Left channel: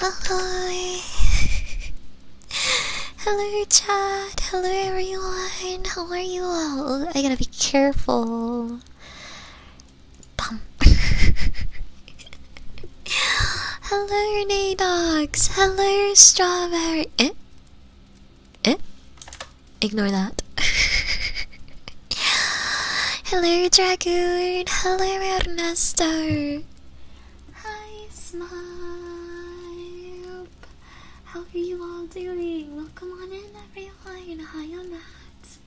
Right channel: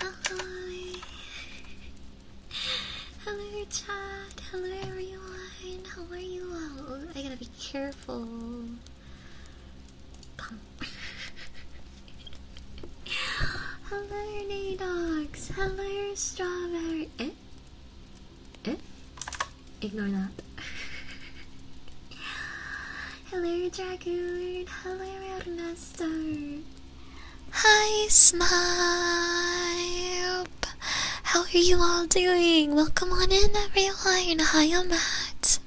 Hi. Hello chat, hello everyone, how are you all? I gotta be careful. Bum. Hello Nadox, hello Strawberry. Ignore that. Hello Dragoon, hello Ernesto. Hi Smile. How are you all doing? Welcome on in everyone. Hi, I'm Matt.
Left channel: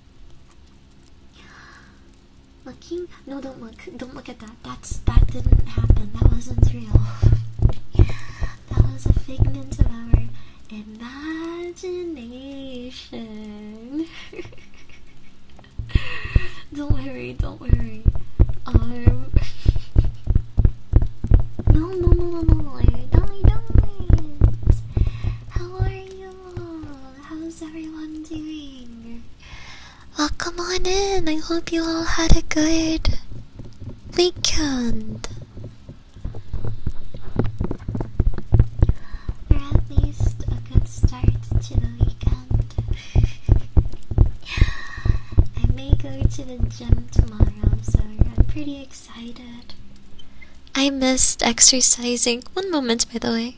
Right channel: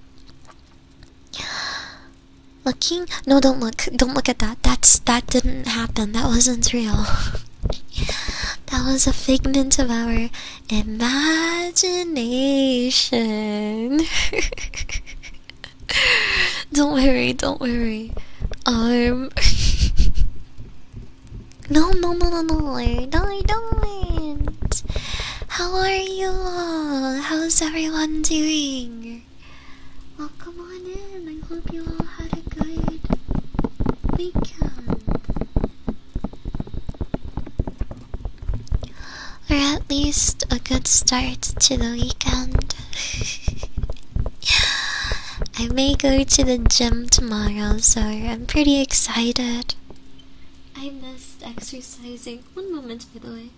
Looking? No, don't look. Don't look at that. That didn't happen. That wasn't real. That was a figment of our imagination. Don't worry, don't worry. No, I don't. How are you all? How's everyone doing? Welcome on in. I hope you all had a good weekend. Or at least a good start to the weekend. I may go to the gym tomorrow, so I'm pretty excited. I missed exercising. One moment, by the way.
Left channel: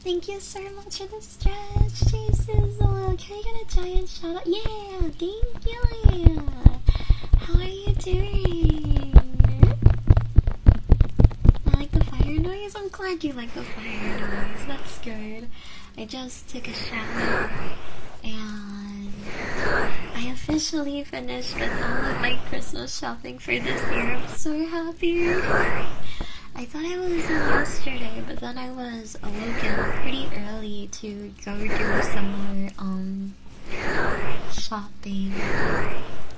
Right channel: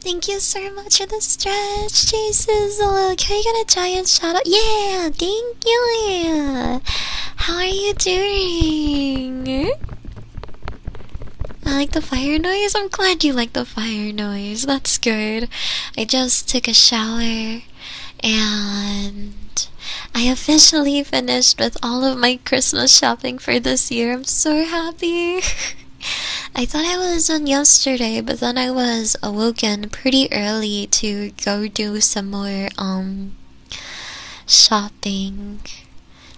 Thank you so much for the stretch, Jesus. Can I get a giant shout out? Yeah, thank you. How are you doing? I like the fire noise. I'm glad you like the fire noise. That's good. I just took a shower and I officially finished with all of my Christmas shopping for this year. I'm so happy. I thought I was done yesterday, but then I was awoken pretty early to go do some more shopping.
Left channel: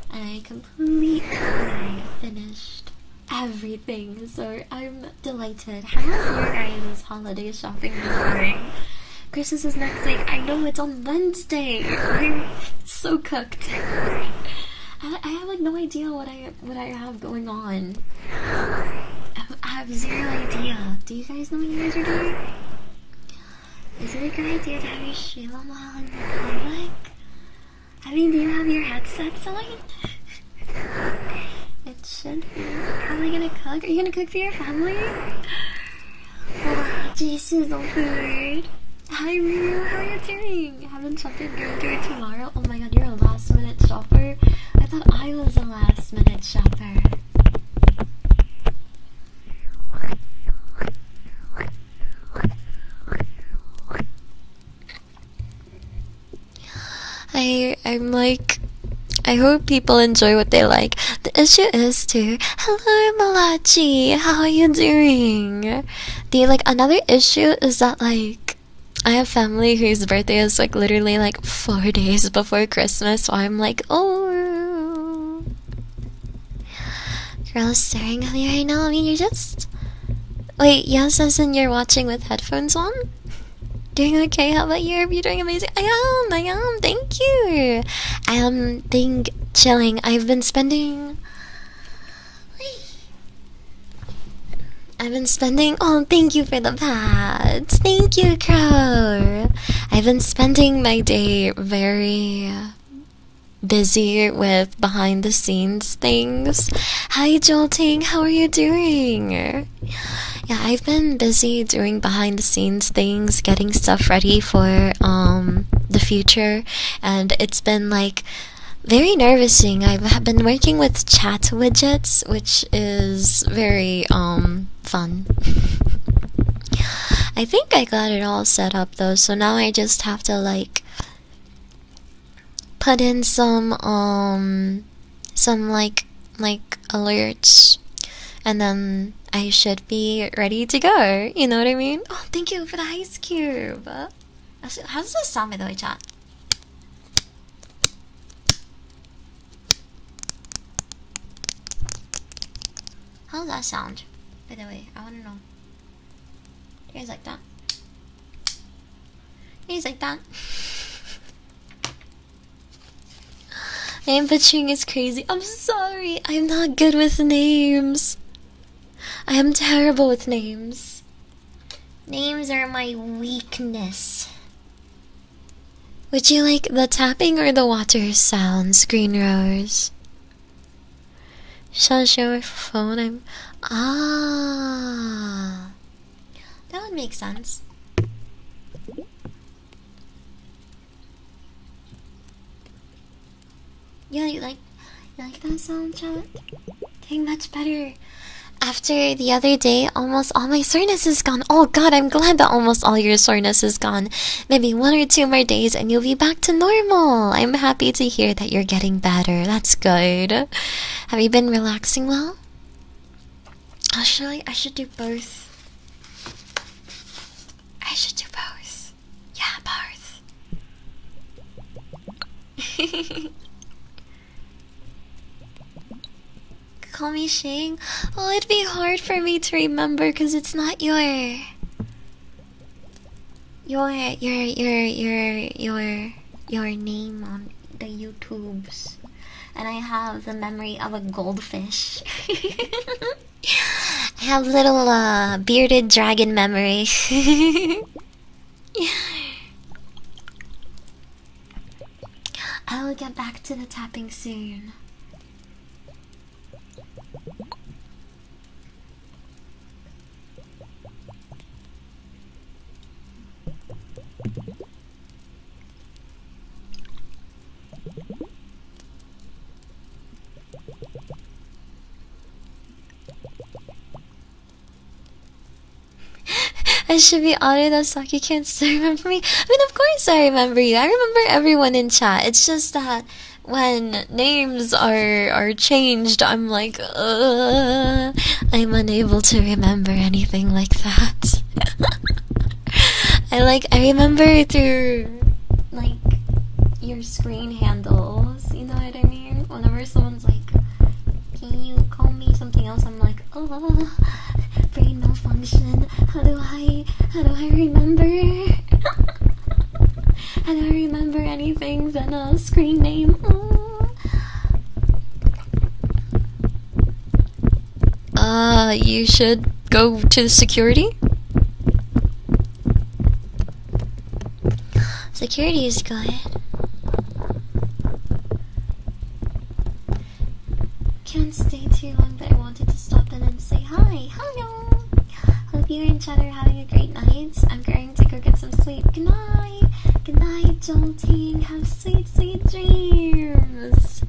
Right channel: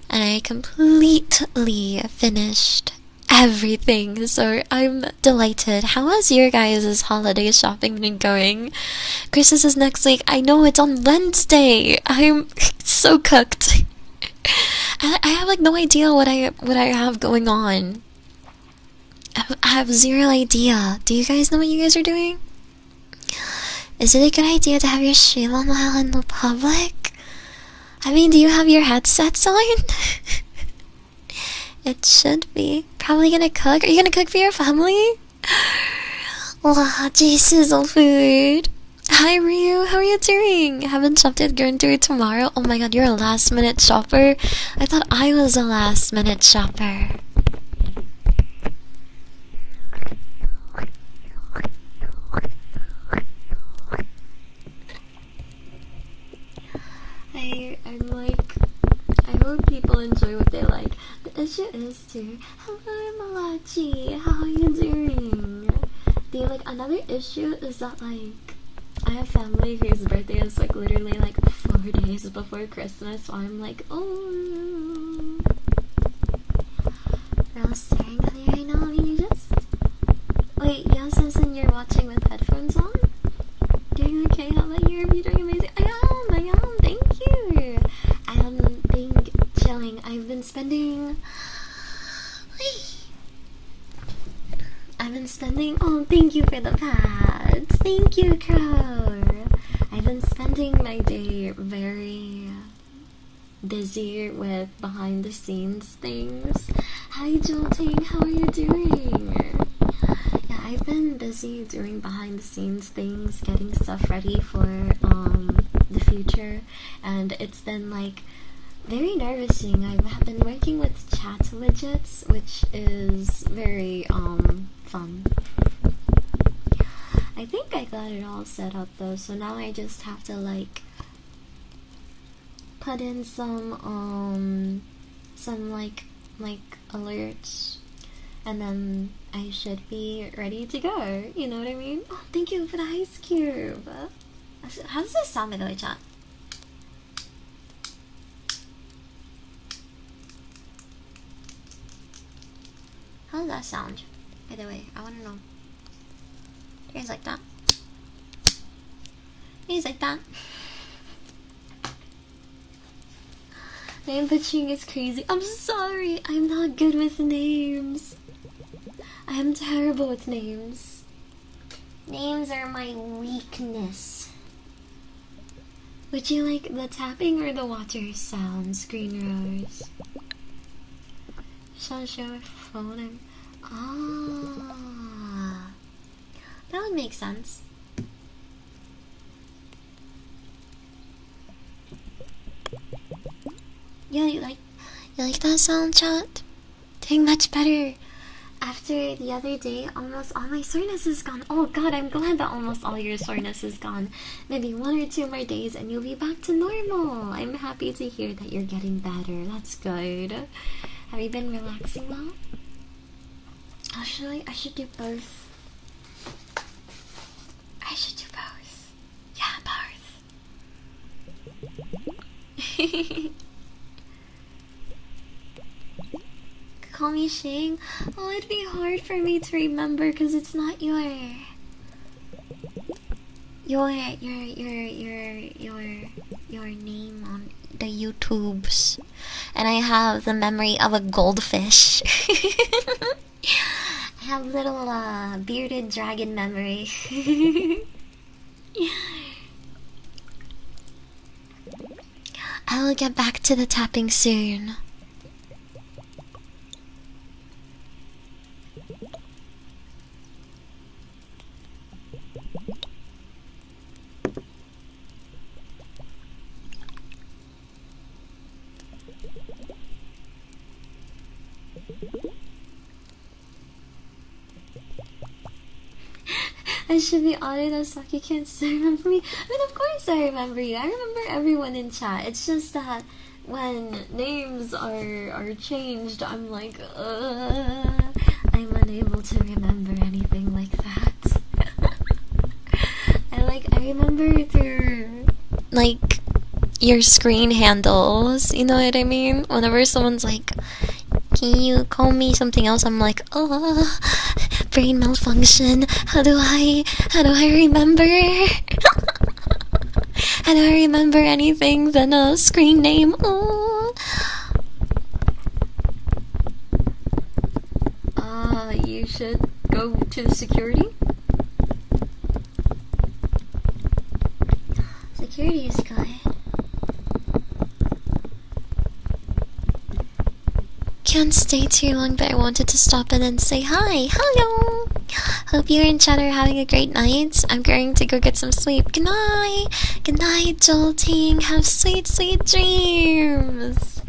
And I completely finished everything, so I'm delighted. How has your guys' holiday shopping been going? Christmas is next week. I know, it's on Wednesday. I'm so cooked. I have like no idea what I have going on. I have zero idea. Do you guys know what you guys are doing? Is it a good idea to have your stream on while in the public? I mean, do you have your headsets on? It should be. Probably gonna cook. Are you gonna cook for your family? Wow, Jesus, all food. Hi Ryu, how are you doing? Haven't shopped yet, going to it tomorrow. Oh my god, you're a last minute shopper. I thought I was a last minute shopper. I'm like, I hope people enjoy what they like. The issue is too. Hello Malachi, how are you doing? Another issue is that like I have family whose birthday is like literally like 4 days before Christmas, so I'm like, oh, girl is staring at me right now. I mean, you're just wait, yes, as in you're watching with headphones on? Doing okay? How about you? Are you doing amazing? I am. Thank you. I am chilling. I've been spending. Oh, thank you for the pats. Thank you, Crow. I've been spending my day very busy with behind the scenes things. Hi, Jolting. How are you doing? Yeah, I've been busy doing behind the scenes things, getting stuff ready for the future, and it's been like very nervousing. I've been working with chat widgets, which is very fun. I think I got it all set up though, so now I just have to like put in some like alerts, and then I should be ready to go. You know what I mean? Oh, thank you for the ice cube. How does this sound, by the way, chat? How does that sound? By the way, I want to know. Do you guys like that? You guys like that? Name butchering is crazy. I'm sorry. I'm not good with names. I am terrible with names. Names are my weakness. Would you like the tapping or the water sounds, Green Rose? Shall I show my phone? Ah, that would make sense. Yeah, you like that sound, chat? Doing much better. After the other day, almost all my soreness is gone. Oh god, I'm glad that almost all your soreness is gone. Maybe 1 or 2 more days and you'll be back to normal. I'm happy to hear that you're getting better. That's good. Have you been relaxing well? Actually, I should do both. I should do both. Yeah, both. Call me Shing. Oh, it'd be hard for me to remember because it's not your name on the YouTubes, and I have the memory of a goldfish. I have little bearded dragon memory. I will get back to the tapping soon. I should be honored that Saki can't still remember me. I mean, of course I remember you. I remember everyone in chat. It's just that when names are changed, I'm like, I'm unable to remember anything like that. I remember through, like, your screen handles. You know what I mean? Whenever someone's like, can you call me something else? I'm like, oh, brain malfunction. How do I remember? How do I remember anything than a screen name? Oh. You should go to security. Security is good. Can't stay too long, but I wanted to stop in and say hi. Hello. Hope you and Chad are having a great night. I'm going to go get some sleep. Good night. Good night, Jolting. Have sweet, sweet dreams.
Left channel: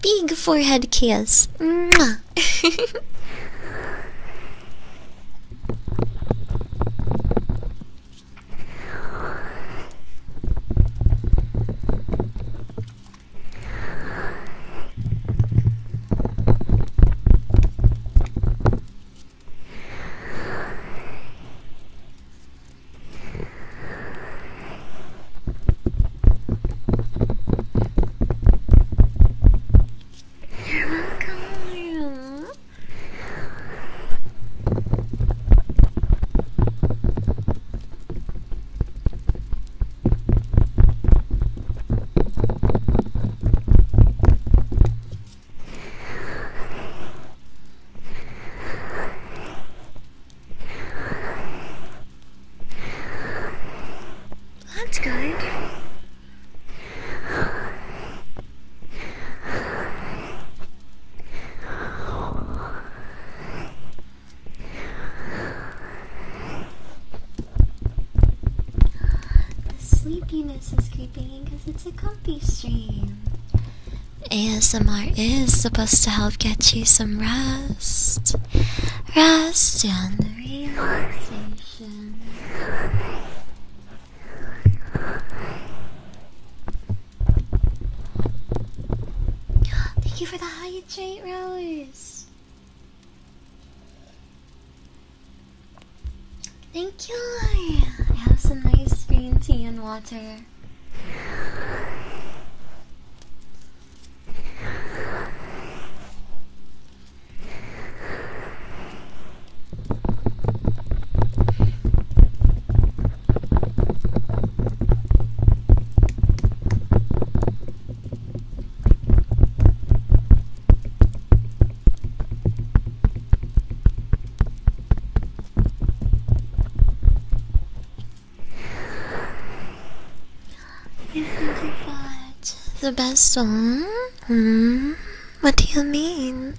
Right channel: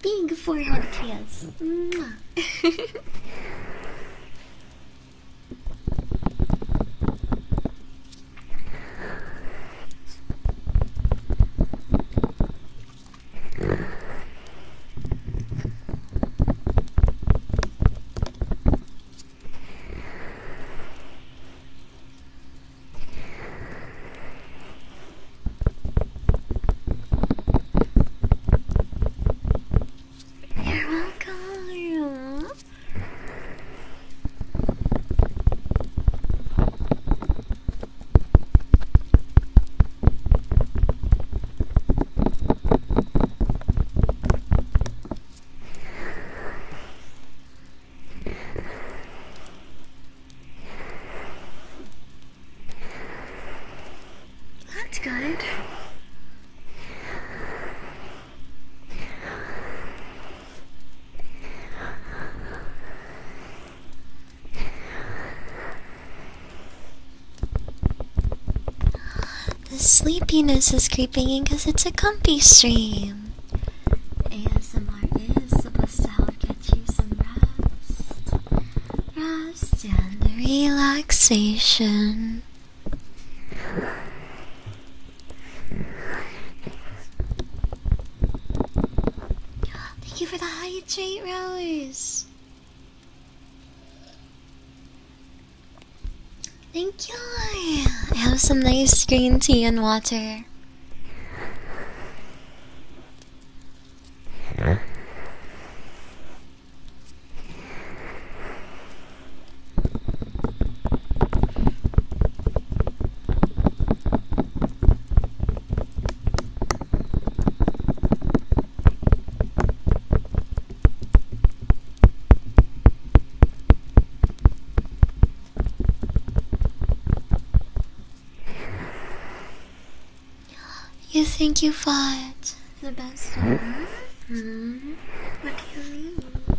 Big forehead kiss. Mwah. You're welcome. That's good. The sleepiness is creeping in because it's a comfy stream. ASMR is supposed to help get you some rest. Rest and relaxation. Thank you for the hydrate, Rose. Thank you. I have some nice green tea and water. what? The best one? Hmm? What do you mean?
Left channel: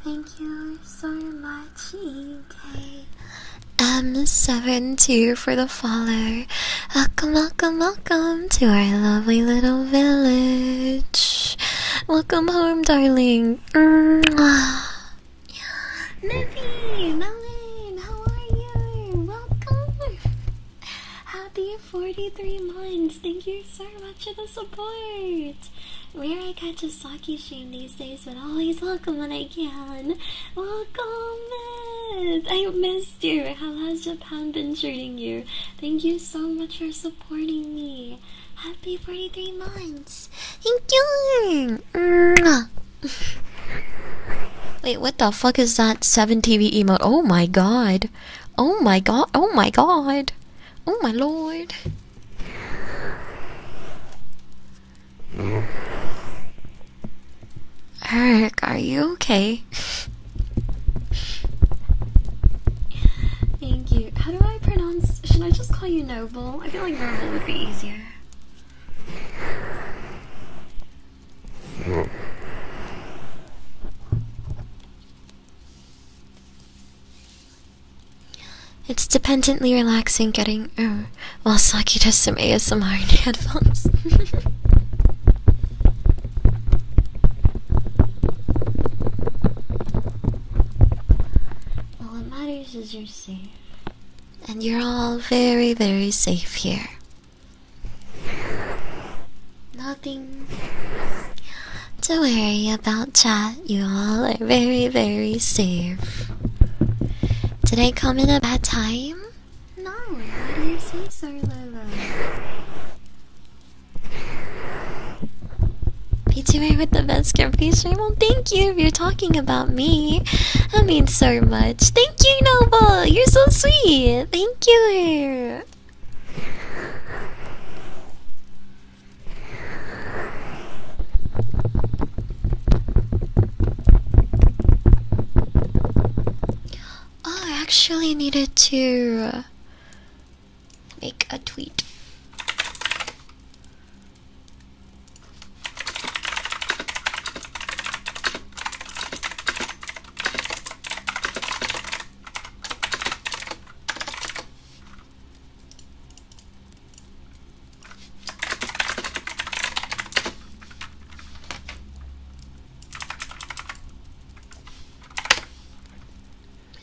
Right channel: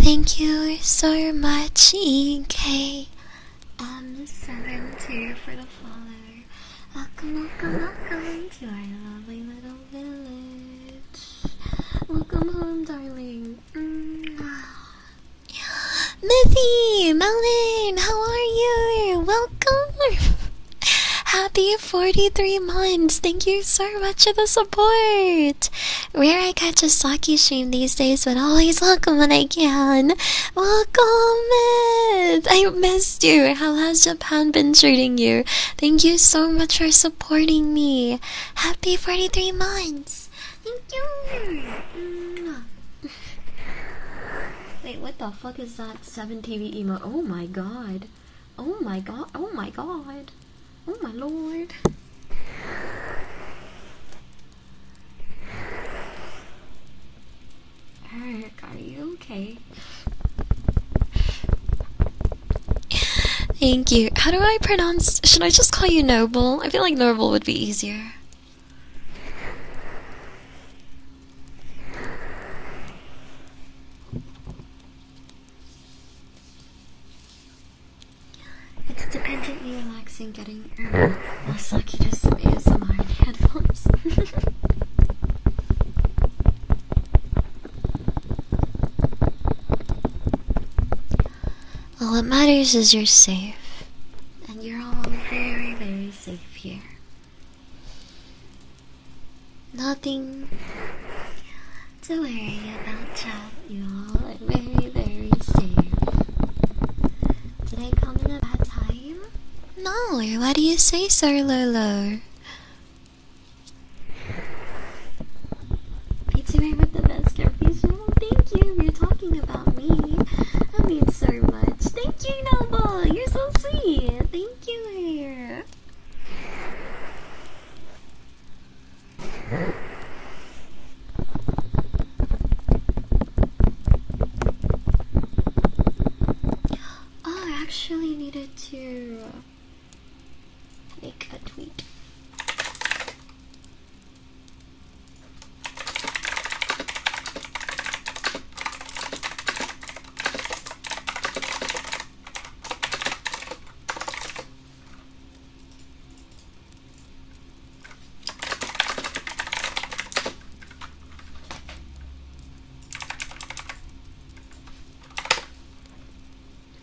Thank you so much, EKM72 for the follow. Welcome, welcome, welcome to our lovely little village. Welcome home, darling. Miffy, Melon, how are you? Welcome. Happy 43 months. Thank you so much for the support. Rare I catch a Saki stream these days, but always welcome when I can. Welcome, Miss. I missed you. How has Japan been treating you? Thank you so much for supporting me. Happy 43 months. Thank you. Wait, what the fuck is that 7TV emote? Oh my god. Oh my god. Oh my god. Oh my lord. Eric, are you okay? Thank you. How do I pronounce... Should I just call you Noble? I feel like Noble would be easier. It's dependently relaxing getting while Saki does some ASMR in headphones. Well, what matters is you're safe. And you're all very, very safe here. Nothing to worry about, chat. You all are very, very safe. Did I come in a bad time? No, what do you say, Sir Lolo? VTuber with the best script stream? Well, thank you if you're talking about me. That means so much. Thank you, Noble! You're so sweet! Thank you! Oh, I actually needed to make a tweet.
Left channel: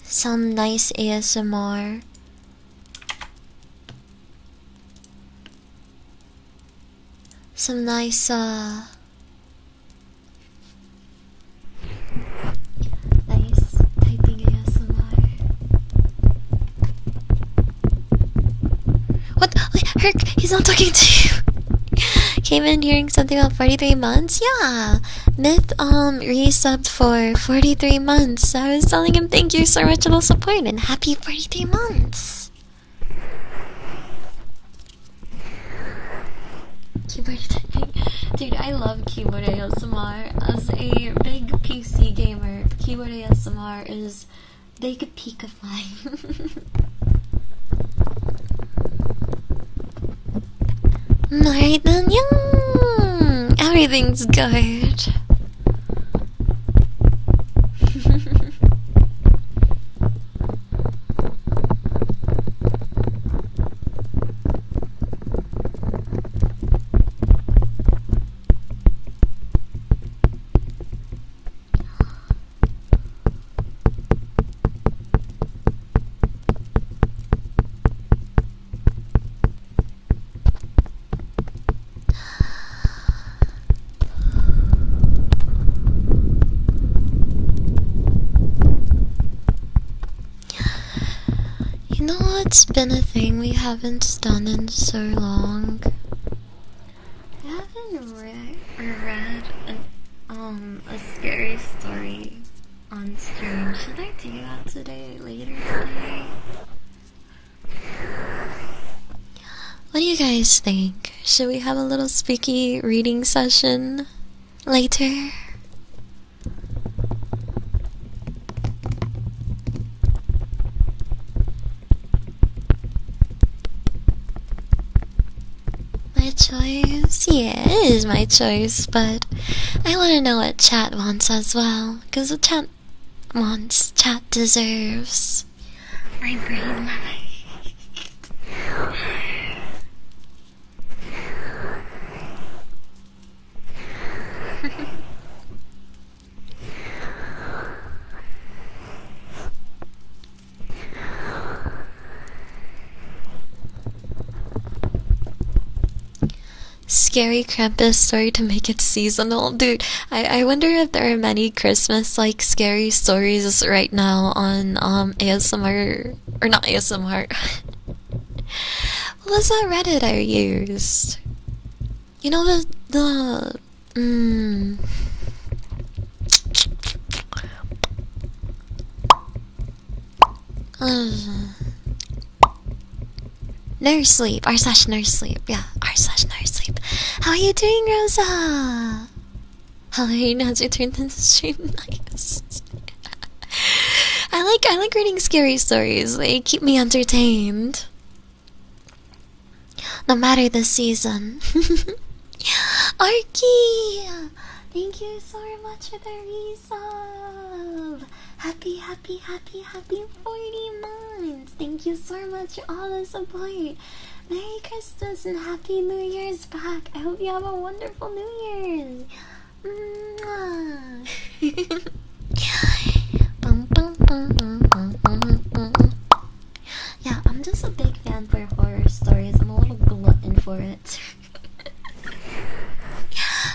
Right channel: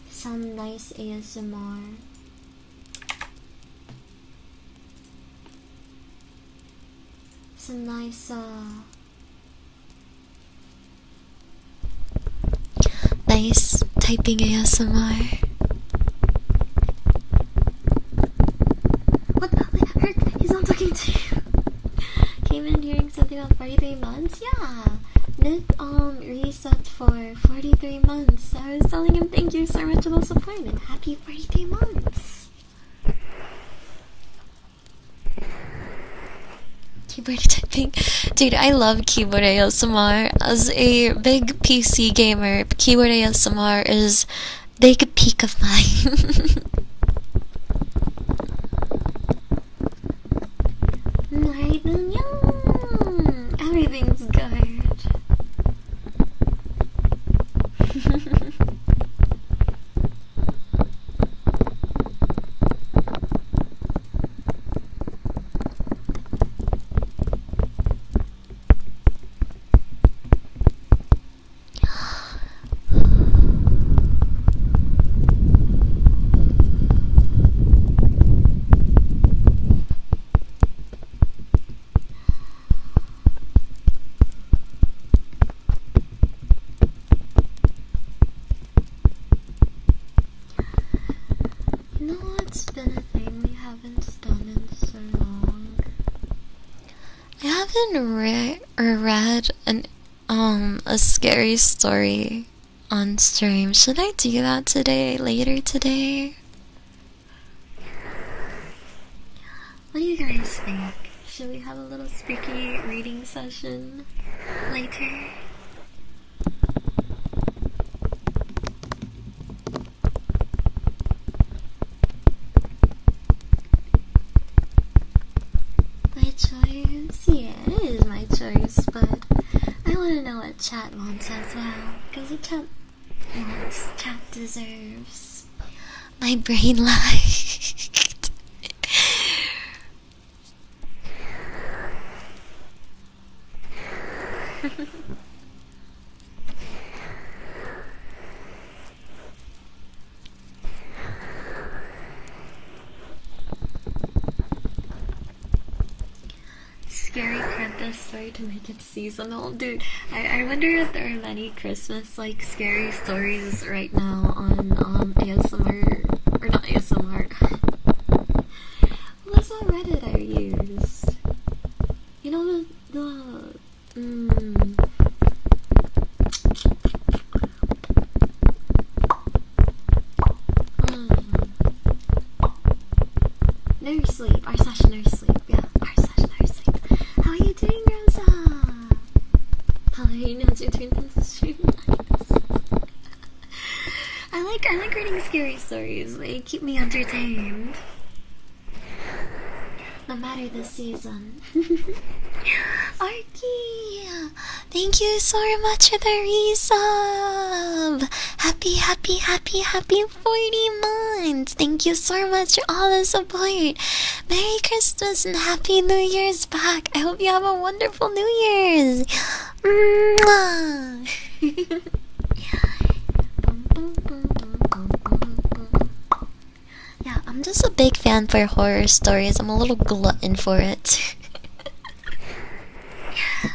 Some nice ASMR. Some nice nice typing ASMR. What? Wait, Herc, he's not talking to you. Came in hearing something about 43 months? Yeah. Myth resubbed for 43 months. So I was telling him thank you so much for the support and happy 43 months. Keyboard typing. Dude, I love keyboard ASMR. As a big PC gamer, keyboard ASMR is a big peak of mine. Alright then, yeah. Everything's good. You know what's been a thing we haven't done in so long? I haven't read a scary story on stream. Should I do that today? Later today? What do you guys think? Should we have a little spooky reading session later? My choice? Yeah, it is my choice, but I want to know what chat wants as well, because what chat wants, chat deserves. My brain lagged. Scary Krampus story to make it seasonal. Dude, I wonder if there are many Christmas like scary stories right now on ASMR, or not ASMR. What was that Reddit I used? You know the nurse sleep, r/nurse sleep, yeah, r/nurse sleep. How are you doing, Rosa? Halloween has returned to the stream. Nice. I like reading scary stories. They keep me entertained, no matter the season. Arky, thank you so much for the resub. Happy 40 months. Thank you so much for all the support. Merry Christmas and Happy New Year's back. I hope you have a wonderful New Year's. Mwah. Yeah, I'm just a big fan for horror stories. I'm a little glutton for it.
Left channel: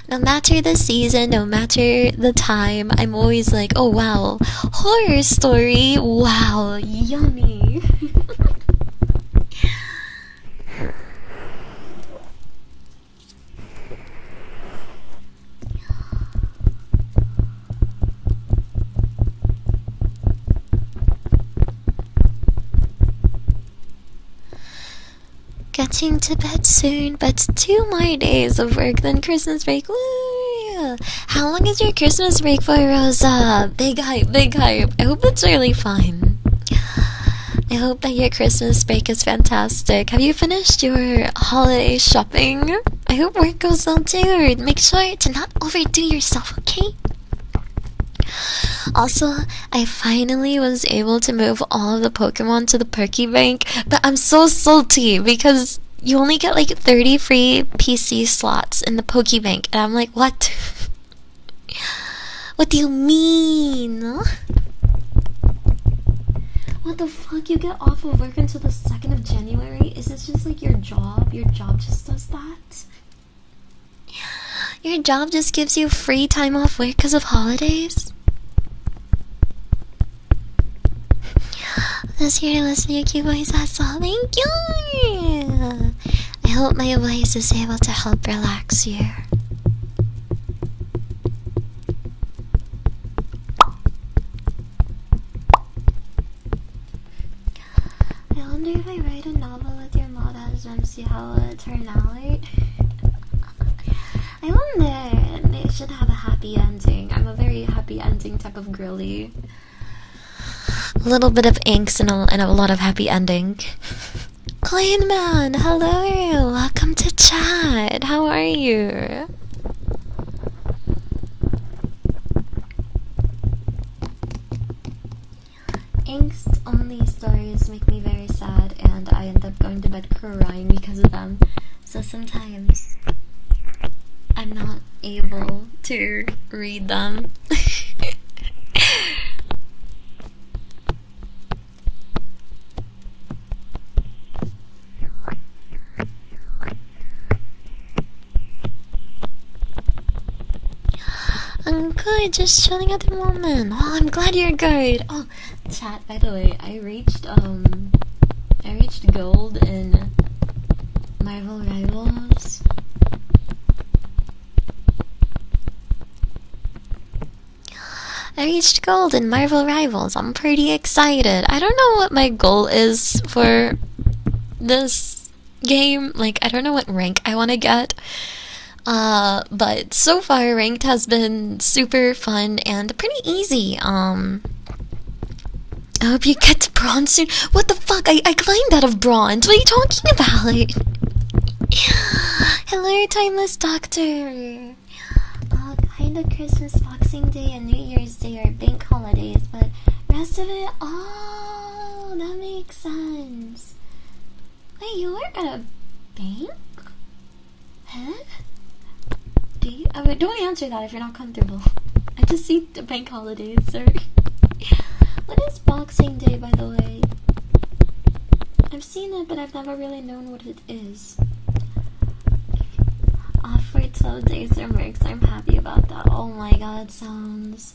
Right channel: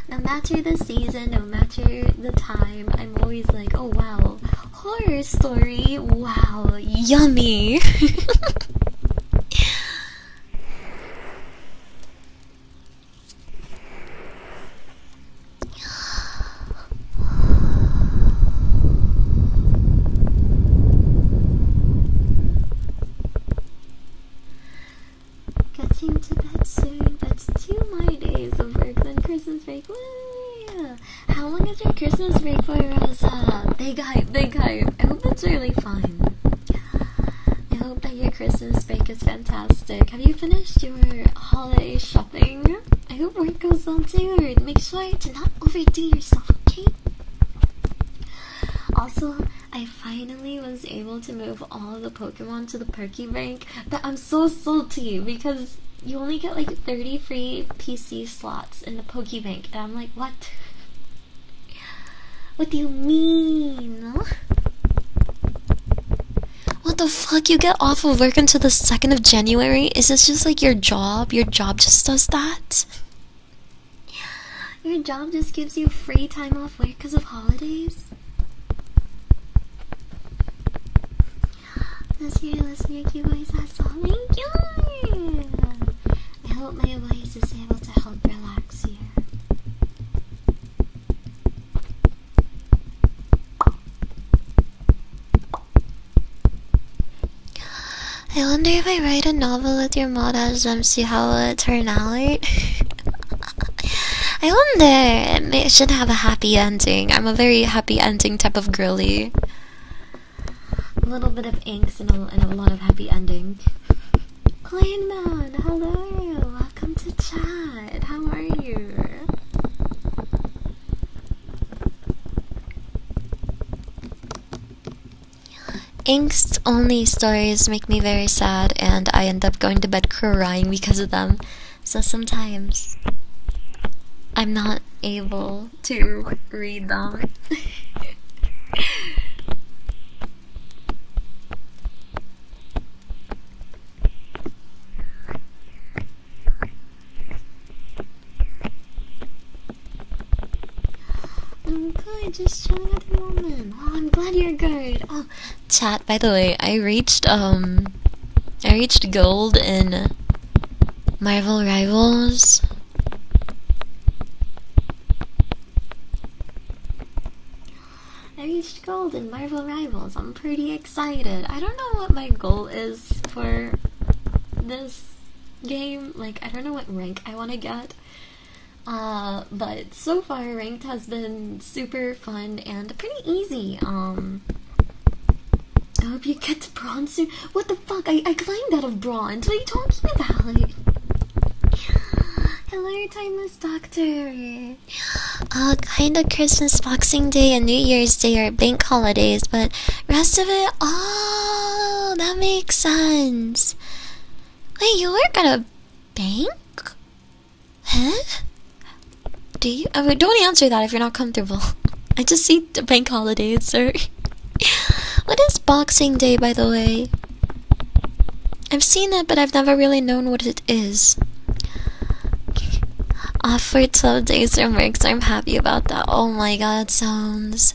No matter the season, no matter the time, I'm always like, oh wow, horror story, wow, yummy. Getting to bed soon, but 2 more days of work, then Christmas break. Woo! How long is your Christmas break for, Rosa? Big hype, big hype. I hope it's really fun. I hope that your Christmas break is fantastic. Have you finished your holiday shopping? I hope work goes well too. Make sure to not overdo yourself, okay? Also, I finally was able to move all of the Pokemon to the Pokebank, but I'm so salty because you only get like 30 free PC slots in the Pokebank, and I'm like, what? What do you mean? What the fuck? You get off of work until the 2nd of January? Is this just like your job? Your job just does that? Your job just gives you free time off work because of holidays? Let's hear your cute voice, that's all. Thank you! I hope my voice is able to help relax you. I wonder if I write a novel with your mod as see how it turn out. I wonder, it should have a happy ending. I'm a very happy ending type of girly. A little bit of angst and a lot of happy ending. Clean Man, hello, welcome to chat. How are you? Angst only stories make me very sad, and I end up going to bed crying because of them. So sometimes I'm not able to read them. I'm good, just chilling at the moment. Oh, I'm glad you're good. Oh, chat, by the way, I reached gold in Marvel Rivals. I reached gold in Marvel Rivals. I'm pretty excited. I don't know what my goal is for this game. Like, I don't know what rank I want to get. But so far ranked has been super fun and pretty easy. I hope you get to bronze soon. What the fuck? I climbed out of bronze. What are you talking about? Hello, Timeless Doctor. Kinda Christmas, Boxing Day, and New Year's Day are bank holidays, but rest of it, oh, that makes sense. Wait, you work at a bank? Huh? Do you? Don't answer that if you're not comfortable. I just see the bank holidays, sir. What is Boxing Day, by the way? I've seen it, but I've never really known what it is. Off for 12 days from work, so I'm happy about that. Oh my god, sounds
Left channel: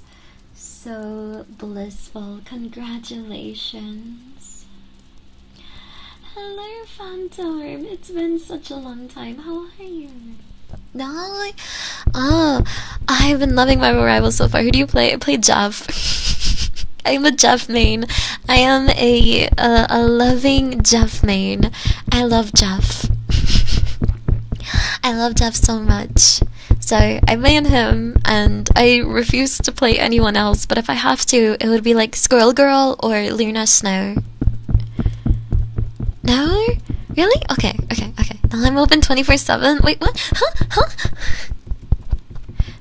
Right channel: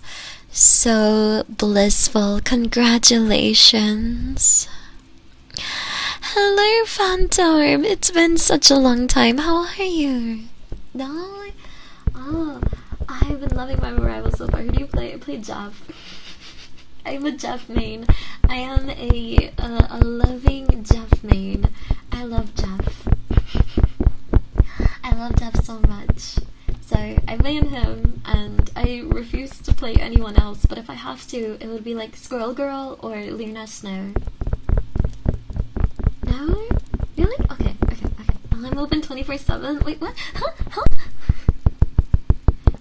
so blissful. Congratulations. Hello, Phantom. It's been such a long time. How are you? No? Oh, I've been loving my Arrival so far. Who do you play? I play Jeff. I'm a Jeff main. I am a loving Jeff main. I love Jeff. I love Jeff so much. So I main him, and I refuse to play anyone else, but if I have to, it would be like Squirrel Girl or Luna Snow. No? Really? Okay. Now I'm open 24/7. Wait, what? Huh?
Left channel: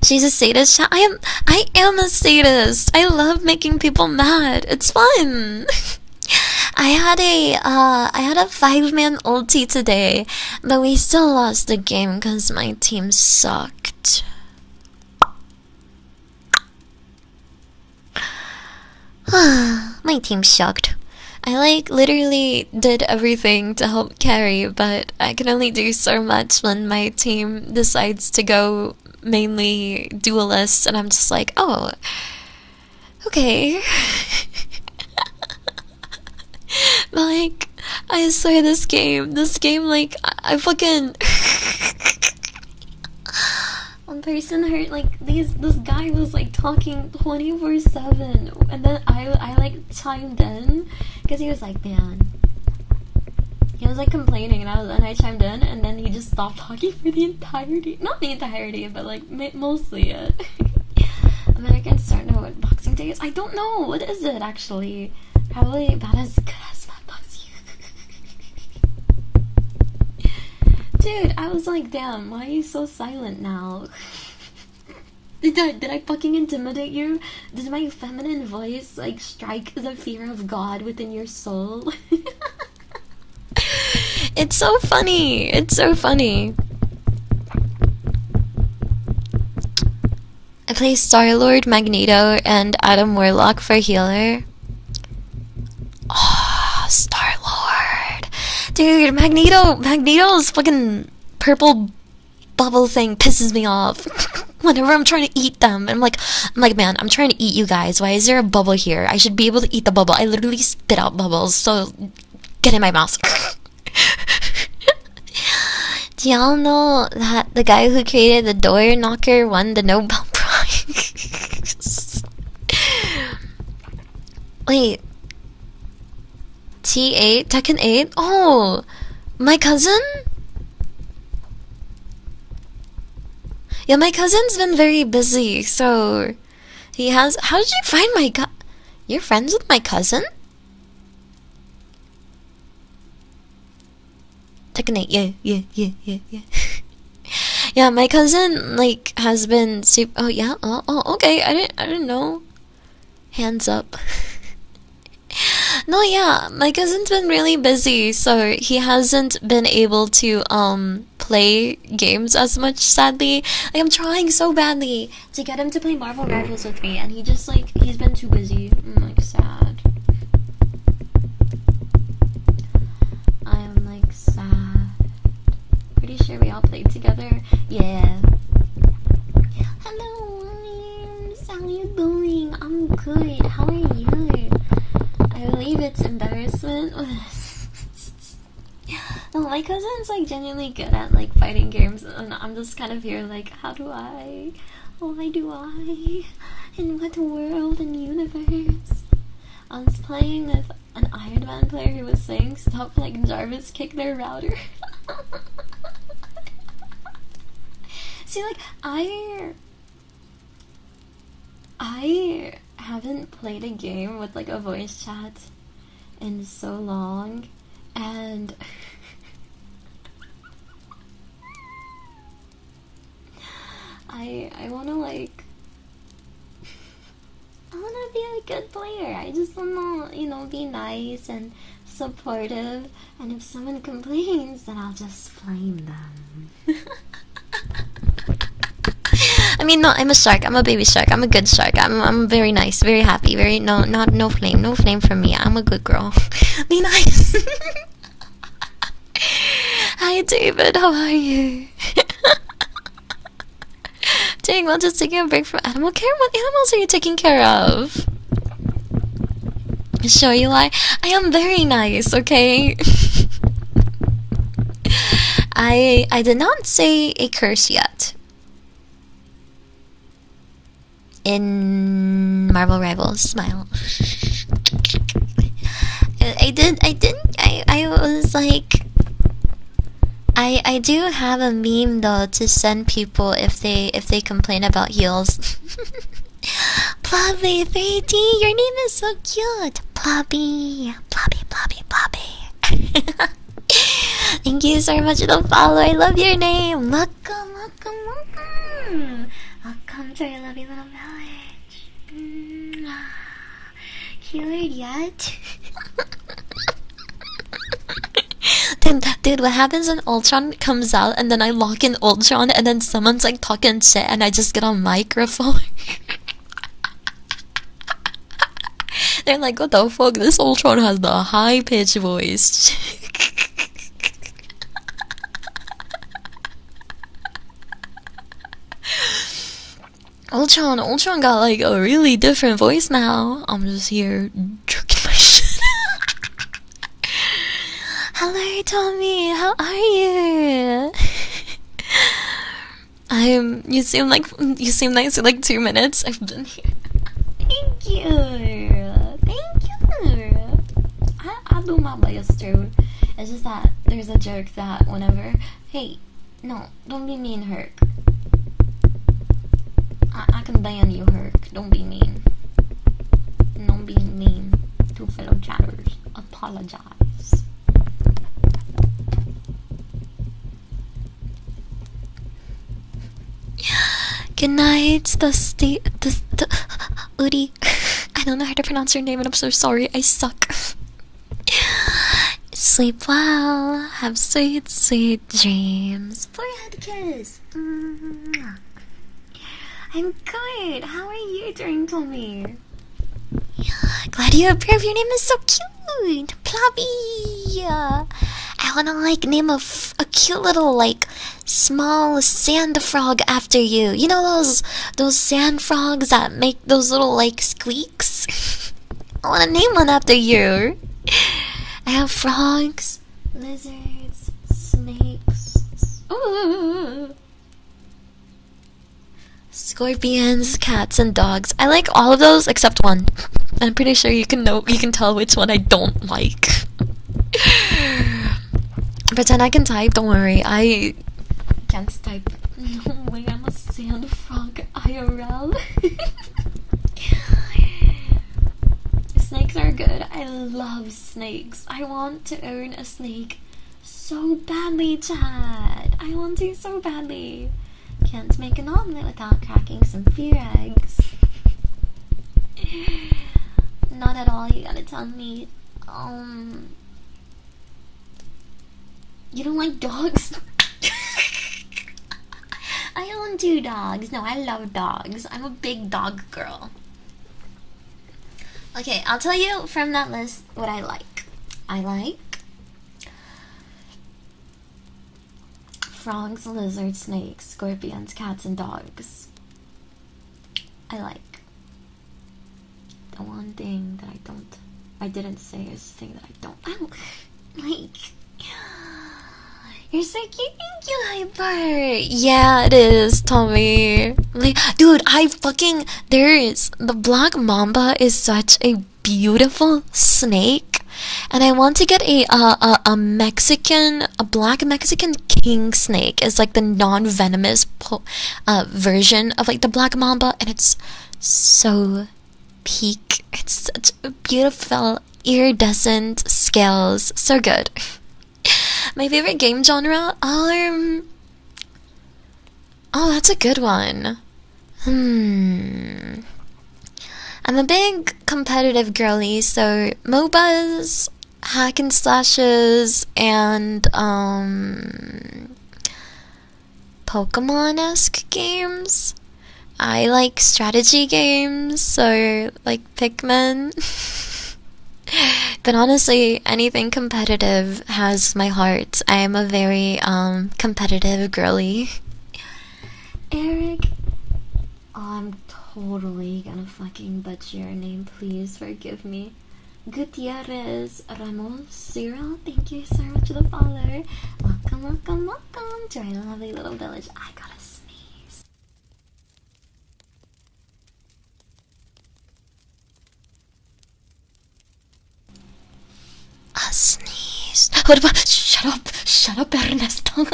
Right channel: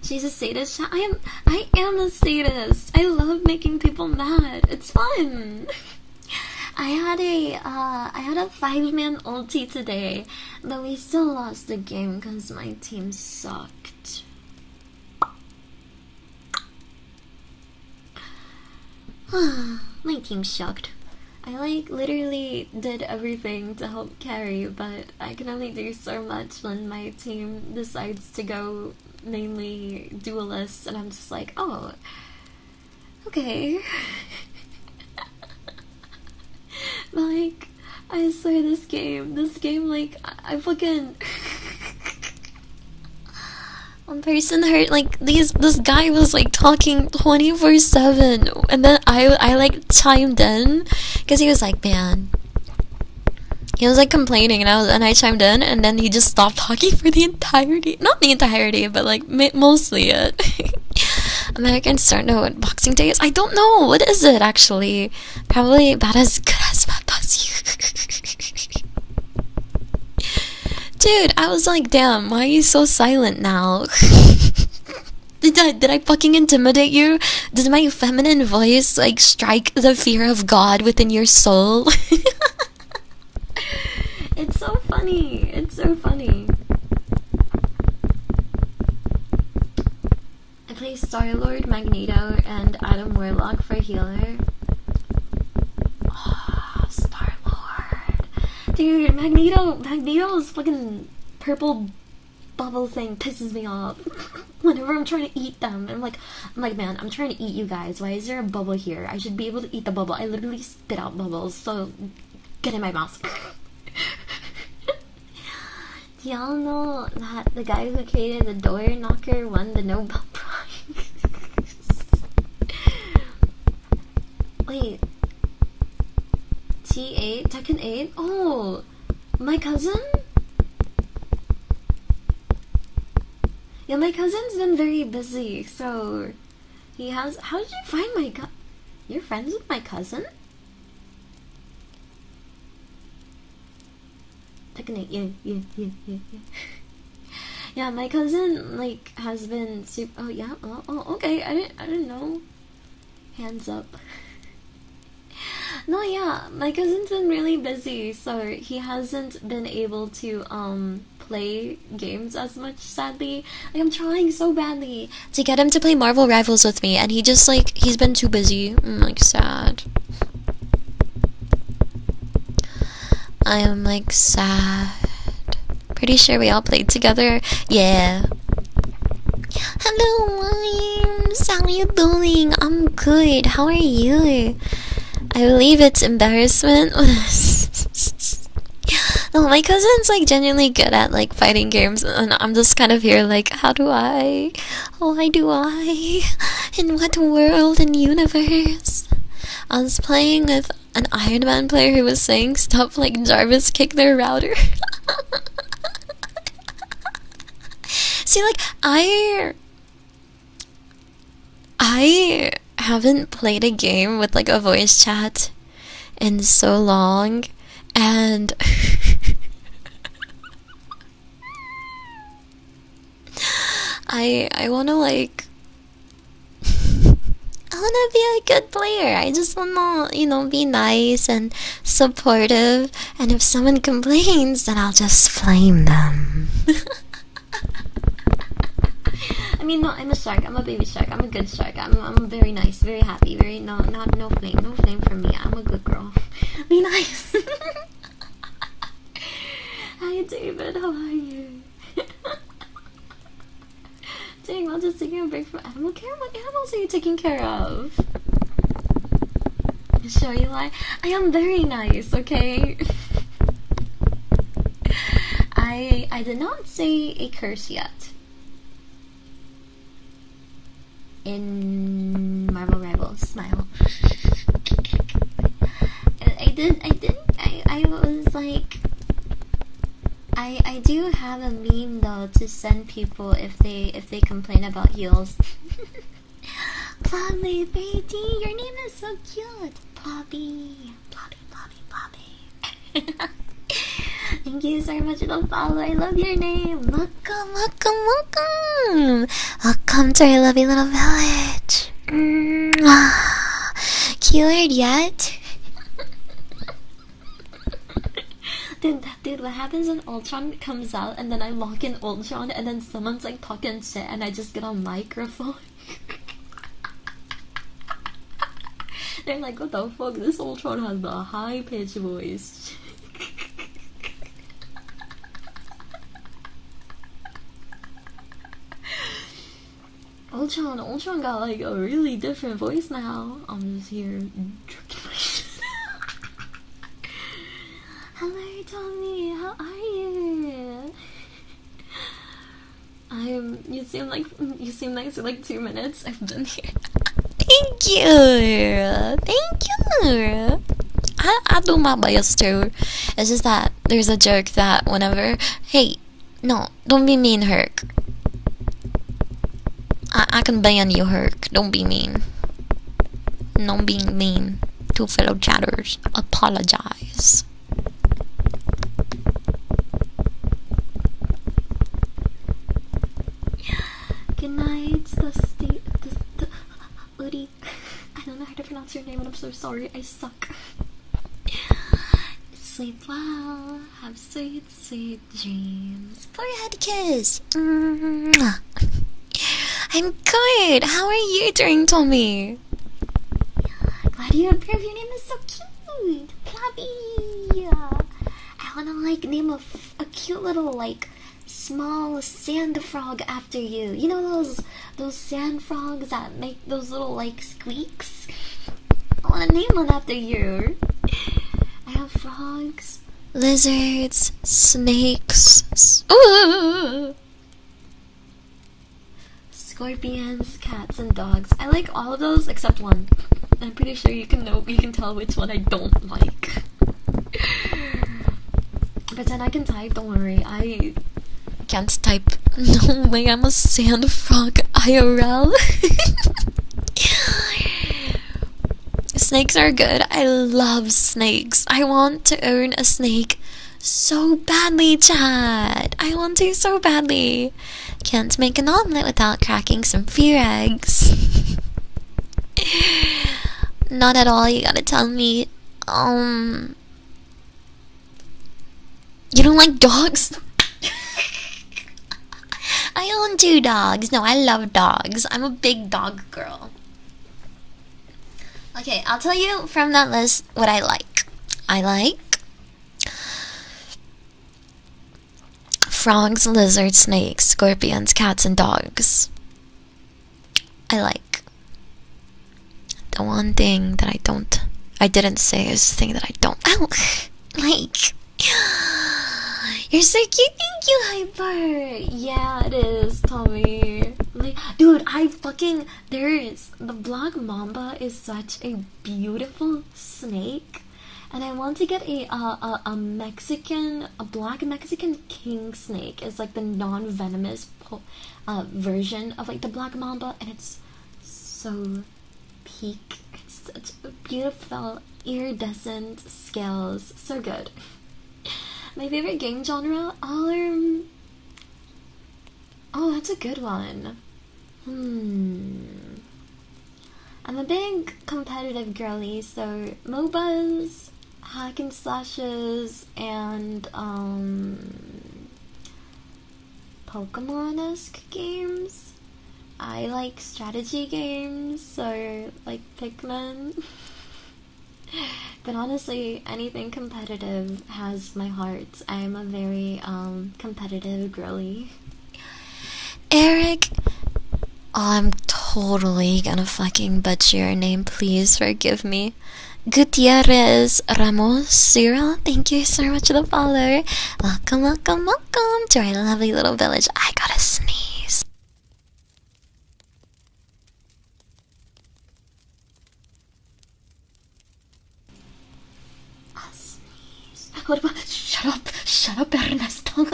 She's a sadist. I am a sadist. I love making people mad. It's fun. I had a 5-man ulti today, but we still lost the game because my team sucked. My team sucked. I literally did everything to help carry, but I can only do so much when my team decides to go mainly duelist, and I'm just like, oh, okay. Like, I swear this game, like, I fucking one person heard, like, this guy was like talking 24/7, and then I like chimed in because he was like, man, he was like complaining, and I chimed in, and then he just stopped talking for the entirety, not the entirety, but like mostly it. Americans don't know what Boxing Day is. I don't know, what is it actually? Probably about as good as you. Dude, I was like, damn, why are you so silent now? Did I fucking intimidate you? Did my feminine voice like strike the fear of God within your soul? It's so funny. It's so funny. I play Star-Lord, Magneto, and Adam Warlock for healer. Oh, Star-Lord. Dude, Magneto's fucking purple bubble thing pisses me off. Whenever I'm trying to eat them, I'm like, man, I'm trying to eat you guys. Why is there a bubble here? I should be able to eat the bubble. I literally spit out bubbles, so get in my mouth. Do y'all know that the guy who created the door knocker won the Nobel Prize? Wait. T8? Tekken 8? Oh! My cousin? Yeah, my cousin's been very busy, so... He has... How did you find my You're friends with my cousin? Tekken 8, yeah. Yeah, my cousin, like, has been super... Oh, yeah? Oh, okay, I didn't know. Hands up. No, yeah, my cousin's been really busy, so he hasn't been able to, play games as much, sadly. Like, I'm trying so badly to get him to play Marvel Rivals with me, and he just, like, he's been too busy. I'm, like, sad. I am, like, sad. Pretty sure we all played together. Yeah. Hello, Wimes. How are you doing? I'm good. How are you? I believe it's embarrassment. No, my cousin's like genuinely good at like fighting games, and I'm just kind of here like, how do I? Why do I? In what world and universe? I was playing with an Iron Man player who was saying stuff like Jarvis kicked their router. See, like, I haven't played a game with like a voice chat in so long, and I wanna like I wanna be a good player. I just wanna, you know, be nice and supportive, and if someone complains, then I'll just flame them. I mean, no, I'm a shark. I'm a baby shark. I'm a good shark. I'm very nice, very happy, very no flame from me. I'm a good girl. Be nice. Hi, David. How are you? Doing well, just taking a break from animal care. What animals are you taking care of? Show you why. I am very nice. Okay. I did not say a curse yet. In Marvel Rivals, smile. I was like, I do have a meme though to send people if they complain about heels. Plobby 3D, your name is so cute. Plobby. Thank you so much for the follow. I love your name. Welcome. Welcome to our lovely little village. Keyword yet? Dude, what happens when Ultron comes out and then I lock in Ultron and then someone's like talking shit and I just get on microphone? They're like, what the fuck? This Ultron has the high-pitched voice. Ultron got like a really different voice now. I'm just here jerking my shit. Hello, Tommy. How are you? You seem nice for like 2 minutes. I've been here. Thank you. I do my best too. It's just that there's a joke that whenever, hey, no, don't be mean, Herc. I can ban you, Herc. Don't be mean. No being mean to fellow chatters. Apologize. Good night, the Udi. I don't know how to pronounce your name and I'm so sorry. I suck. Sleep well. Have sweet, sweet dreams. Forehead kiss. Mwah. I'm good. How are you doing, Tommy? Glad you approve. Your name is so cute. Plobby. I wanna like name a cute little like small sand frog after you. You know those sand frogs that make those little like squeaks? I wanna name one after you. I have frogs, lizards, snakes. Ooh. Scorpions, cats, and dogs. I like all of those except one. I'm pretty sure you can tell which one I don't like. Pretend I can type, don't worry. I can't type. No way, I'm a sand frog IRL. Snakes are good. I love snakes. I want to own a snake so badly, Chad. I want to so badly. Can't make an omelet without cracking some fear eggs. Not at all, you gotta tell me. You don't like dogs? I own 2 dogs. No, I love dogs. I'm a big dog girl. Okay, I'll tell you from that list what I like. I like frogs, lizards, snakes, scorpions, cats, and dogs. I like. The one thing that I didn't say is the thing that I don't like. You're so cute, thank you, Hyper. Yeah, it is, Tommy. Like, dude, there's the black mamba is such a beautiful snake, and I want to get a black Mexican king snake as like the non-venomous version of like the black mamba, and it's so peak. It's such a beautiful iridescent scales, so good. My favorite game genre? Oh, that's a good one. I'm a big competitive girly, so MOBAs, hack and slashes, and Pokemon-esque games. I like strategy games, so like Pikmin. But honestly, anything competitive has my heart. I am a very competitive girly. Eric. Oh, I'm totally gonna fucking butcher your name. Please forgive me. Gutierrez Ramos Cyril, thank you so much for the follow. Welcome, welcome, welcome to our lovely little village. I gotta sneeze. A sneeze. What about? Shut up, Ernesto.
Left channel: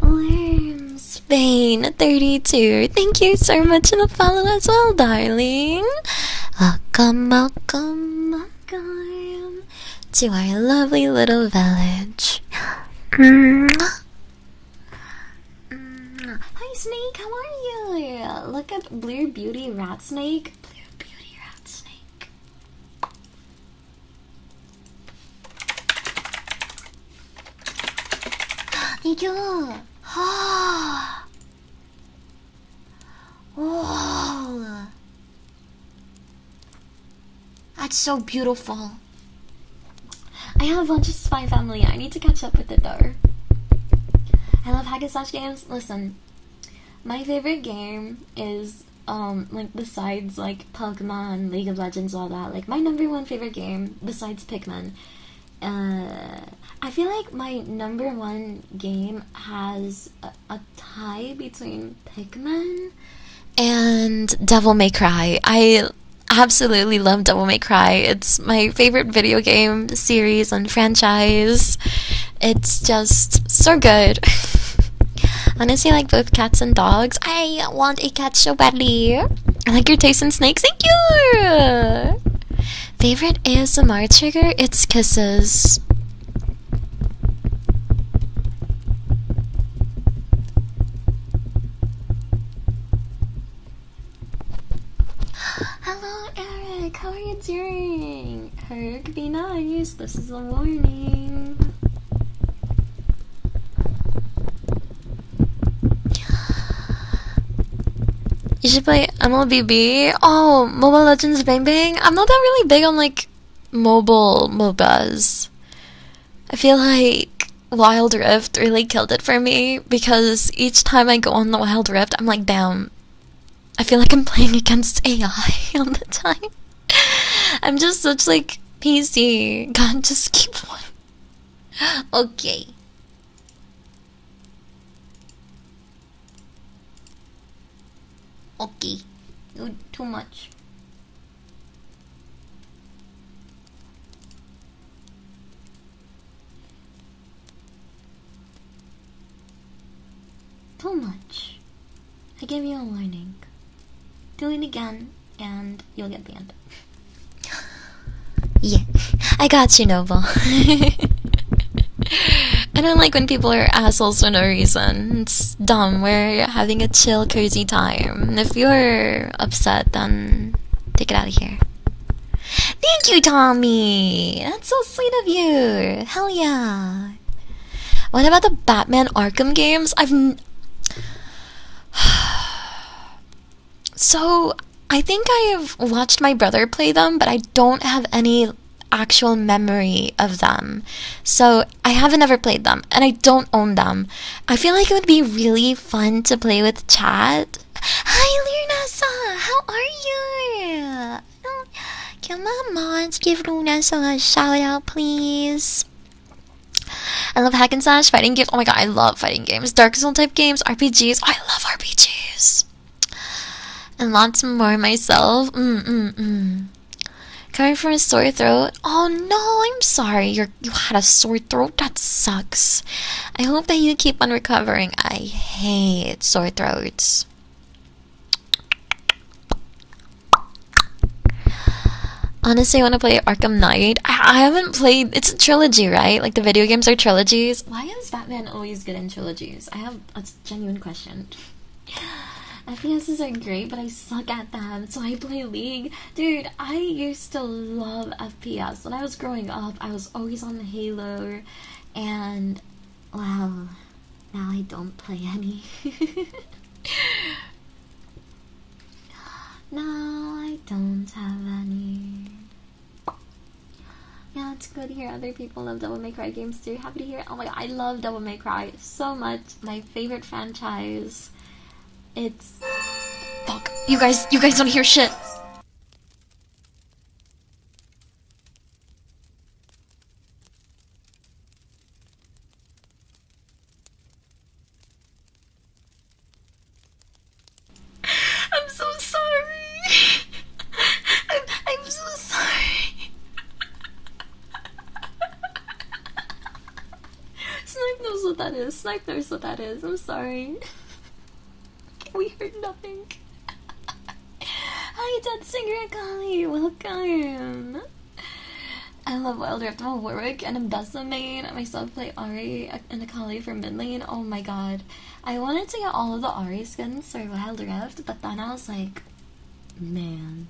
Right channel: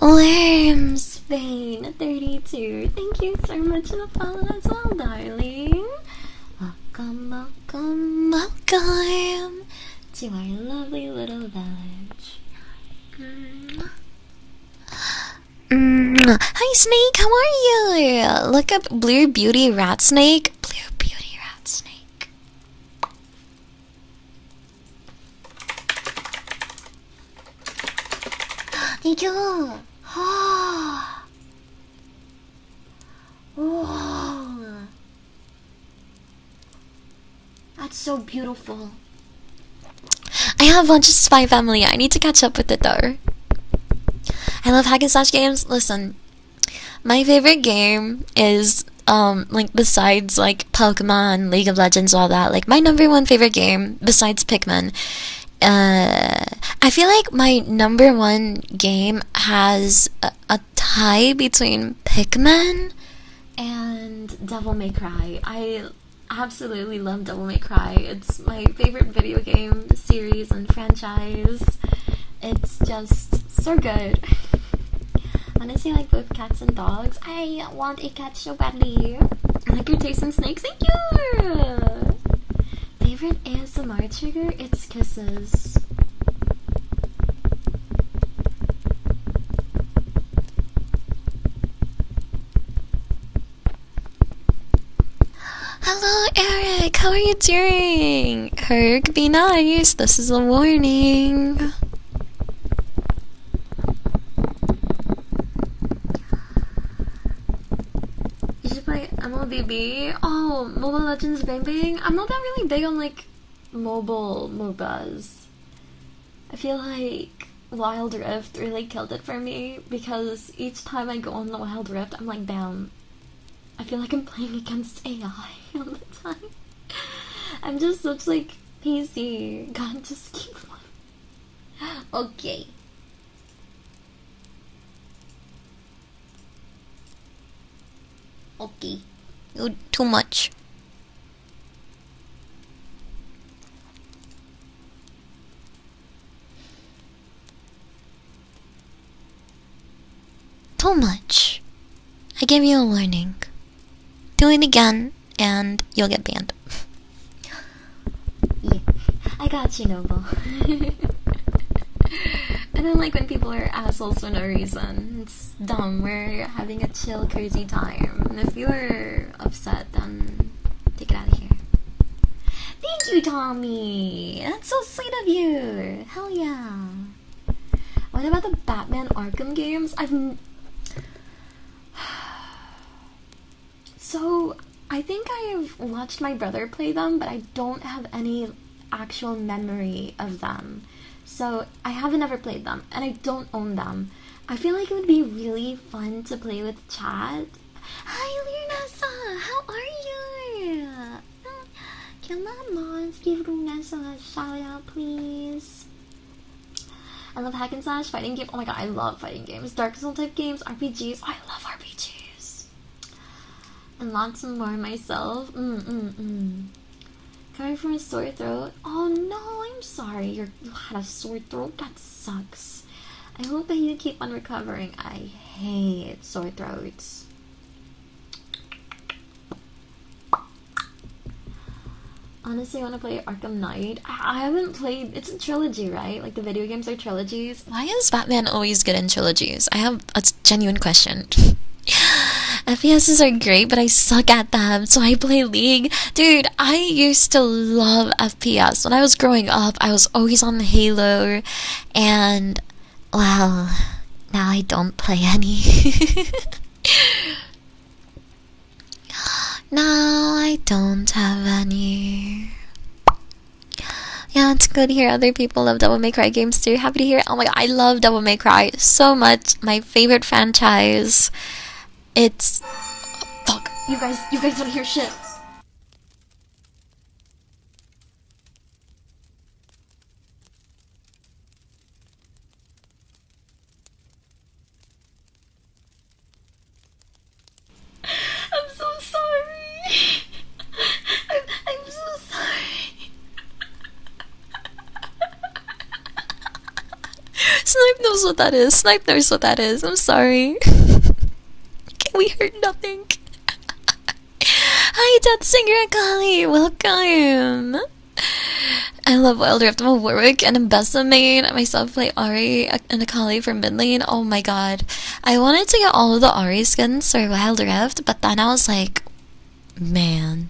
Worms Bane 32, thank you so much for the follow as well, darling. Welcome, welcome, welcome to our lovely little village. Hi, Snake, how are you? Look up Blue Beauty Rat Snake. Blue Beauty Rat Snake. Thank you. Whoa. That's so beautiful. I have a bunch of Spy Family. I need to catch up with it though. I love hack and slash games. Listen, my favorite game is like besides like Pokemon, League of Legends, all that. Like my number one favorite game besides Pikmin. I feel like my number one game has a tie between Pikmin and Devil May Cry. I absolutely love Devil May Cry. It's my favorite video game series and franchise. It's just so good. Honestly, I like both cats and dogs. I want a cat so badly. I like your taste in snakes. Thank you! Favorite ASMR trigger? It's kisses. Hello, Eric. How are you doing? Herc, be nice. This is a warning. You should play MLBB. Oh, Mobile Legends Bang Bang. I'm not that really big on like mobile MOBAs. I feel like Wild Rift really killed it for me because each time I go on the Wild Rift, I'm like, damn. I feel like I'm playing against AI all the time. I'm just such like PC. God, just keep one. Okay. Okay. You too much. Too much. I gave you a warning. Do it again, and you'll get banned. Yeah, I got you, Noble. I don't like when people are assholes for no reason. It's dumb. We're having a chill, cozy time. And if you're upset, then take it out of here. Thank you, Tommy! That's so sweet of you! Hell yeah! What about the Batman Arkham games? So, I think I have watched my brother play them, but I don't have any actual memory of them. So, I haven't ever played them, and I don't own them. I feel like it would be really fun to play with chat. Hi, Luna-san! How are you? Come on, mods, give Luna-san a shout out, please. I love hack and slash, fighting games. Oh my god, I love fighting games. Dark Soul type games, RPGs. I love RPGs. And lots more myself. Coming from a sore throat. Oh no, I'm sorry. You had a sore throat. That sucks. I hope that you keep on recovering. I hate sore throats. Honestly, I want to play Arkham Knight. I haven't played... It's a trilogy, right? Like, the video games are trilogies. Why is Batman always good in trilogies? I have a genuine question. FPSs are great, but I suck at them, so I play League. Dude, I used to love FPS. When I was growing up, I was always on Halo, and... well, now I don't play any. No, I don't have any. Yeah, it's good to hear other people love Devil May Cry games too. Happy to hear it. Oh my god, I love Devil May Cry so much. My favorite franchise. It's... fuck. You guys don't hear shit. I'm so sorry. I'm so sorry. Snipe knows what that is. Snipe knows what that is. I'm sorry. We heard nothing. Hi, Death Singer Akali. Welcome. I love Wild Rift. I'm a Warwick and a Bessa main. I myself play Ari and Akali for mid lane. Oh my god. I wanted to get all of the Ari skins for Wild Rift, but then I was like, man,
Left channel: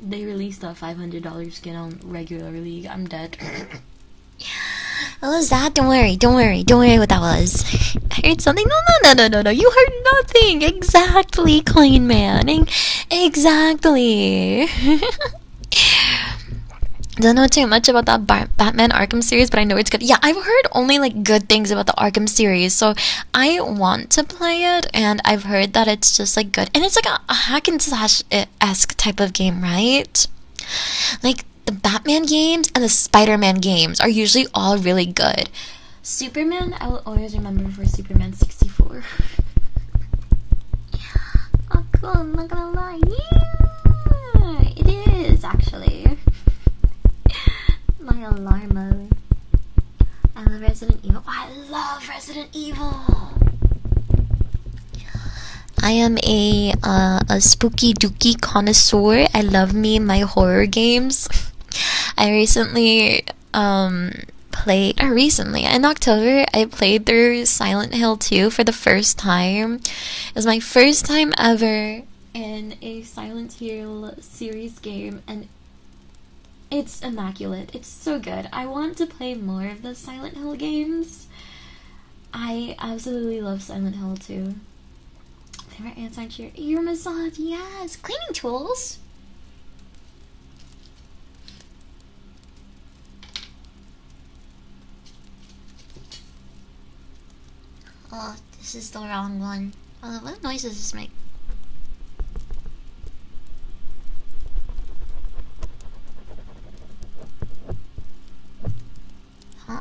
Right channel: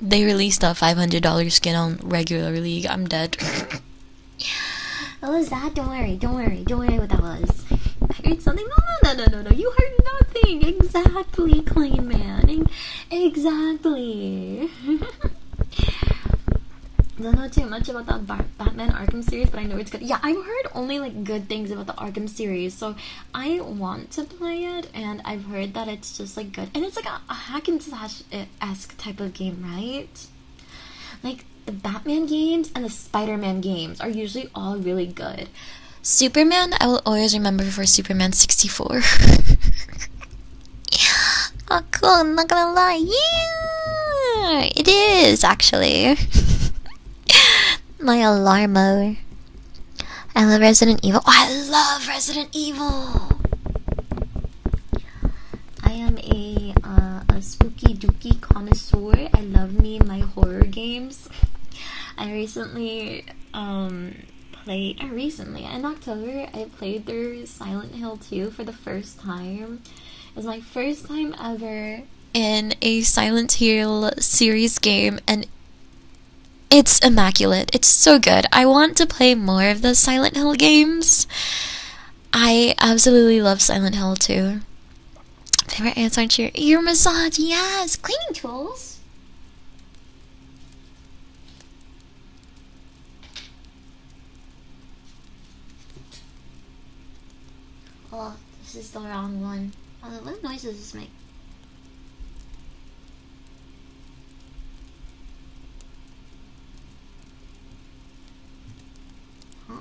they released a $500 skin on regular League. I'm dead. What was that? Don't worry what that was. I heard something. No. You heard nothing. Exactly, Clean Man. Exactly. Don't know too much about that Batman Arkham series, but I know it's good. Yeah, I've heard only like good things about the Arkham series, so I want to play it, and I've heard that it's just like good. And it's like a hack and slash-esque type of game, right? Like, the Batman games and the Spider-Man games are usually all really good. Superman, I will always remember for Superman 64. Oh, cool, I'm not gonna lie. Yeah, it is, actually. My alarmo. I love Resident Evil. Oh, I love Resident Evil. I am a spooky dooky connoisseur. I love me my horror games. I recently in October I played through Silent Hill 2 for the first time. It was my first time ever in a Silent Hill series game, and it's immaculate. It's so good. I want to play more of the Silent Hill games. I absolutely love Silent Hill 2. Favorite ants aren't your ear massage? Yes, cleaning tools. Oh, this is the wrong one. What noise does this make? Huh?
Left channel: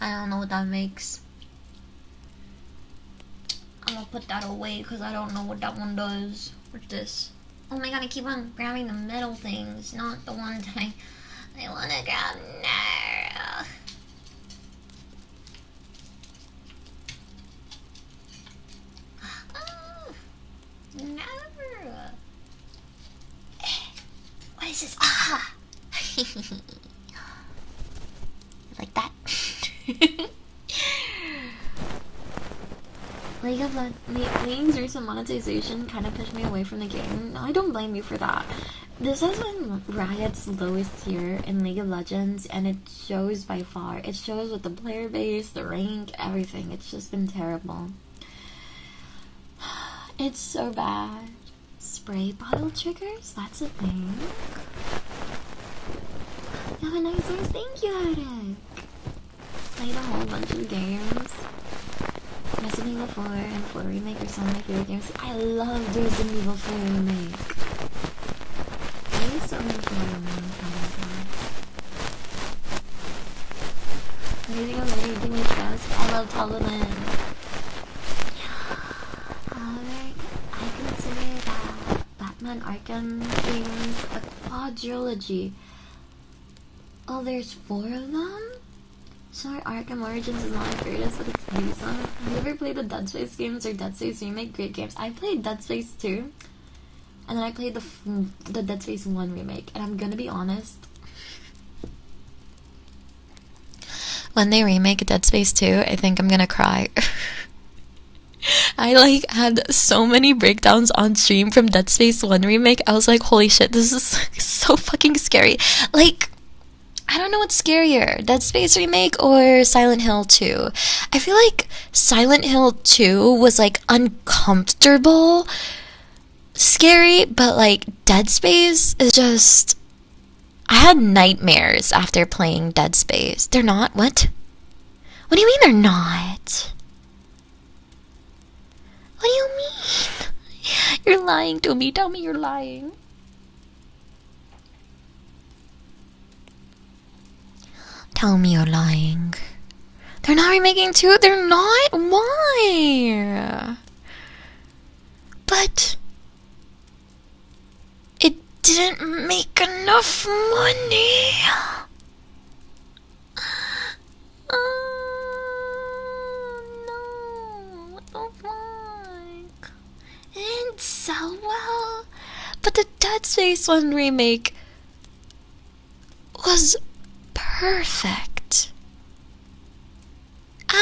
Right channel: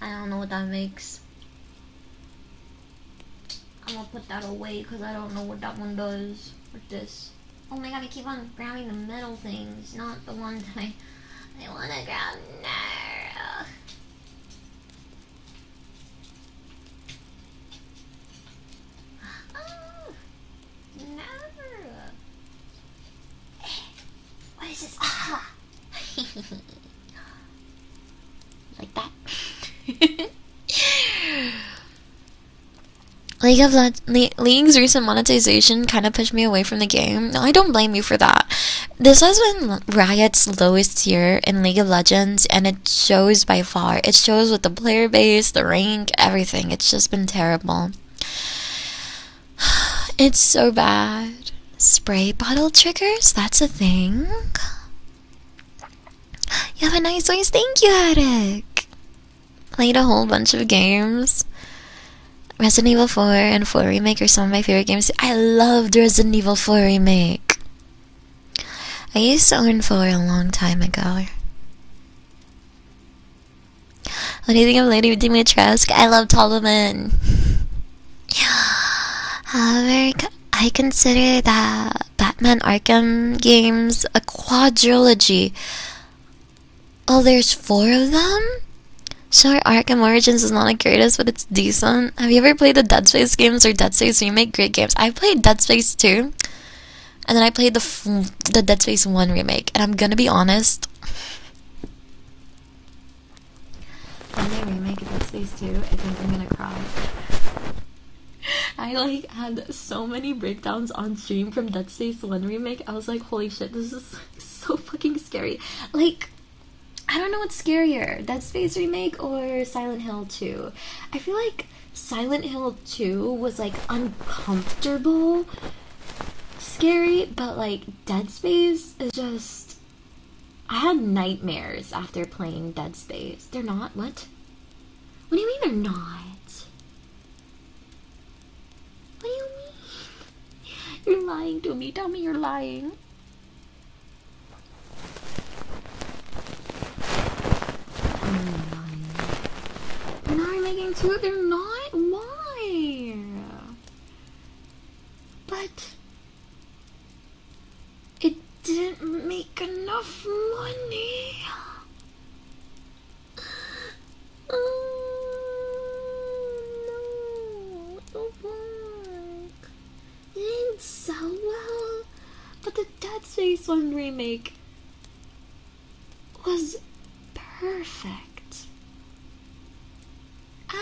I don't know what that makes. I'm gonna put that away because I don't know what that one does. What's this? Oh my god, I keep on grabbing the metal things, not the one that I wanna grab. No. Oh, no. What is this? Ah! Like that. League's recent monetization kind of pushed me away from the game. No, I don't blame you for that. This has been Riot's lowest tier in League of Legends, and it shows by far. It shows with the player base, the rank, everything. It's just been terrible. It's so bad. Spray bottle triggers? That's a thing. You have a nice voice. Thank you, Eric. Played a whole bunch of games. Resident Evil 4 and 4 Remake are some of my favorite games. I loved Resident Evil 4 Remake. I used to own 4 a long time ago. What do you think of Lady Dimitrescu? I love Toloman. However, I consider that Batman Arkham games a quadrilogy. Oh, there's 4 of them? Sure, Arkham Origins is not the greatest, but it's decent. Have you ever played the Dead Space games or Dead Space Remake? Great games. I played Dead Space 2, and then I played the Dead Space 1 remake. And I'm gonna be honest, when they remake Dead Space 2, I think I'm gonna cry. I like had so many breakdowns on stream from Dead Space 1 remake. I was like, holy shit, this is so fucking scary. Like, I don't know what's scarier, Dead Space remake or Silent Hill 2. I feel like Silent Hill 2 was like uncomfortable scary, but like Dead Space is just, I had nightmares after playing Dead Space. They're not? What? What do you mean they're not? What do you mean? You're lying to me. Tell me you're lying. Tell me you're lying. They're not remaking 2? They're not? Why? But it didn't make enough money. No. Oh my. It didn't sell well. But the Dead Space 1 remake was perfect.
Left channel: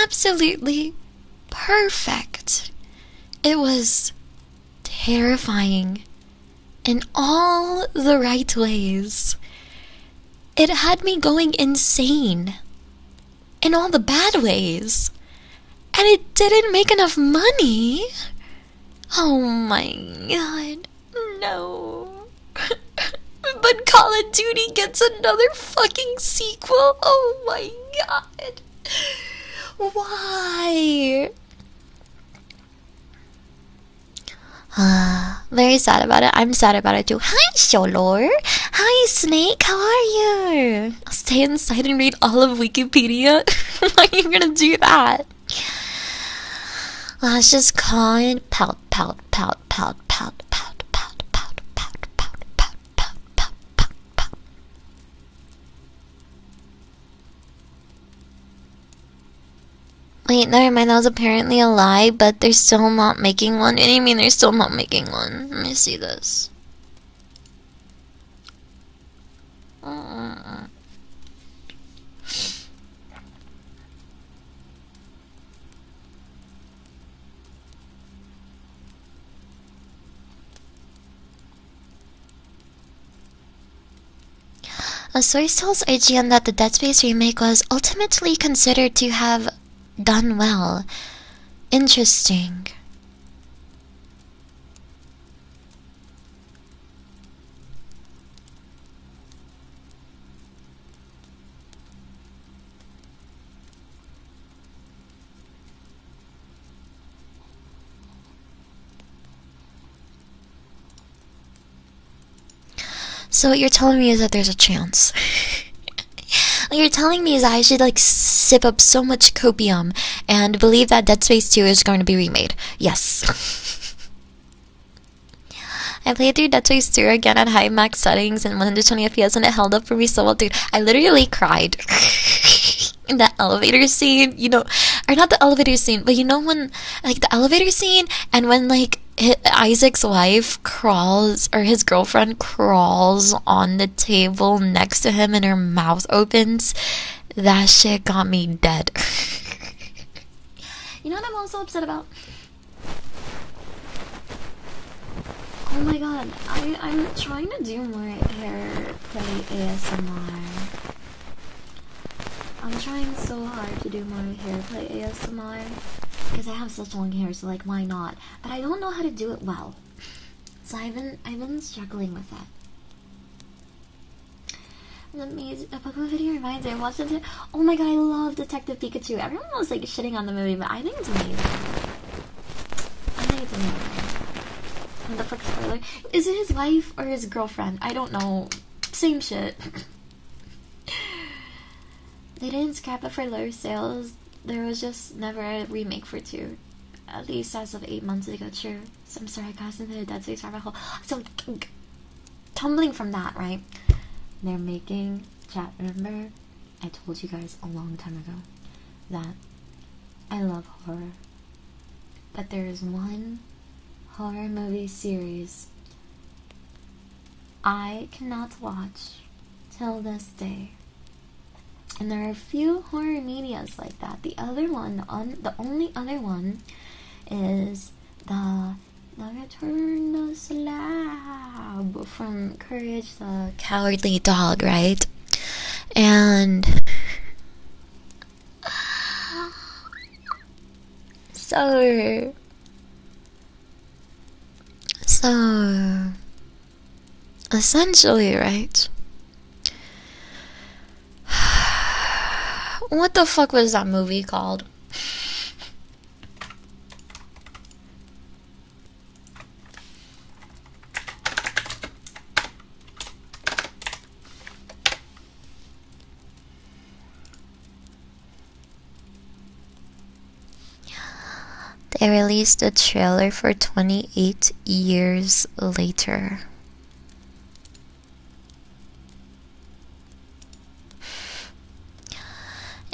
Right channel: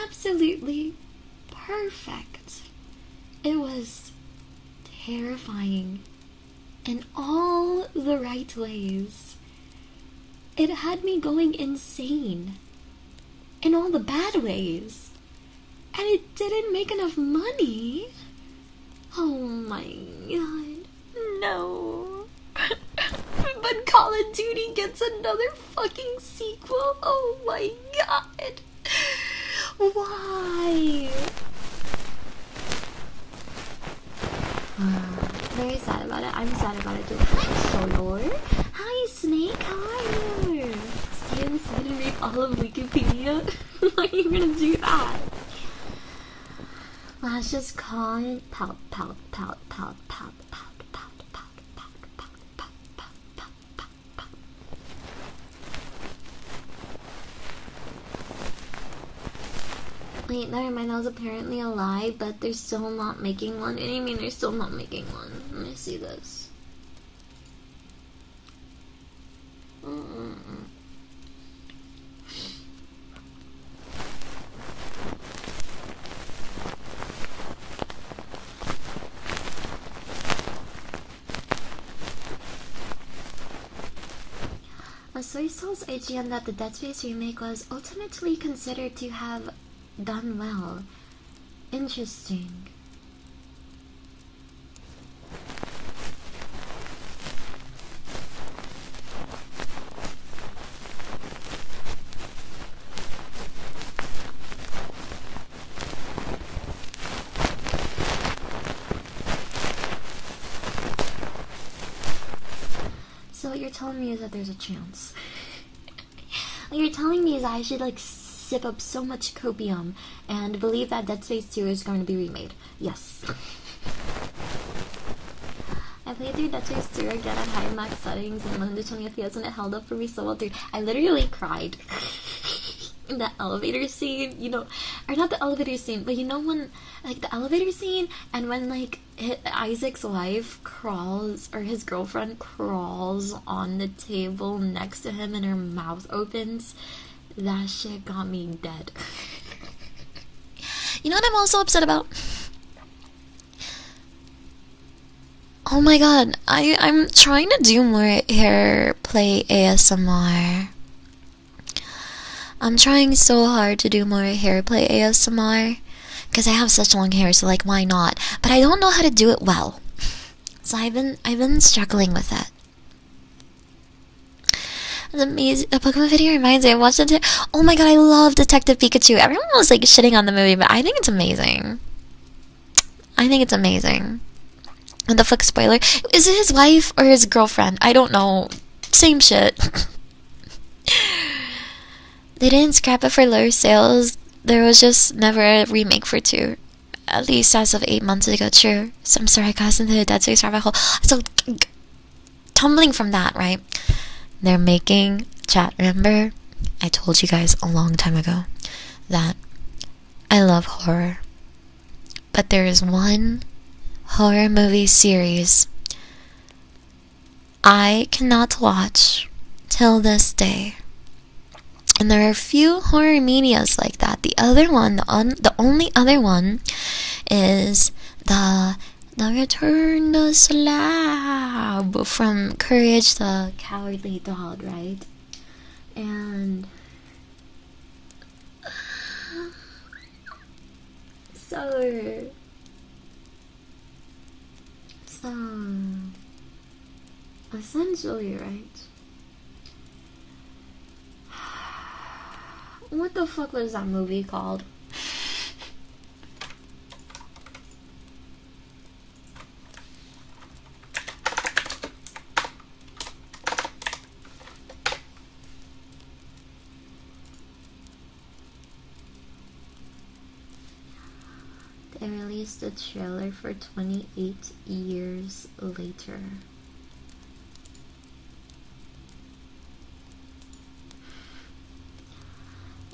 Absolutely perfect. It was terrifying in all the right ways. It had me going insane in all the bad ways. And it didn't make enough money. Oh my god. No. But Call of Duty gets another fucking sequel. Oh my god. Why? Very sad about it. I'm sad about it too. Hi, Sholor. Hi, Snake. How are you? Stay inside and read all of Wikipedia. Why are you gonna do that? Let's just call it pout, pout, pout, pout, pout, pout, pout, pout, pout, pout, pout, pout, pout, pout, pout. Wait, never mind, that was apparently a lie, but they're still not making one. What do you mean they're still not making one? Let me see this. A source tells IGN that the Dead Space remake was ultimately considered to have done well. Interesting. So what you're telling me is that there's a chance. What you're telling me is that I should like sip up so much copium and believe that Dead Space 2 is going to be remade. Yes. I played through Dead Space 2 again at high max settings and 120 FPS and it held up for me so well, dude. I literally cried. In that elevator scene, you know, or not the elevator scene, but you know when, like the elevator scene and when like Isaac's wife crawls, or his girlfriend crawls on the table next to him and her mouth opens, that shit got me dead. You know what I'm also upset about? Oh my god, I'm trying to do more hair play ASMR. I'm trying so hard to do more hair play ASMR because I have such long hair, so like why not? But I don't know how to do it well. So I've been struggling with that. The amazing, the Pokemon video reminds me, I watched it. Oh my god, I love Detective Pikachu. Everyone was like shitting on the movie, but I think it's amazing. I think it's amazing. What the fuck, spoiler? Is it his wife or his girlfriend? I don't know. Same shit. They didn't scrap it for lower sales. There was just never a remake for 2. At least as of 8 months ago, true. So I'm sorry, I got into the Dead Space rabbit hole. So, tumbling from that, right? They're making, chat, remember? I told you guys a long time ago that I love horror. But there is one horror movie series I cannot watch till this day. And there are a few horror medias like that. The other one, the only other one, is the Return the Slab from Courage the Cowardly Dog, right? And so essentially, right? What the fuck was that movie called? They released a trailer for 28 years later.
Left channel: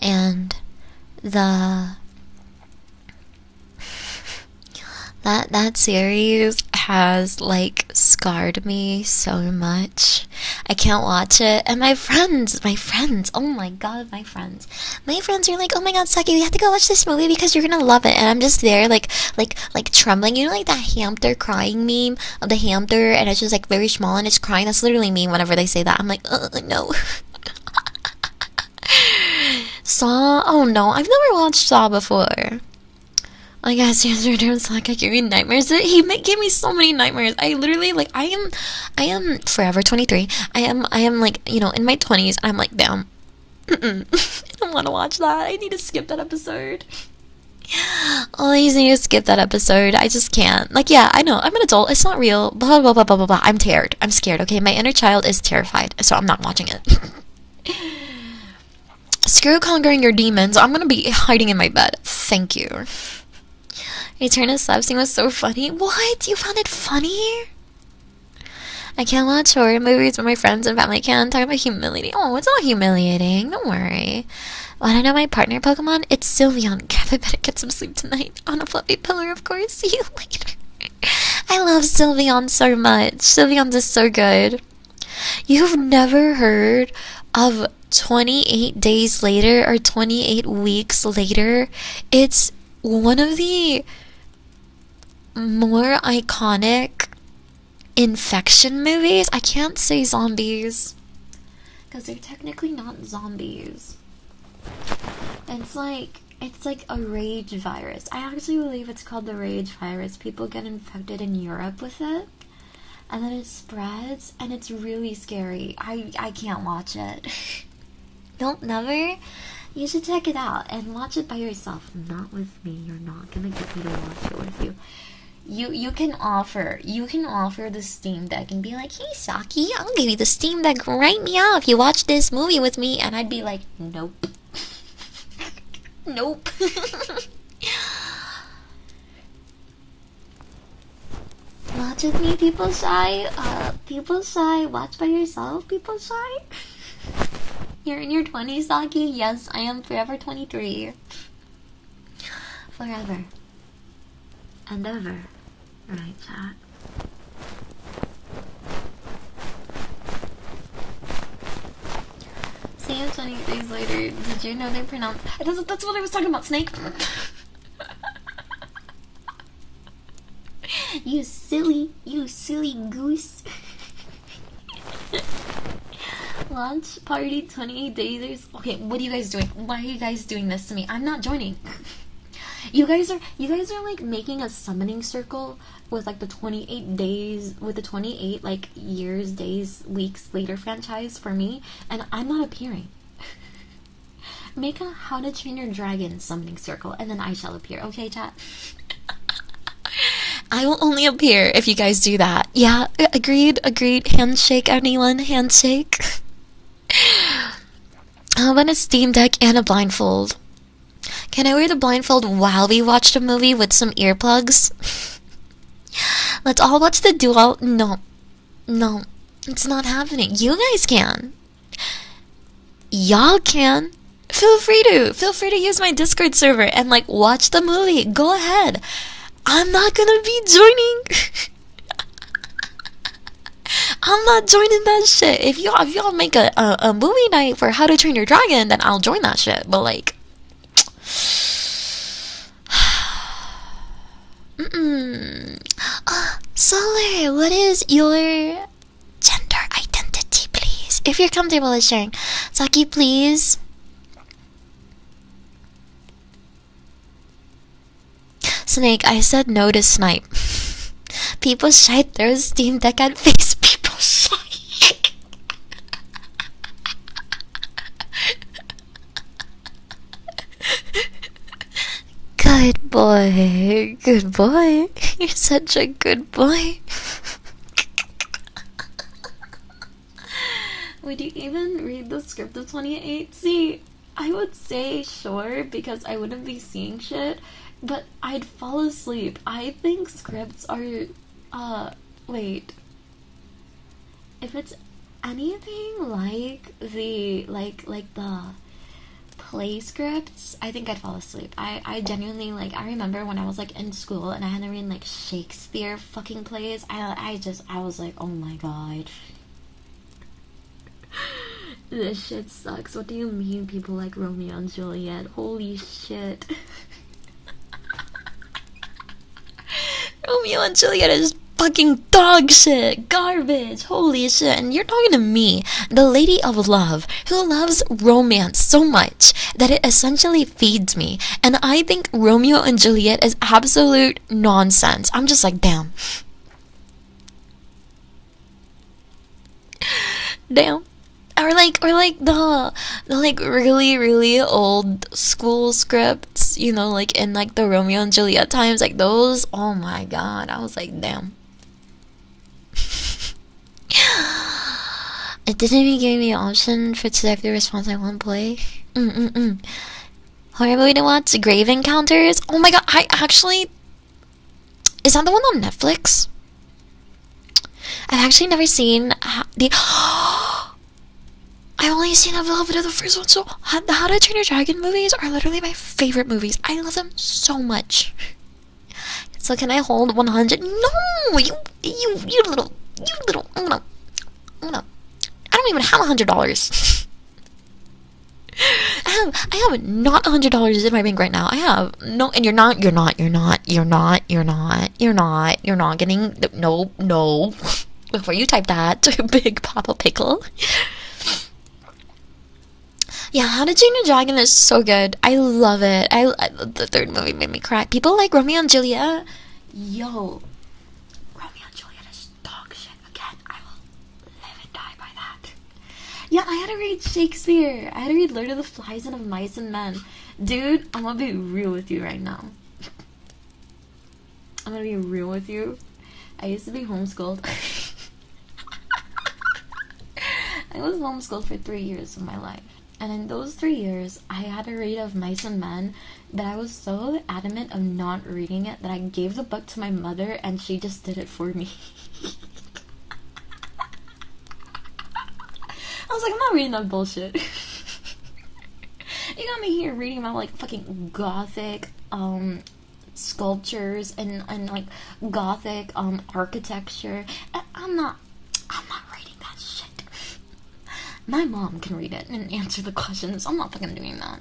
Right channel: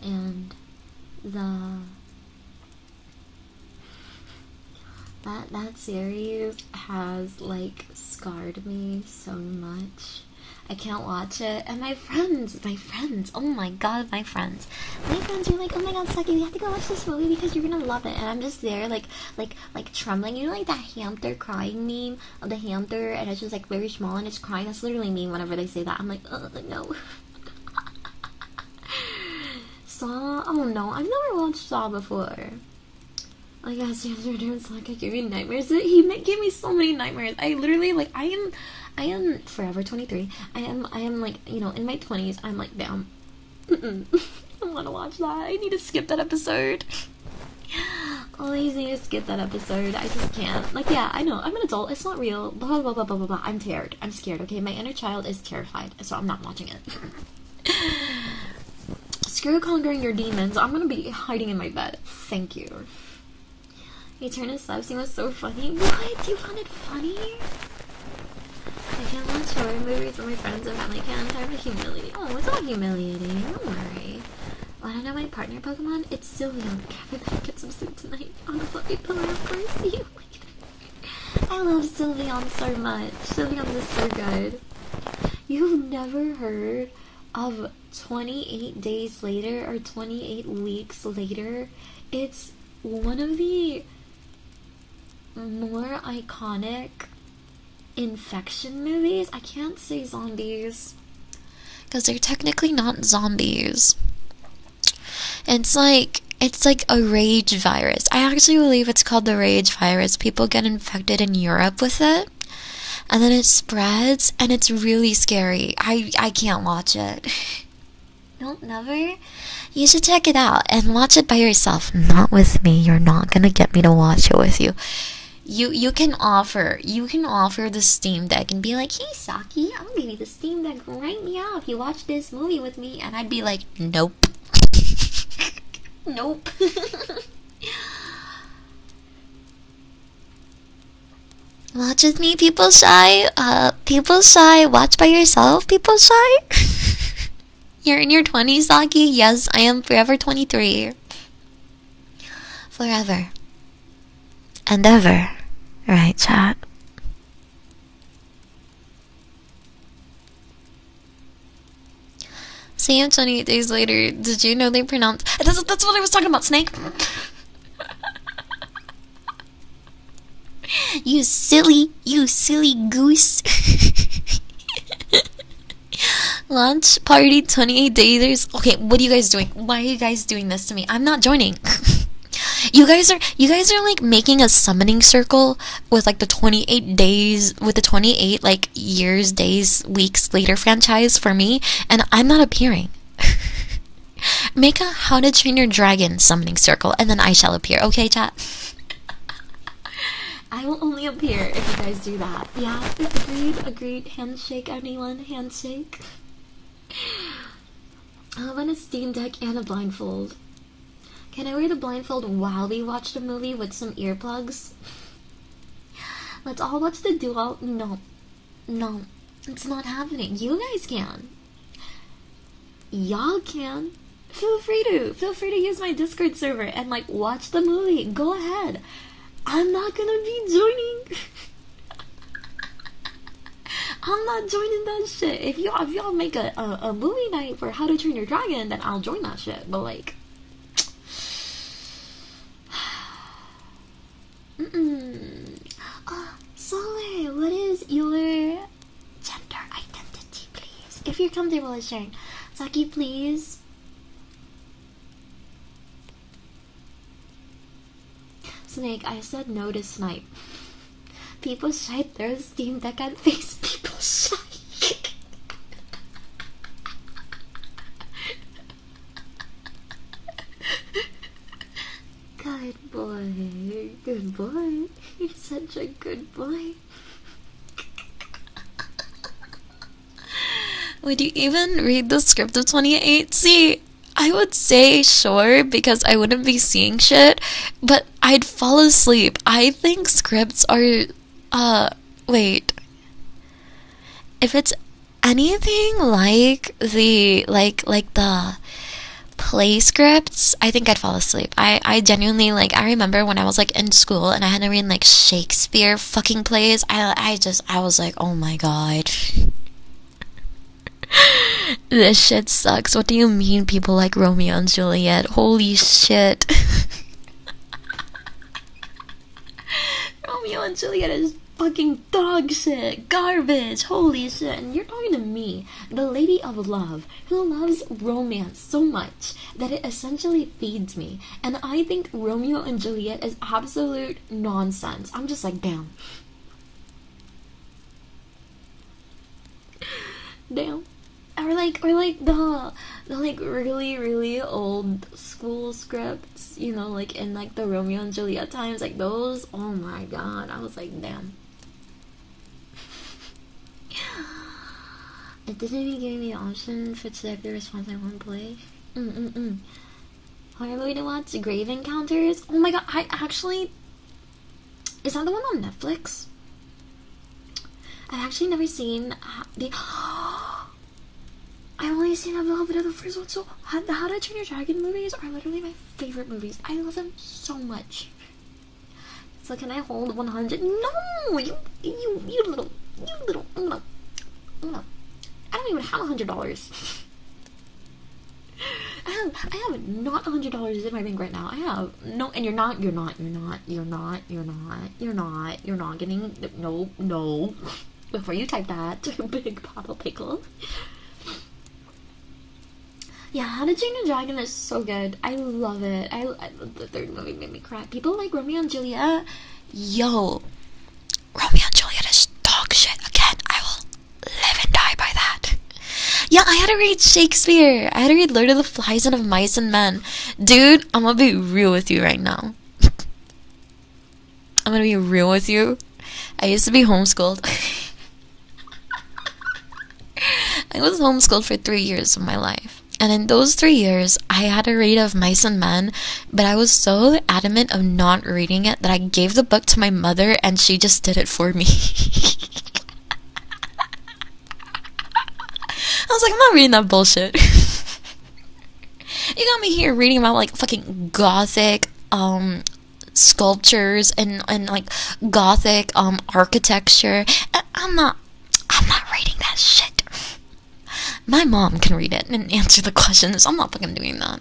And that series has like scarred me so much. I can't watch it. And my friends, oh my god, my friends are like, oh my god, Saki, we have to go watch this movie because you're gonna love it. And I'm just there like trembling. You know, like that hamster crying meme of the hamster, and it's just like very small and it's crying. That's literally me whenever they say that. I'm like, no. Saw? Oh no, I've never watched Saw before. I guess yesterday Saki gave me nightmares. He gave me so many nightmares. I literally like I am forever 23. I am like, you know, in my 20s. I'm like, damn. I don't want to watch that. I need to skip that episode. Oh, I just need to skip that episode. I just can't. Like, yeah, I know. I'm an adult. It's not real. Blah blah blah blah blah blah. I'm scared. I'm scared. Okay, my inner child is terrified, so I'm not watching it. Screw conquering your demons. I'm gonna be hiding in my bed. Thank you. Return to Sub scene was so funny. What? You found it funny? I can't watch horror movies with my friends and family can. Talk about humiliating. Oh, it's not humiliating. Don't worry. Wanna know my partner Pokemon? It's Sylveon. Crap, I better get some sleep tonight. On a fluffy pillow, of course. See you later. I love Sylveon so much. Sylveon is so good. You've never heard of 28 days later or 28 weeks later? It's one of the more iconic infection movies. I can't say zombies because they're technically not zombies. It's like a rage virus. I actually believe it's called the rage virus. People get infected in Europe with it, and then it spreads, and it's really scary. I can't watch it. Don't never. You should check it out and watch it by yourself. Not with me. You're not gonna get me to watch it with you. You can offer the Steam Deck and be like, hey Saki, I'll give you the Steam Deck right now if you watch this movie with me, and I'd be like, nope. Nope. Watch with me, people shy. People shy. Watch by yourself, people shy. You're in your 20s, Saki? Yes, I am forever 23. Forever. And ever. Right, chat? See you 28 days later. Did you know they pronounce... That's what I was talking about, Snake. You silly goose. Launch party 28 days. Okay, what are you guys doing? Why are you guys doing this to me? I'm not joining. You guys are like making a summoning circle with like the 28 days, with the 28 like years, days, weeks later franchise for me, and I'm not appearing. Make a How to Train Your Dragon summoning circle, and then I shall appear. Okay, chat? I will only appear if you guys do that. Yeah, agreed. Handshake, anyone? Handshake. How about a Steam Deck and a blindfold? Can I wear the blindfold while we watch the movie with some earplugs? Let's all watch the dual. No, it's not happening. You guys can. Y'all can. Feel free to use my Discord server and like watch the movie. Go ahead. I'm not gonna be joining. I'm not joining that shit. If y'all make a movie night for How to Train Your Dragon, then I'll join that shit. But like, Solar, what is your gender identity, please? If you're comfortable with sharing. Saki, please. Snake, I said no to snipe. People shite their Steam Deck at face. People shite. Good boy. Good boy. You're such a good boy. Would you even read the script of 28? See, I would say sure because I wouldn't be seeing shit, but I'd fall asleep. I think scripts are, wait. If it's anything like the, like the play scripts, I think I'd fall asleep. I genuinely, like, I remember when I was, like, in school and I had to read, like, Shakespeare fucking plays, I was like, oh my god. This shit sucks. What do you mean people like Romeo and Juliet? Holy shit. Romeo and Juliet is fucking dog shit. Garbage. Holy shit. And you're talking to me, the lady of love, who loves romance so much that it essentially feeds me. And I think Romeo and Juliet is absolute nonsense. I'm just like, damn. Damn. Or like the like really old school scripts, you know, like in like the Romeo and Juliet times, like those. Oh my god, I was like, damn. It didn't even give me an option for selected response I won't play. Horror movie to watch, Grave Encounters. Oh my god, I actually, is that the one on Netflix? I've actually never seen the. I've only seen a little bit of the first one, so How to Train Your Dragon movies are literally my favorite movies. I love them so much. So can I hold 100? No, you little. I don't even have $100. I have not $100 in my bank right now. I have no, and you're not getting no. Before you type that, Big Papa Pickle. Yeah, How to Train Your Dragon is so good. I love it. The third movie made me cry. People like Romeo and Juliet. Yo, Romeo and Juliet is dog shit. Again, I will live and die by that. Yeah, I had to read Shakespeare. I had to read Lord of the Flies and of Mice and Men. Dude, I'm gonna be real with you right now. I'm gonna be real with you. I used to be homeschooled. I was homeschooled for 3 years of my life. And in those 3 years, I had a read of Mice and Men, but I was so adamant of not reading it that I gave the book to my mother and she just did it for me. I was like, I'm not reading that bullshit. You got me here reading about like fucking gothic sculptures and like gothic architecture. I'm not reading that shit. My mom can read it and answer the questions. I'm not fucking doing that.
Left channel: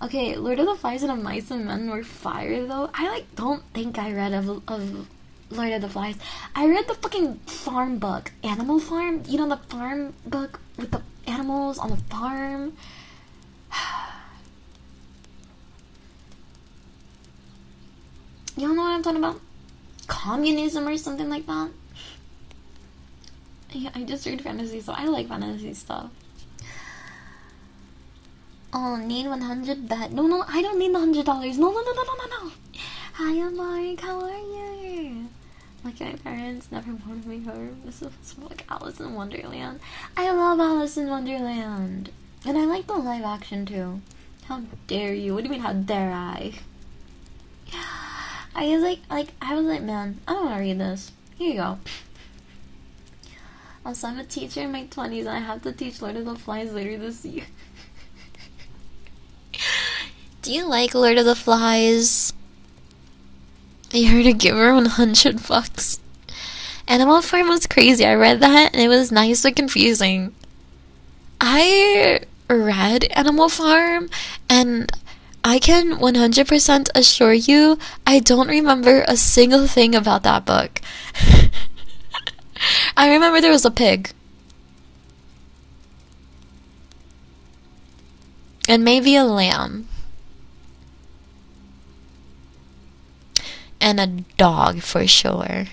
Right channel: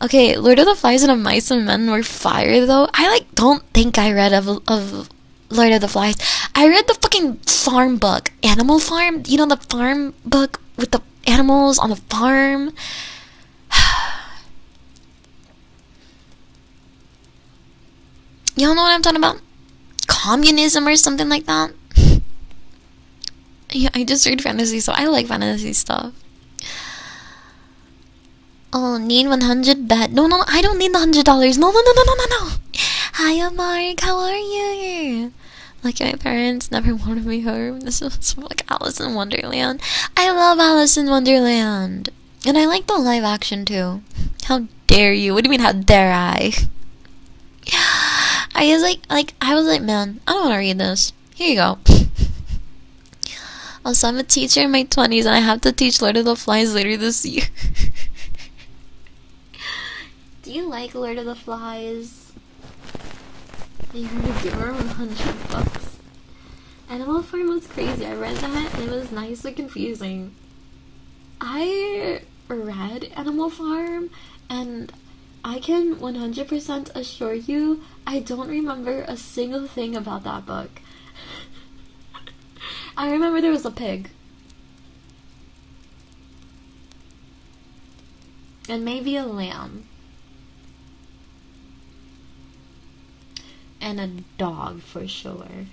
Okay, Lord of the Flies and of Mice and Men were fire though. I like don't think I read of Lord of the Flies. I read the fucking farm book, Animal Farm. You know, the farm book with the animals on the farm. Y'all know what I'm talking about? Communism or something like that. Yeah, I just read fantasy, so I like fantasy stuff. Oh, need 100 bet. No, I don't need the $100. No. Hi, Mark. How are you? Like, my parents never wanted me home. This is like Alice in Wonderland. I love Alice in Wonderland. And I like the live action too. How dare you? What do you mean, how dare I? I was like, man, I don't want to read this. Here you go. Also, I'm a teacher in my 20s and I have to teach Lord of the Flies later this year. Do you like Lord of the Flies? I heard it give her $100. Animal Farm was crazy. I read that and it was nice but confusing. I read Animal Farm and I can 100% assure you I don't remember a single thing about that book. I remember there was a pig. And maybe a lamb. And a dog for sure.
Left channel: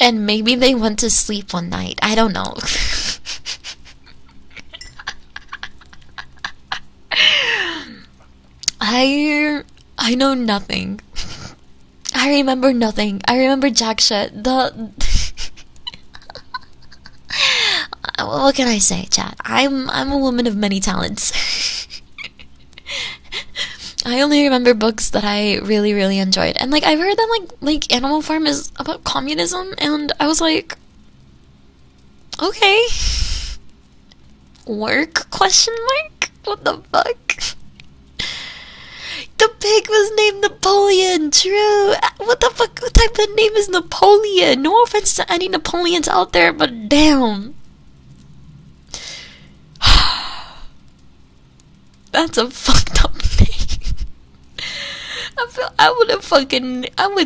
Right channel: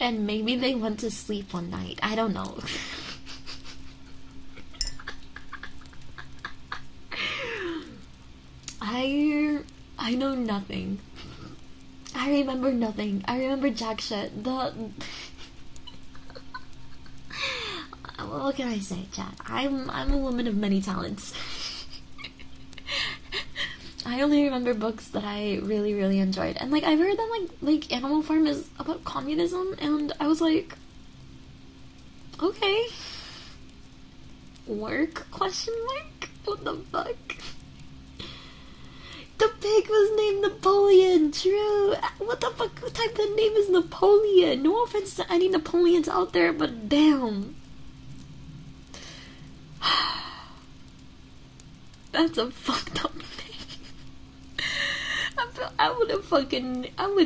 And maybe they went to sleep one night. I don't know. I know nothing. I remember nothing. I remember jack shit. What can I say, chat? I'm a woman of many talents. I only remember books that I really, really enjoyed. And like I've heard that like Animal Farm is about communism, and I was like, okay. Work? Question mark? What the fuck? The pig was named Napoleon, true. What the fuck? What type of name is Napoleon? No offense to any Napoleons out there, but damn. That's a fucked up name. I would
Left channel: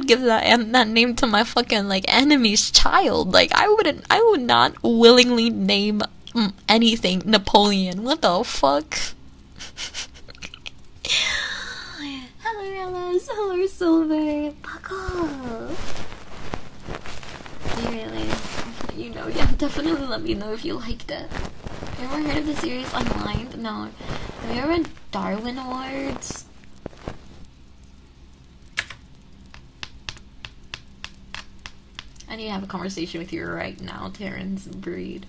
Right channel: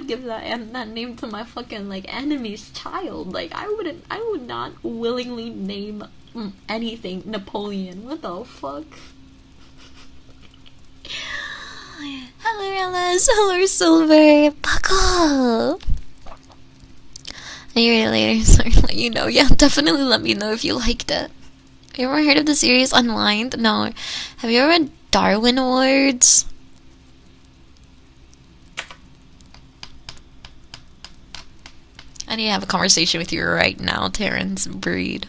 give that name to my fucking like enemy's child. Like I would not willingly name anything Napoleon. What the fuck? Hello Alice, hello Silver. Fuck off. Later, sorry, let you know. Yeah, definitely let me know if you liked it. Have you ever heard of the series Unwind? No. Have you ever read Darwin Awards? I need to have a conversation with you right now, Terrence Breed.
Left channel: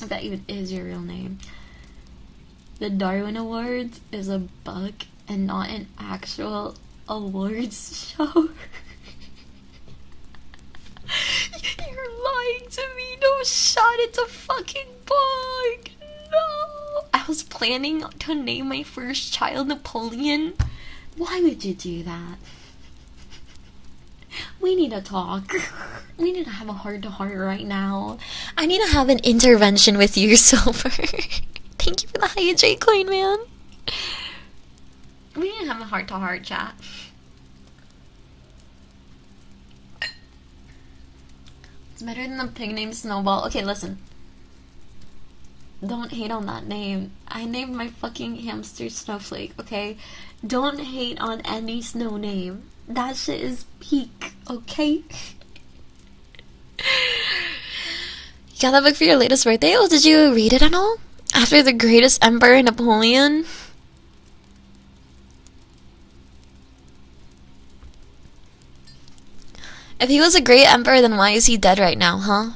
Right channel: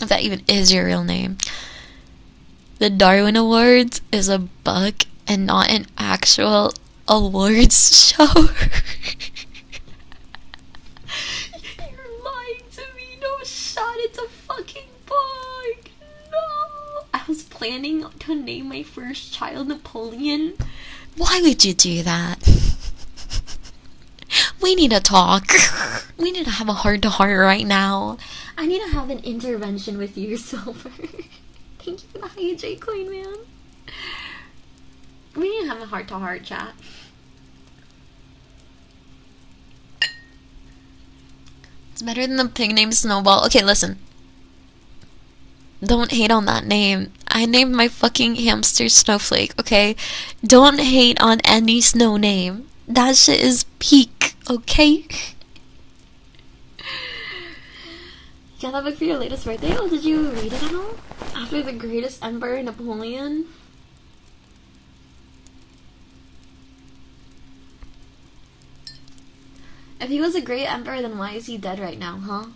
If that even is your real name. The Darwin Awards is a book and not an actual awards show. You're lying to me. No shot, it's a fucking book. No. I was planning to name my first child Napoleon. Why would you do that? We need to talk. We need to have a heart-to-heart right now. I need to have an intervention with you, Silver. Thank you for the hydrate coin, man. We need to have a heart-to-heart chat. It's better than the pig named Snowball. Okay, listen. Don't hate on that name. I named my fucking hamster Snowflake, okay? Don't hate on any snow name. That shit is peak, okay? You got that book for your latest birthday? Oh, did you read it at all? After the greatest emperor, Napoleon? If he was a great emperor, then why is he dead right now, huh?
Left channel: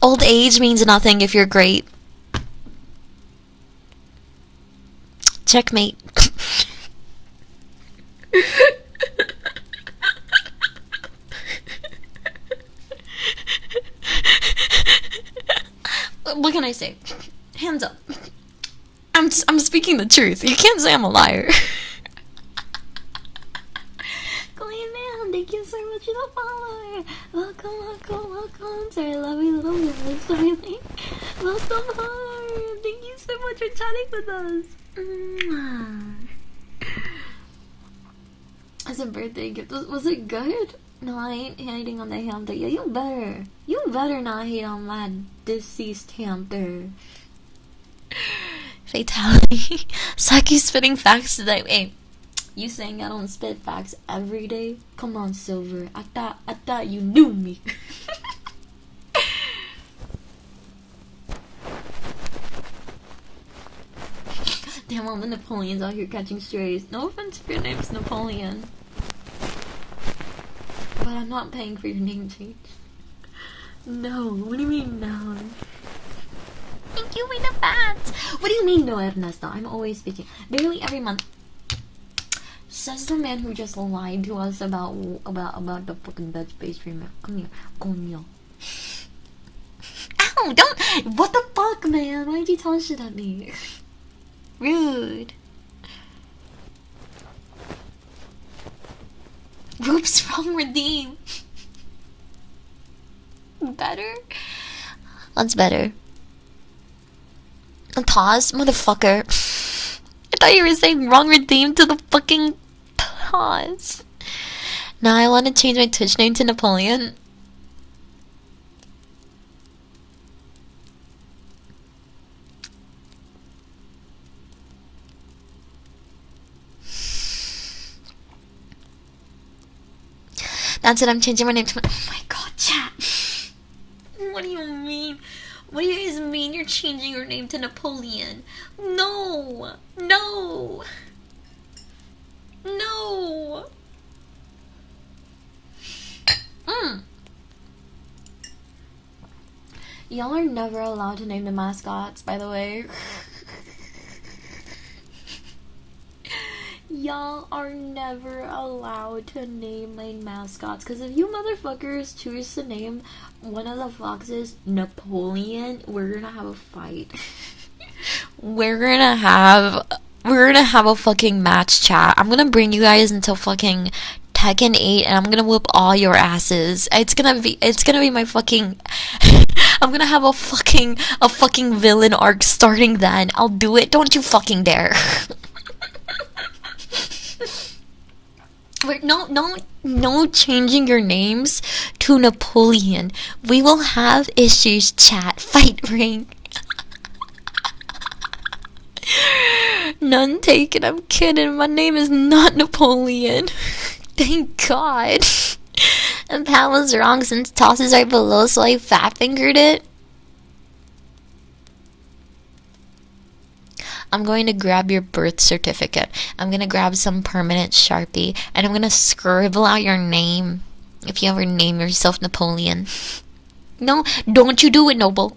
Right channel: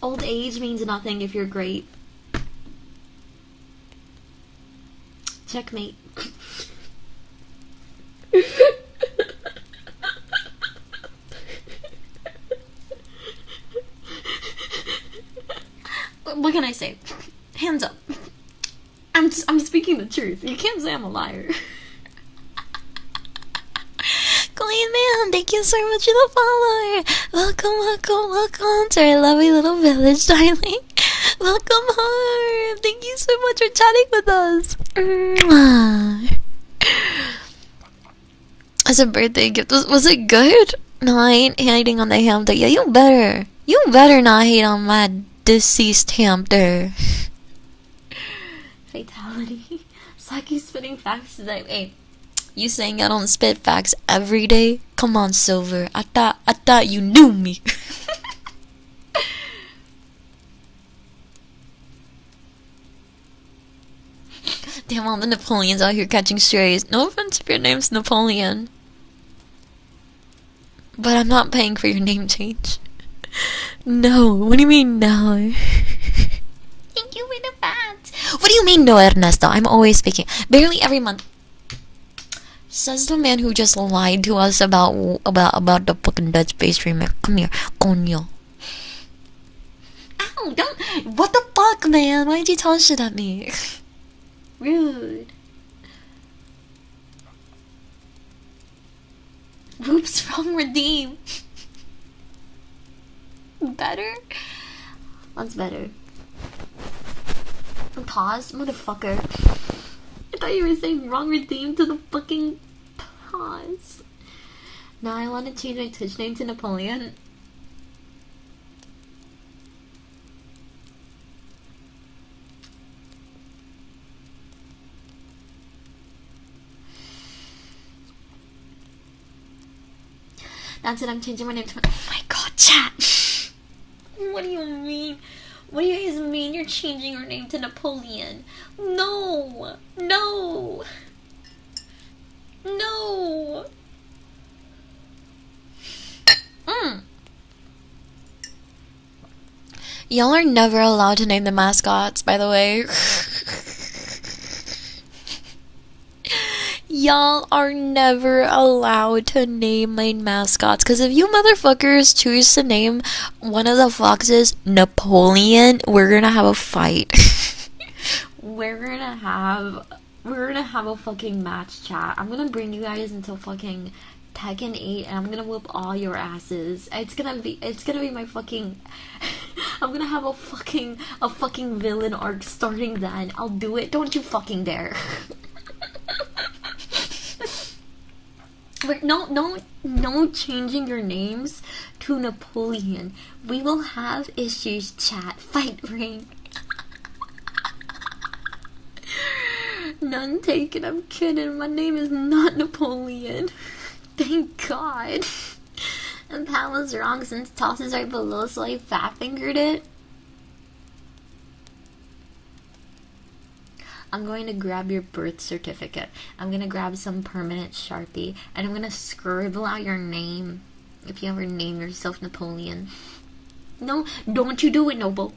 Old age means nothing if you're great. Checkmate. What can I say? Hands up. I'm speaking the truth. You can't say I'm a liar. Clean man, thank you so much for the follower. Welcome to our lovely little village, darling. Welcome home. Thank you so much for chatting with us. As a birthday gift, was it good? No, I ain't hating on the hamster. Yeah, you better not hate on my deceased hamster. Fatality. Saki spitting facts today. Hey, you saying I don't spit facts every day? Come on, Silver. I thought you knew me. Damn, all the Napoleons out here catching strays. No offense if your name's Napoleon. But I'm not paying for your name change. No, what do you mean no? Thank you for the bats. What do you mean no, Ernesto? I'm always speaking. Barely every month. Says the man who just lied to us about the fucking Dead Space remake. Come here, coño. Ow, don't. What the fuck, man? Why'd you tell shit at me? Rude. Oops, wrong redeem. Better? What's better? A toss? Motherfucker. I thought you were saying wrong redeem to the fucking toss. Now I want to change my Twitch name to Napoleon. That's it, I'm changing my name to... Oh my god, chat! What do you mean? What do you guys mean you're changing your name to Napoleon? No! No! No! Y'all are never allowed to name the mascots, by the way. Y'all are never allowed to name my mascots, because if you motherfuckers choose to name one of the foxes Napoleon, we're gonna have a fight. we're gonna have a fucking match, chat. I'm gonna bring you guys into fucking Tekken 8 and I'm gonna whoop all your asses. It's gonna be my fucking I'm gonna have a fucking villain arc starting then. I'll do it. Don't you fucking dare. No changing your names to Napoleon. We will have issues, chat. Fight ring. None taken. I'm kidding. My name is not Napoleon. Thank God. And Pat was wrong since tosses are below, so I fat fingered it. I'm going to grab your birth certificate. I'm going to grab some permanent Sharpie. And I'm going to scribble out your name. If you ever name yourself Napoleon. No, don't you do it, Noble.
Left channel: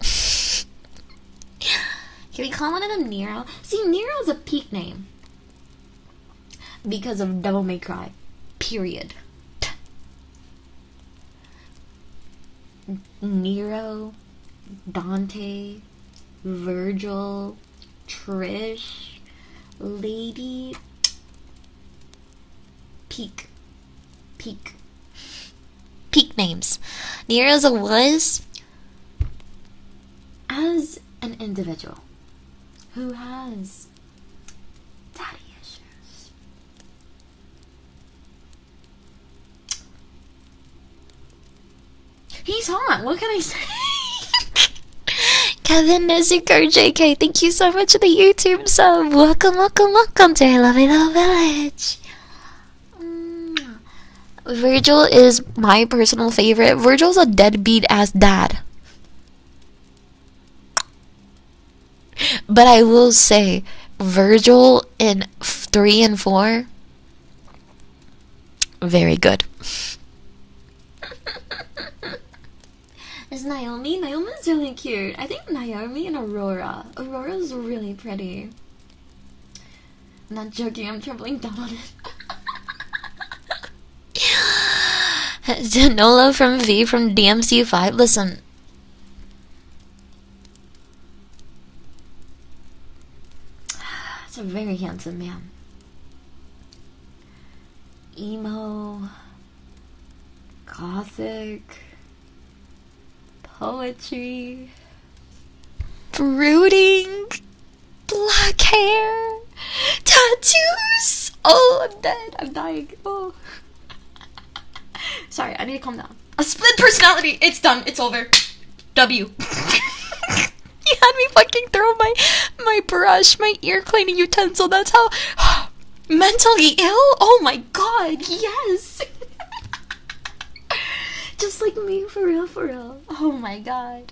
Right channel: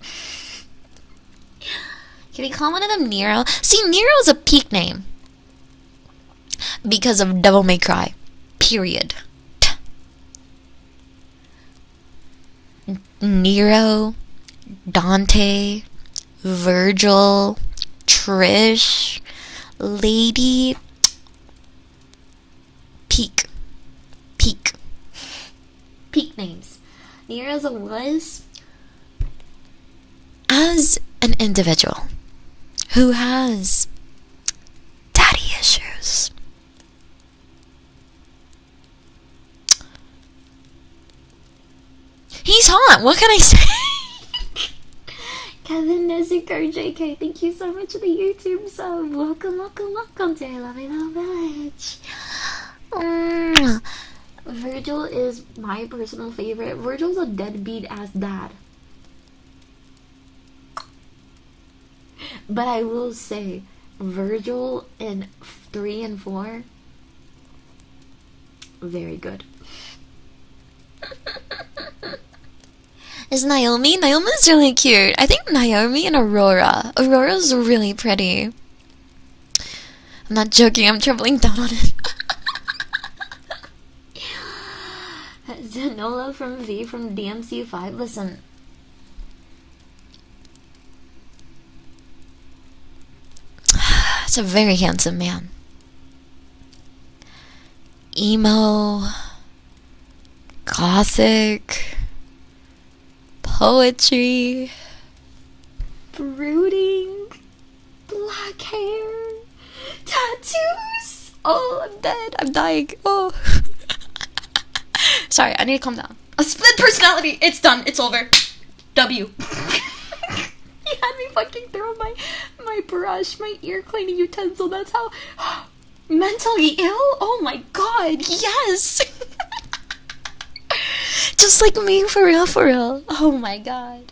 Can we call one of them Nero? See, Nero is a peak name. Because of Devil May Cry. Period. Nero. Dante. Virgil. Trish, Lady, Peak names. Nero's was as an individual who has daddy issues. He's hot. What can I say? Kevin Nezuko JK, thank you so much for the YouTube sub. Welcome to our lovely little village. Virgil is my personal favorite. Virgil's a deadbeat ass dad. But I will say, Virgil in 3 and 4, very good. Is Naomi? Naomi's really cute. I think Naomi and Aurora. Aurora's really pretty. I'm not joking, I'm tripling down on it. Danilo from V from DMC5. Listen. It's a very handsome man. Emo. Gothic. Poetry, brooding, black hair, tattoos. Oh, I'm dead. I'm dying. Oh. Sorry, I need to calm down. A split personality. It's done. It's over. W. You had me fucking throw my brush, my ear cleaning utensil. That's how mentally ill. Oh my god. Yes. Just like me, for real, for real. Oh my god.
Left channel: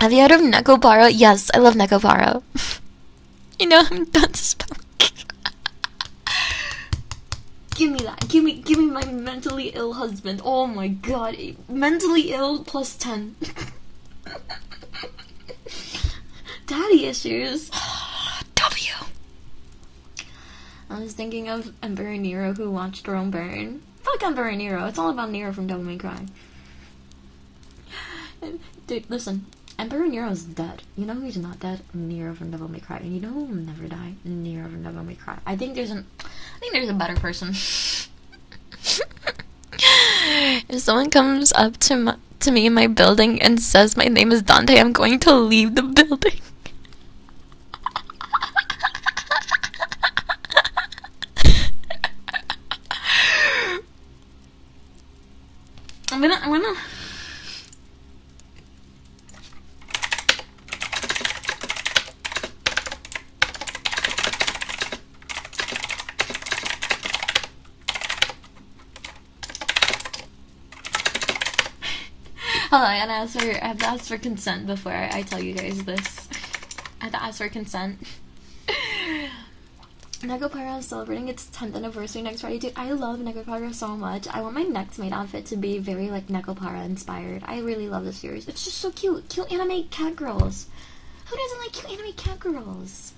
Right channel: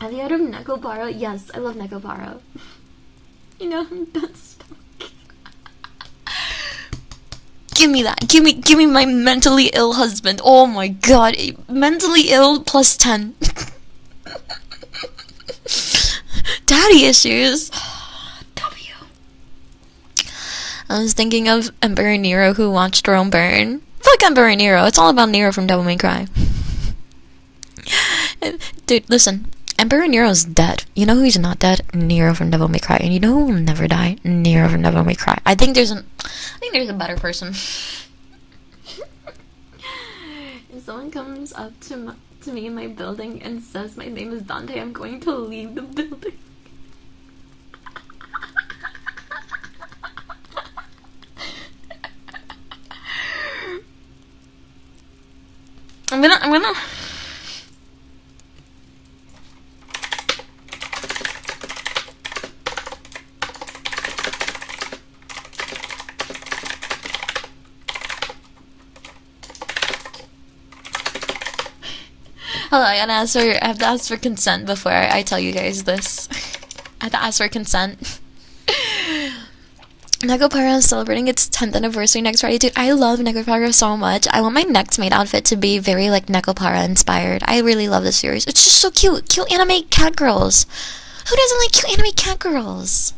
Have you heard of Nekopara? Yes, I love Nekopara. You know I'm done spelling. Give me that. Give me my mentally ill husband. Oh my god. Mentally ill plus 10. Daddy issues. W. I was thinking of Emperor Nero who watched Rome burn. Fuck Emperor Nero. It's all about Nero from Devil May Cry. Dude, listen. Emperor Nero's dead. You know who's not dead? Nero from Devil May Cry. And you know who will never die? Nero from Devil May Cry. I think there's a better person. If someone comes up to me in my building and says my name is Dante, I'm going to leave the building. I'm gonna hold on, I have to ask for consent before I tell you guys this. I have to ask for consent. Nekopara is celebrating its 10th anniversary next Friday. Dude, I love Nekopara so much. I want my next maid outfit to be very, like, Nekopara inspired. I really love this series. It's just so cute. Cute anime cat girls. Who doesn't like cute anime cat girls?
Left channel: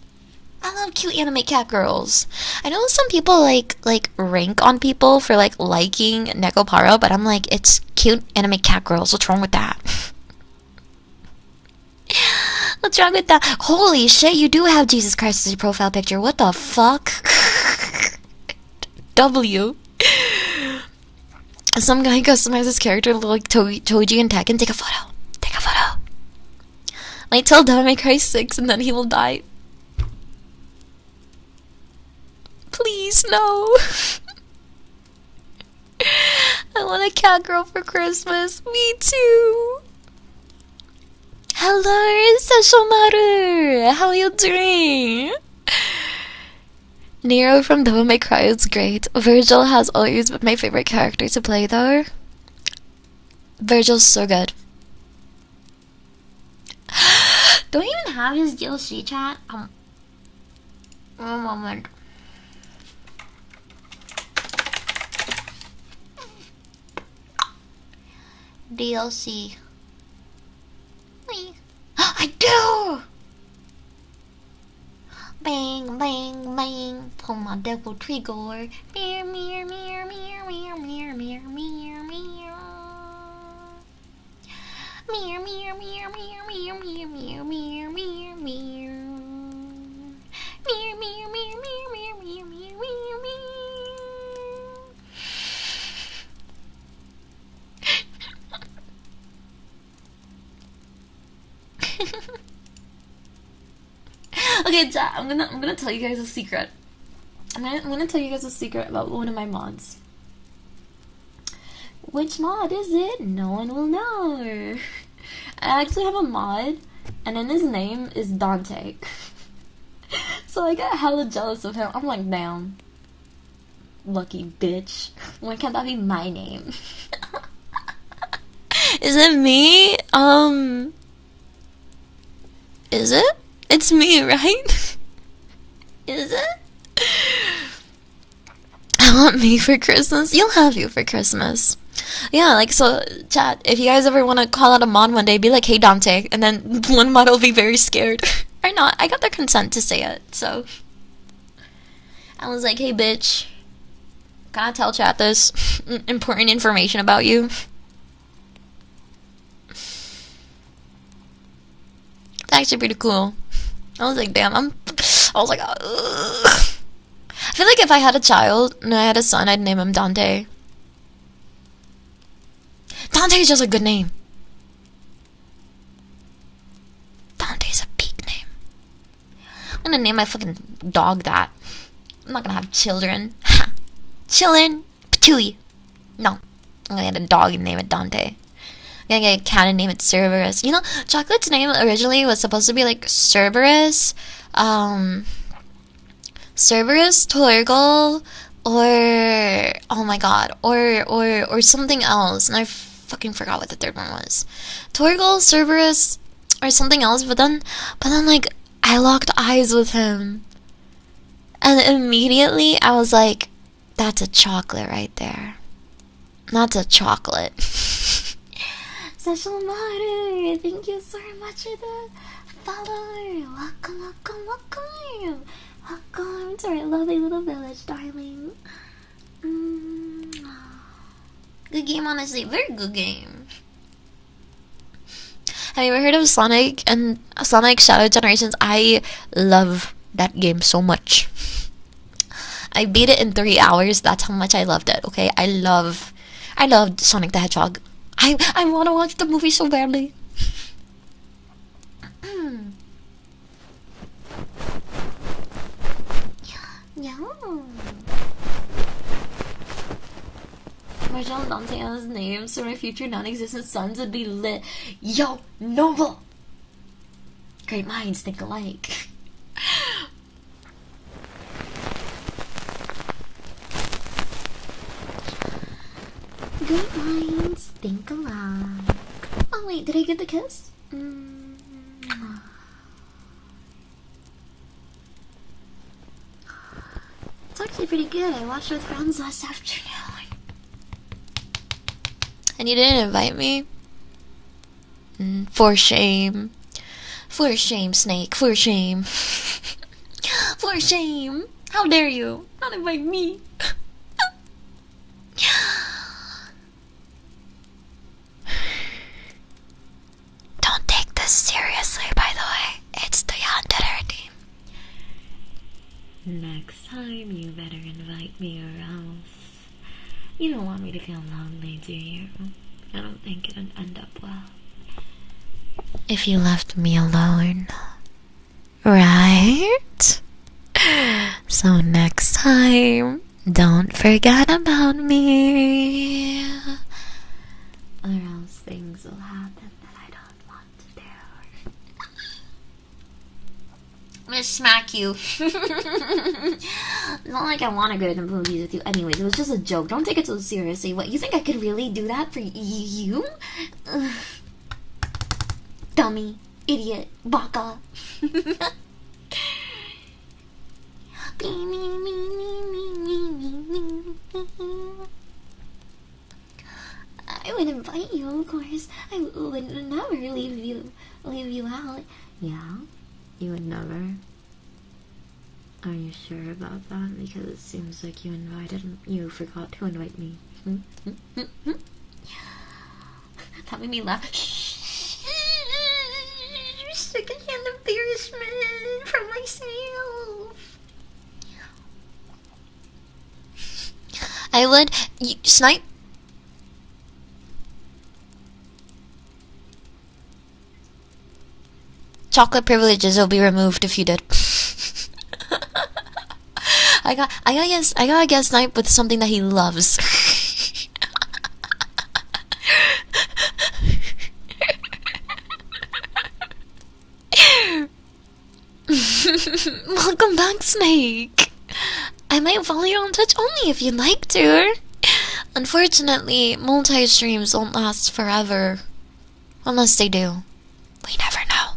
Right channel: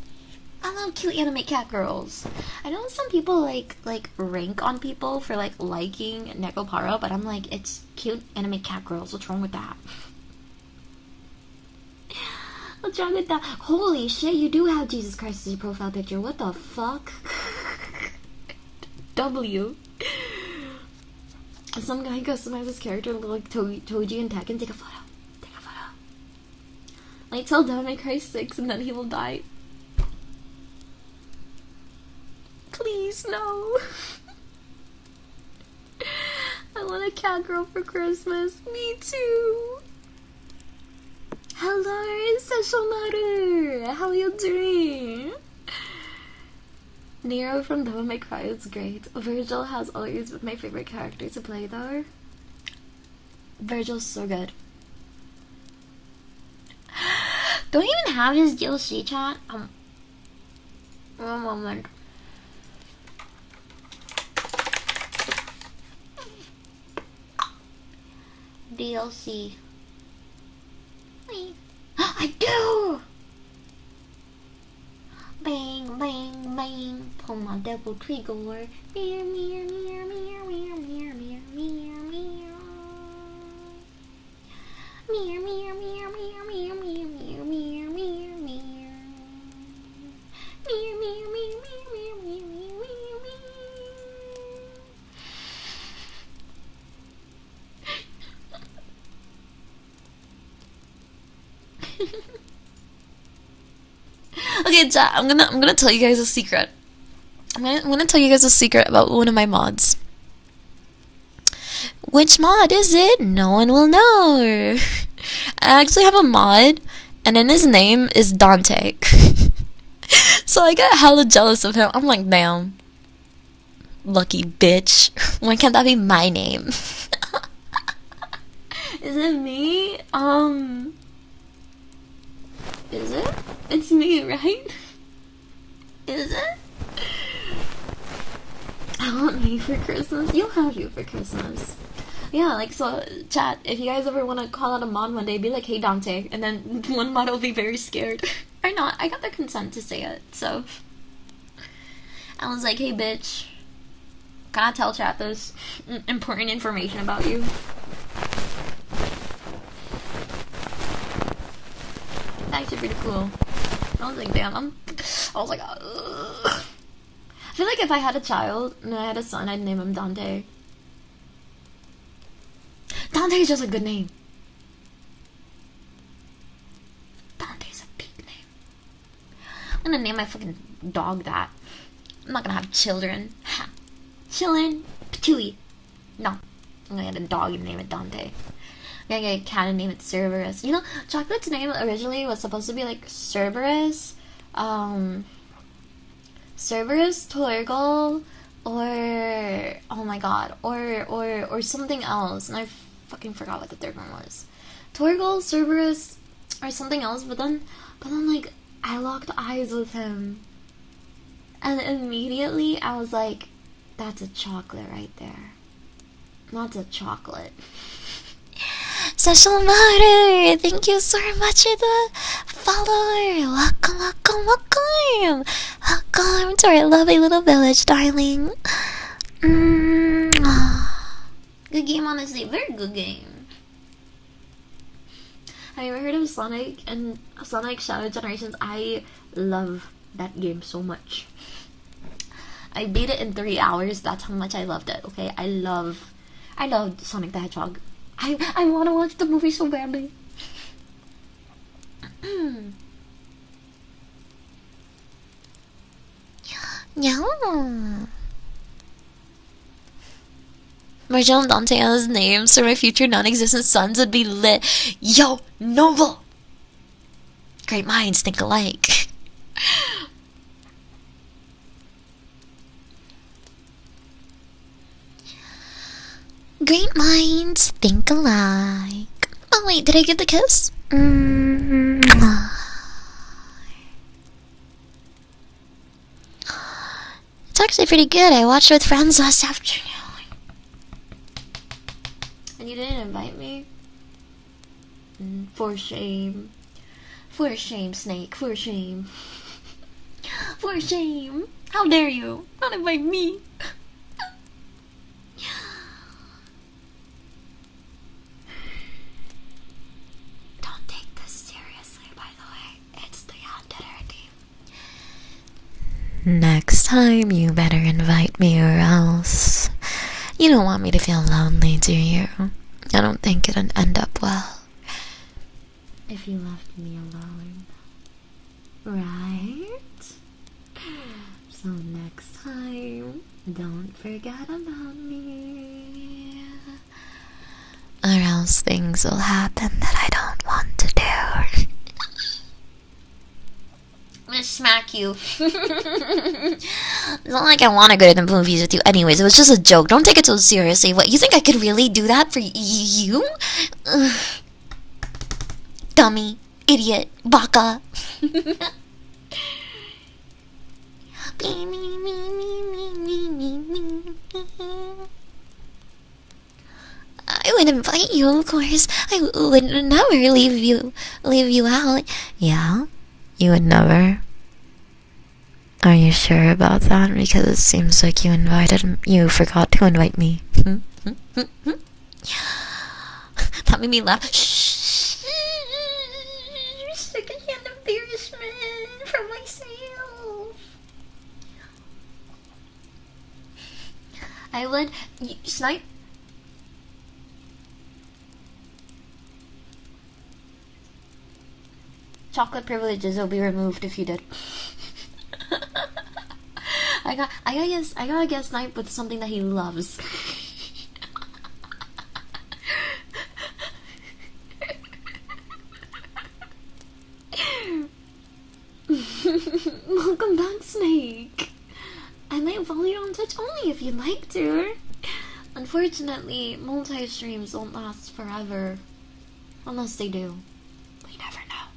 I love cute anime cat girls. I know some people, like rank on people for, like, liking Nekopara, but I'm like, it's cute anime cat girls. What's wrong with that? What's wrong with that? Holy shit, you do have Jesus Christ as your profile picture. What the fuck? W. Some guy customized his character like Toji and Tekken. Take a photo. Take a photo. Like, till Devil May Cry 6 and then he will die. Please, no. I want a cat girl for Christmas. Me too. Hello, Sashomaru! How are you doing? Nero from Devil May Cry is great. Virgil has always been my favorite character to play though. Virgil's so good. Don't even have his DLC chat? One moment. DLC. I do! Bang, bang, bang. Pull my devil trigger. Meow, meow, meow, meow, meow, meow, meow, meow, meow. Meow, meow, meow, meow, meow, meow, meow, meow, meow, meow. Meow, meow, meow, meow, meow, meow, meow, meow, meow. Okay, chat, I'm gonna tell you guys a secret. I'm gonna tell you guys a secret about one of my mods. Which mod is it? No one will know. I actually have a mod, and then his name is Dante. So I got hella jealous of him. I'm like, damn. Lucky bitch. Why can't that be my name? Is it me? Is it? It's me, right? Is it? I want me for Christmas. You'll have you for Christmas. Yeah, like, so, chat, if you guys ever want to call out a mod one day, be like, hey, Dante, and then one mod will be very scared. Or not. I got their consent to say it, so. I was like, hey, bitch, can I tell chat this important information about you? It's actually pretty cool. I was like, damn, I was like, ugh. I feel like if I had a child and I had a son, I'd name him Dante. Dante is just a good name. Dante's a peak name. I'm gonna name my fucking dog that. I'm not gonna have children. Children? Patooey. No. I'm gonna get a dog and name it Dante. I'm gonna get a cat and name it Cerberus. You know, Chocolate's name originally was supposed to be like Cerberus, Cerberus, Torgal, or oh my god, or something else, and I fucking forgot what the third one was. Torgal, Cerberus, or something else. But then like I locked eyes with him. And immediately I was like, that's a chocolate right there. That's a chocolate. Social Matter, thank you so much for the follower. Welcome, welcome, welcome. Welcome to our lovely little village, darling. Good game, honestly. Very good game. Have you ever heard of Sonic and Sonic Shadow Generations? I love that game so much. I beat it in 3 hours. That's how much I loved it. Okay, I loved Sonic the Hedgehog. I want to watch the movie so badly. Yeah. Marshall and Dante as names for my future non-existent sons would be lit. Yo, Noble. Great minds think alike. Great minds think alike. Oh wait, did I get the kiss? It's actually pretty good. I watched with friends last afternoon. And you didn't invite me? For shame. For shame, Snake. For shame. For shame. How dare you not invite me? Don't take this seriously, by the way. It's the Yandere team. Next time, you better invite me or else. You don't want me to feel lonely, do you? I don't think it'd end up well if you left me alone. Right? So next time, don't forget about me. Or else things will happen that I don't want to do. I'm gonna smack you. It's not like I want to go to the movies with you anyways. It was just a joke. Don't take it so seriously. What, you think I could really do that for you? Ugh. Dummy. Idiot. Baka. I would invite you, of course. I would never leave you out. Yeah? You would never? Are you sure about that? Because it seems like you forgot to invite me. That made me laugh. Secondhand embarrassment for myself. I would... Snipe? Chocolate privileges will be removed if you did. I gotta guess Snipe with something that he loves. Welcome back, Snake. I might follow you on Twitch only if you'd like to. Unfortunately, multi-streams don't last forever. Unless they do. We never know.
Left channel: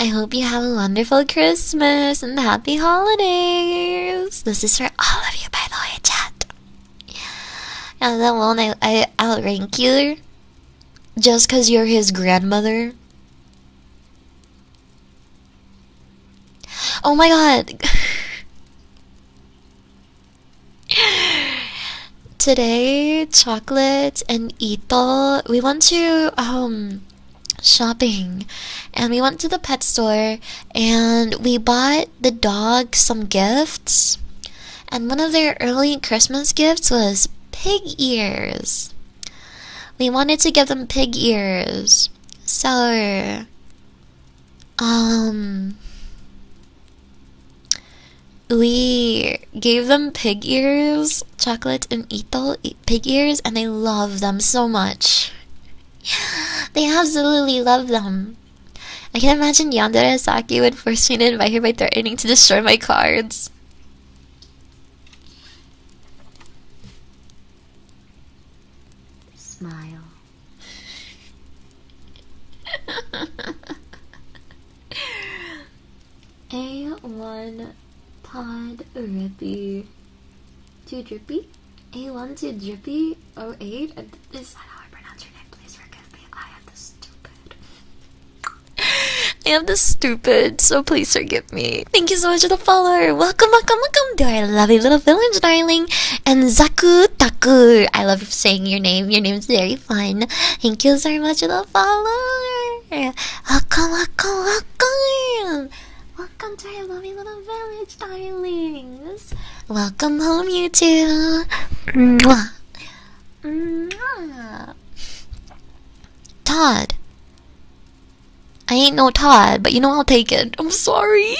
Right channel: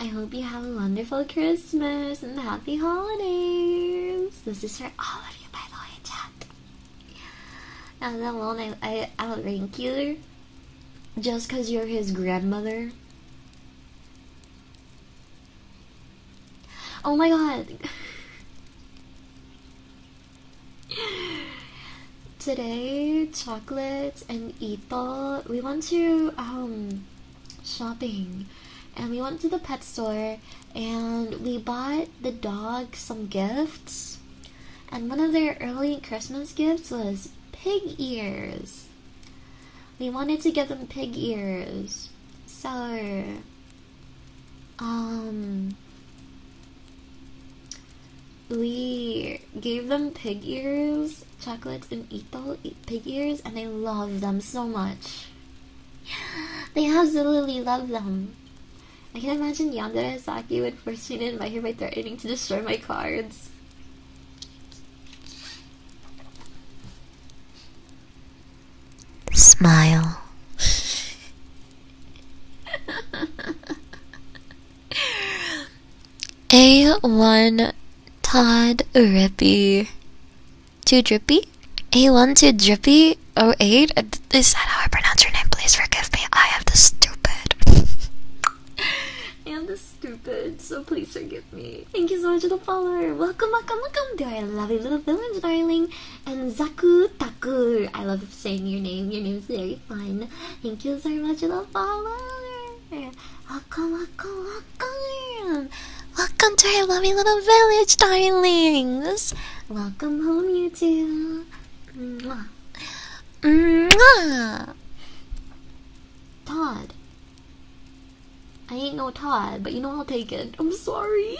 I hope you have a wonderful Christmas and happy holidays. This is for all of you, by the way, chat. And then won't I outrank you just because you're his grandmother? Oh my god. Today, Chocolate and Ito, we went to shopping, and we went to the pet store, and we bought the dog some gifts, and one of their early Christmas gifts was pig ears. We wanted to give them pig ears, so we gave them pig ears, Chocolate and Ito pig ears, and they love them so much. They absolutely love them. I can imagine Yandere and Saki would force me to invite her by threatening to destroy my cards. Smile. A1 Todd Rippy. Too drippy? A1 too drippy? 08? Is that how I pronounce your name? Please forgive me. I have the stupid. I am the stupid, so please forgive me. Thank you so much for the follower. Welcome, welcome, welcome to our lovely little village, darling. And Zaku Taku. I love saying your name. Your name's very fun. Thank you so much for the follower. Welcome, welcome, welcome. Welcome to our lovely little village, darlings. Welcome home, you two. Mwah. Mwah. Todd. I ain't no Todd, but you know I'll take it. I'm sorry.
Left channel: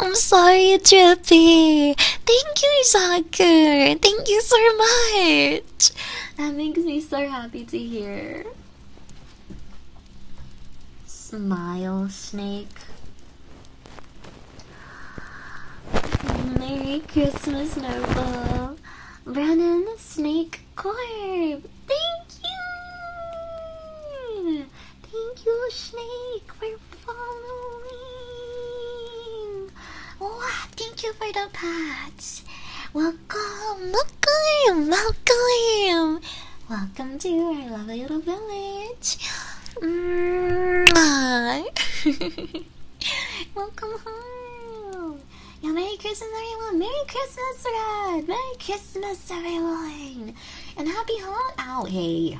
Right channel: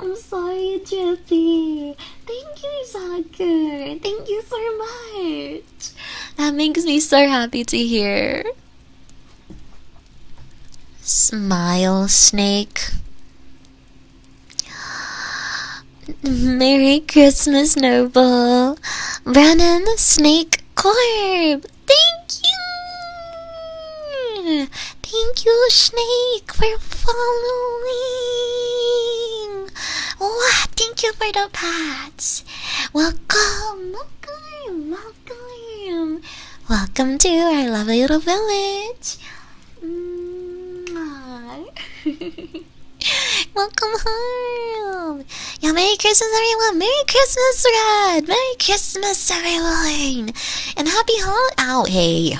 I'm sorry, Drippy. Thank you, Saku. Thank you so much. That makes me so happy to hear. Smile, Snake. Merry Christmas, Noble. Brennan, Snake, Corb. Thank you. Thank you, Snake, for following. Wow, thank you for the pats. Welcome, welcome, welcome. Welcome to our lovely little village. Welcome home. Yeah, Merry Christmas, everyone. Merry Christmas, Red. Merry Christmas, everyone. And happy Ow, hey.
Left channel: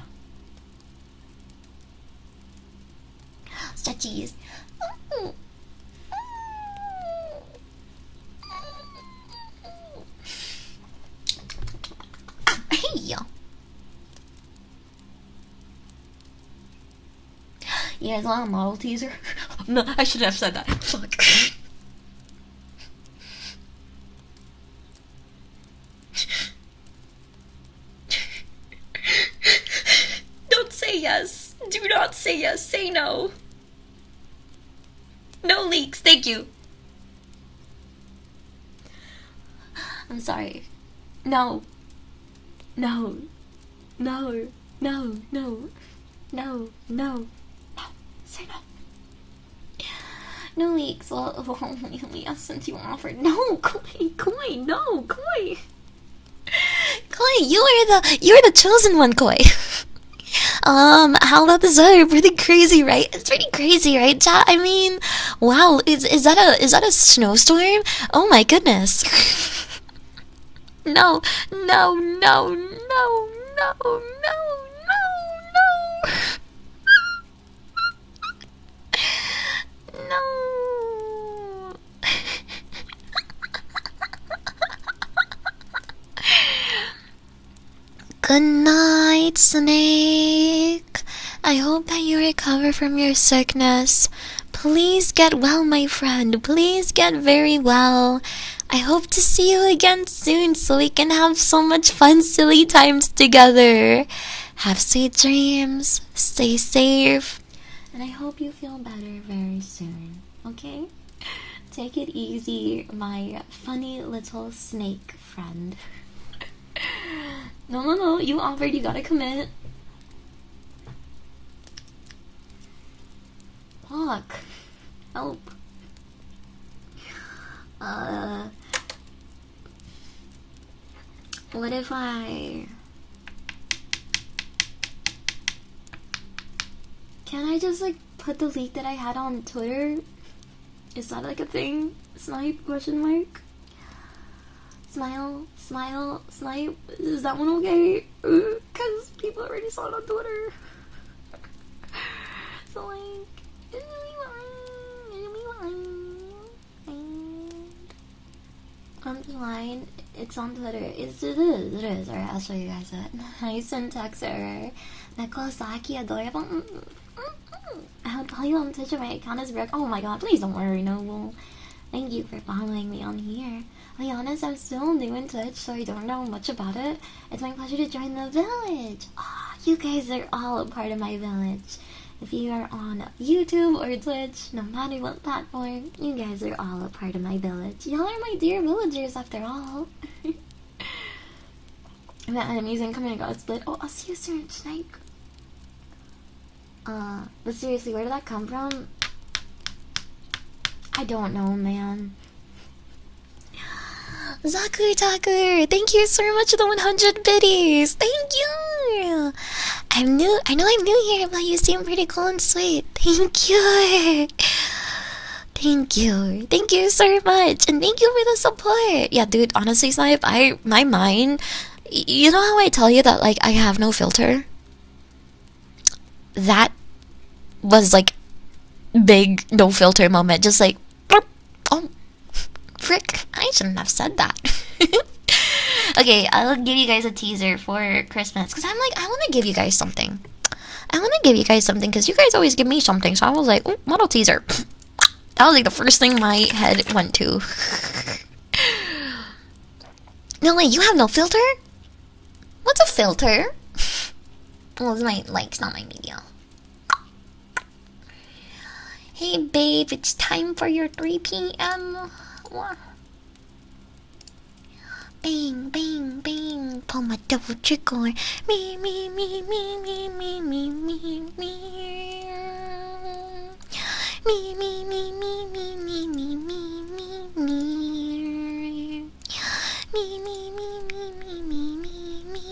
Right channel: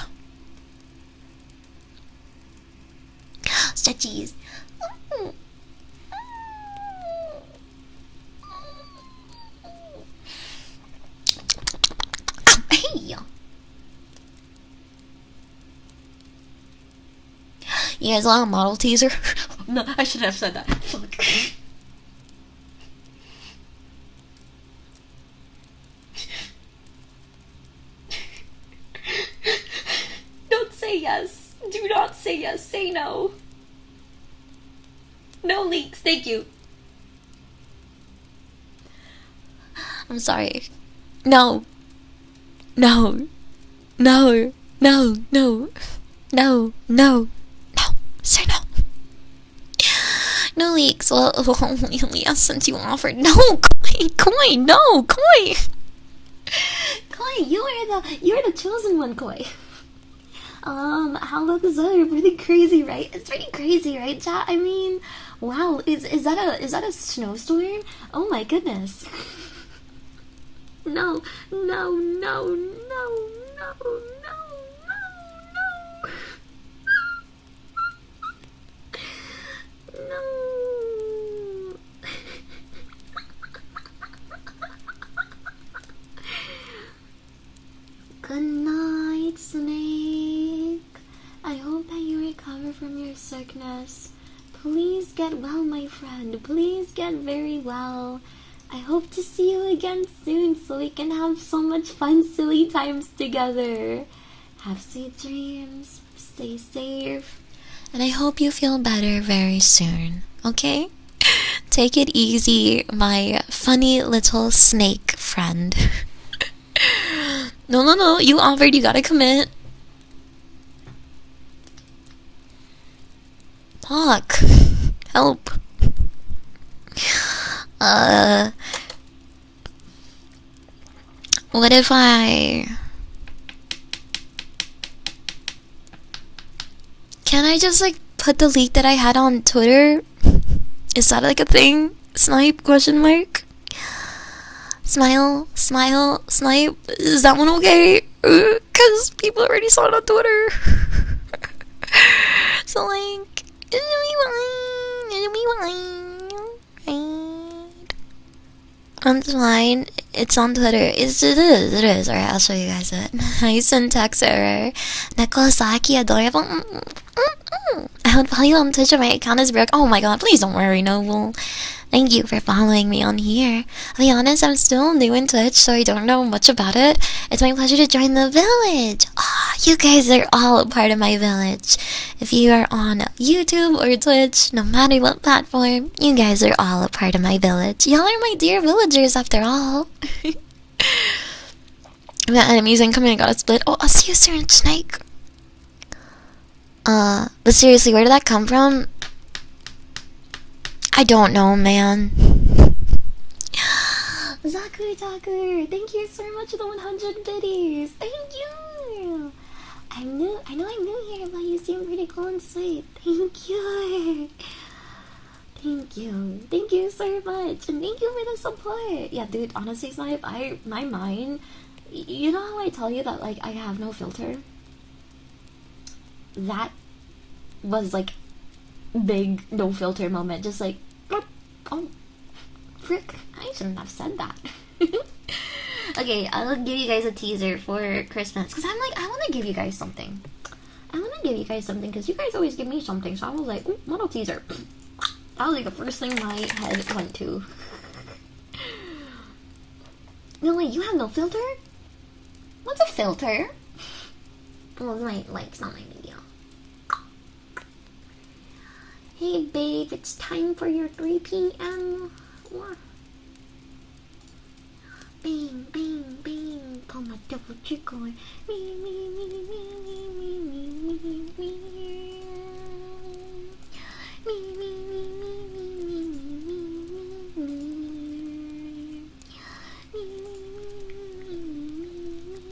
Stretchies. Hey. You guys want a model teaser? No, I shouldn't have said that. Fuck. Don't say yes. Do not say yes. Say no. No leaks. Thank you. I'm sorry. No. No. No. No. No. No. No. Say no. No leaks. Well, yes, since you offered. No, Koi, no, Koi. Koi, you're the chosen one, Koi. How about this other? Pretty crazy, right? It's pretty crazy, right, chat? I mean, wow, is that a snowstorm? Oh my goodness. No, no, no, no, no, no, no, no. No. Good night, Snake. I hope that you recover from your sickness. Please get well, my friend. Please get very well. I hope to see you again soon so we can have so much fun, silly times together. Have sweet dreams. Stay safe. And I hope you feel better very soon, okay? Take it easy, my funny little snake friend. No, you offered, you gotta commit. Fuck. Help. What if Can I just like put the leak that I had on Twitter? Is that like a thing? Snipe question mark? Smile, smile, snipe. Is that one okay? Cause people already saw it on Twitter. So like, it'll be fine. It's fine. It's on Twitter. It is. Alright, I'll show you guys it. Nice syntax error. Neko Saki, adorable. I would follow you on Twitch if my account is broke. Oh my god, please don't worry, Noble. Thank you for following me on here. I'll be honest, I'm still new in Twitch, so I don't know much about it. It's my pleasure to join the village. You guys are all a part of my village. If you are on YouTube or Twitch, no matter what platform, you guys are all a part of my village. Y'all are my dear villagers after all. The enemies incoming got a split. Oh, I'll see you soon, Snake. But seriously, where did that come from? I don't know, man. Zaku, thank you so much for the 100 biddies. Thank you. I know I'm new here, but you seem pretty cool and sweet. Thank you. Thank you so much, and thank you for the support. Yeah, dude, honestly, Snipe, my mind, you know how I tell you that, like, I have no filter? That was, like, big no filter moment, just like, oh, frick, I shouldn't have said that. Okay, I'll give you guys a teaser for Christmas, because I'm like, I want to give you guys something. Because you guys always give me something, so I was like, oh, model teaser. That was like the first thing my head went to. No, wait, you have no filter? What's a filter? Well, it's my likes, not my media. Hey, babe, it's time for your 3 p.m. Bang, bang, bang. Pull my double trigger. Me, me, me, me, me, me, me, me, me. Me, me, me, me, me, me, me, me, me, me. Me, me, me, me, me, me, me, me.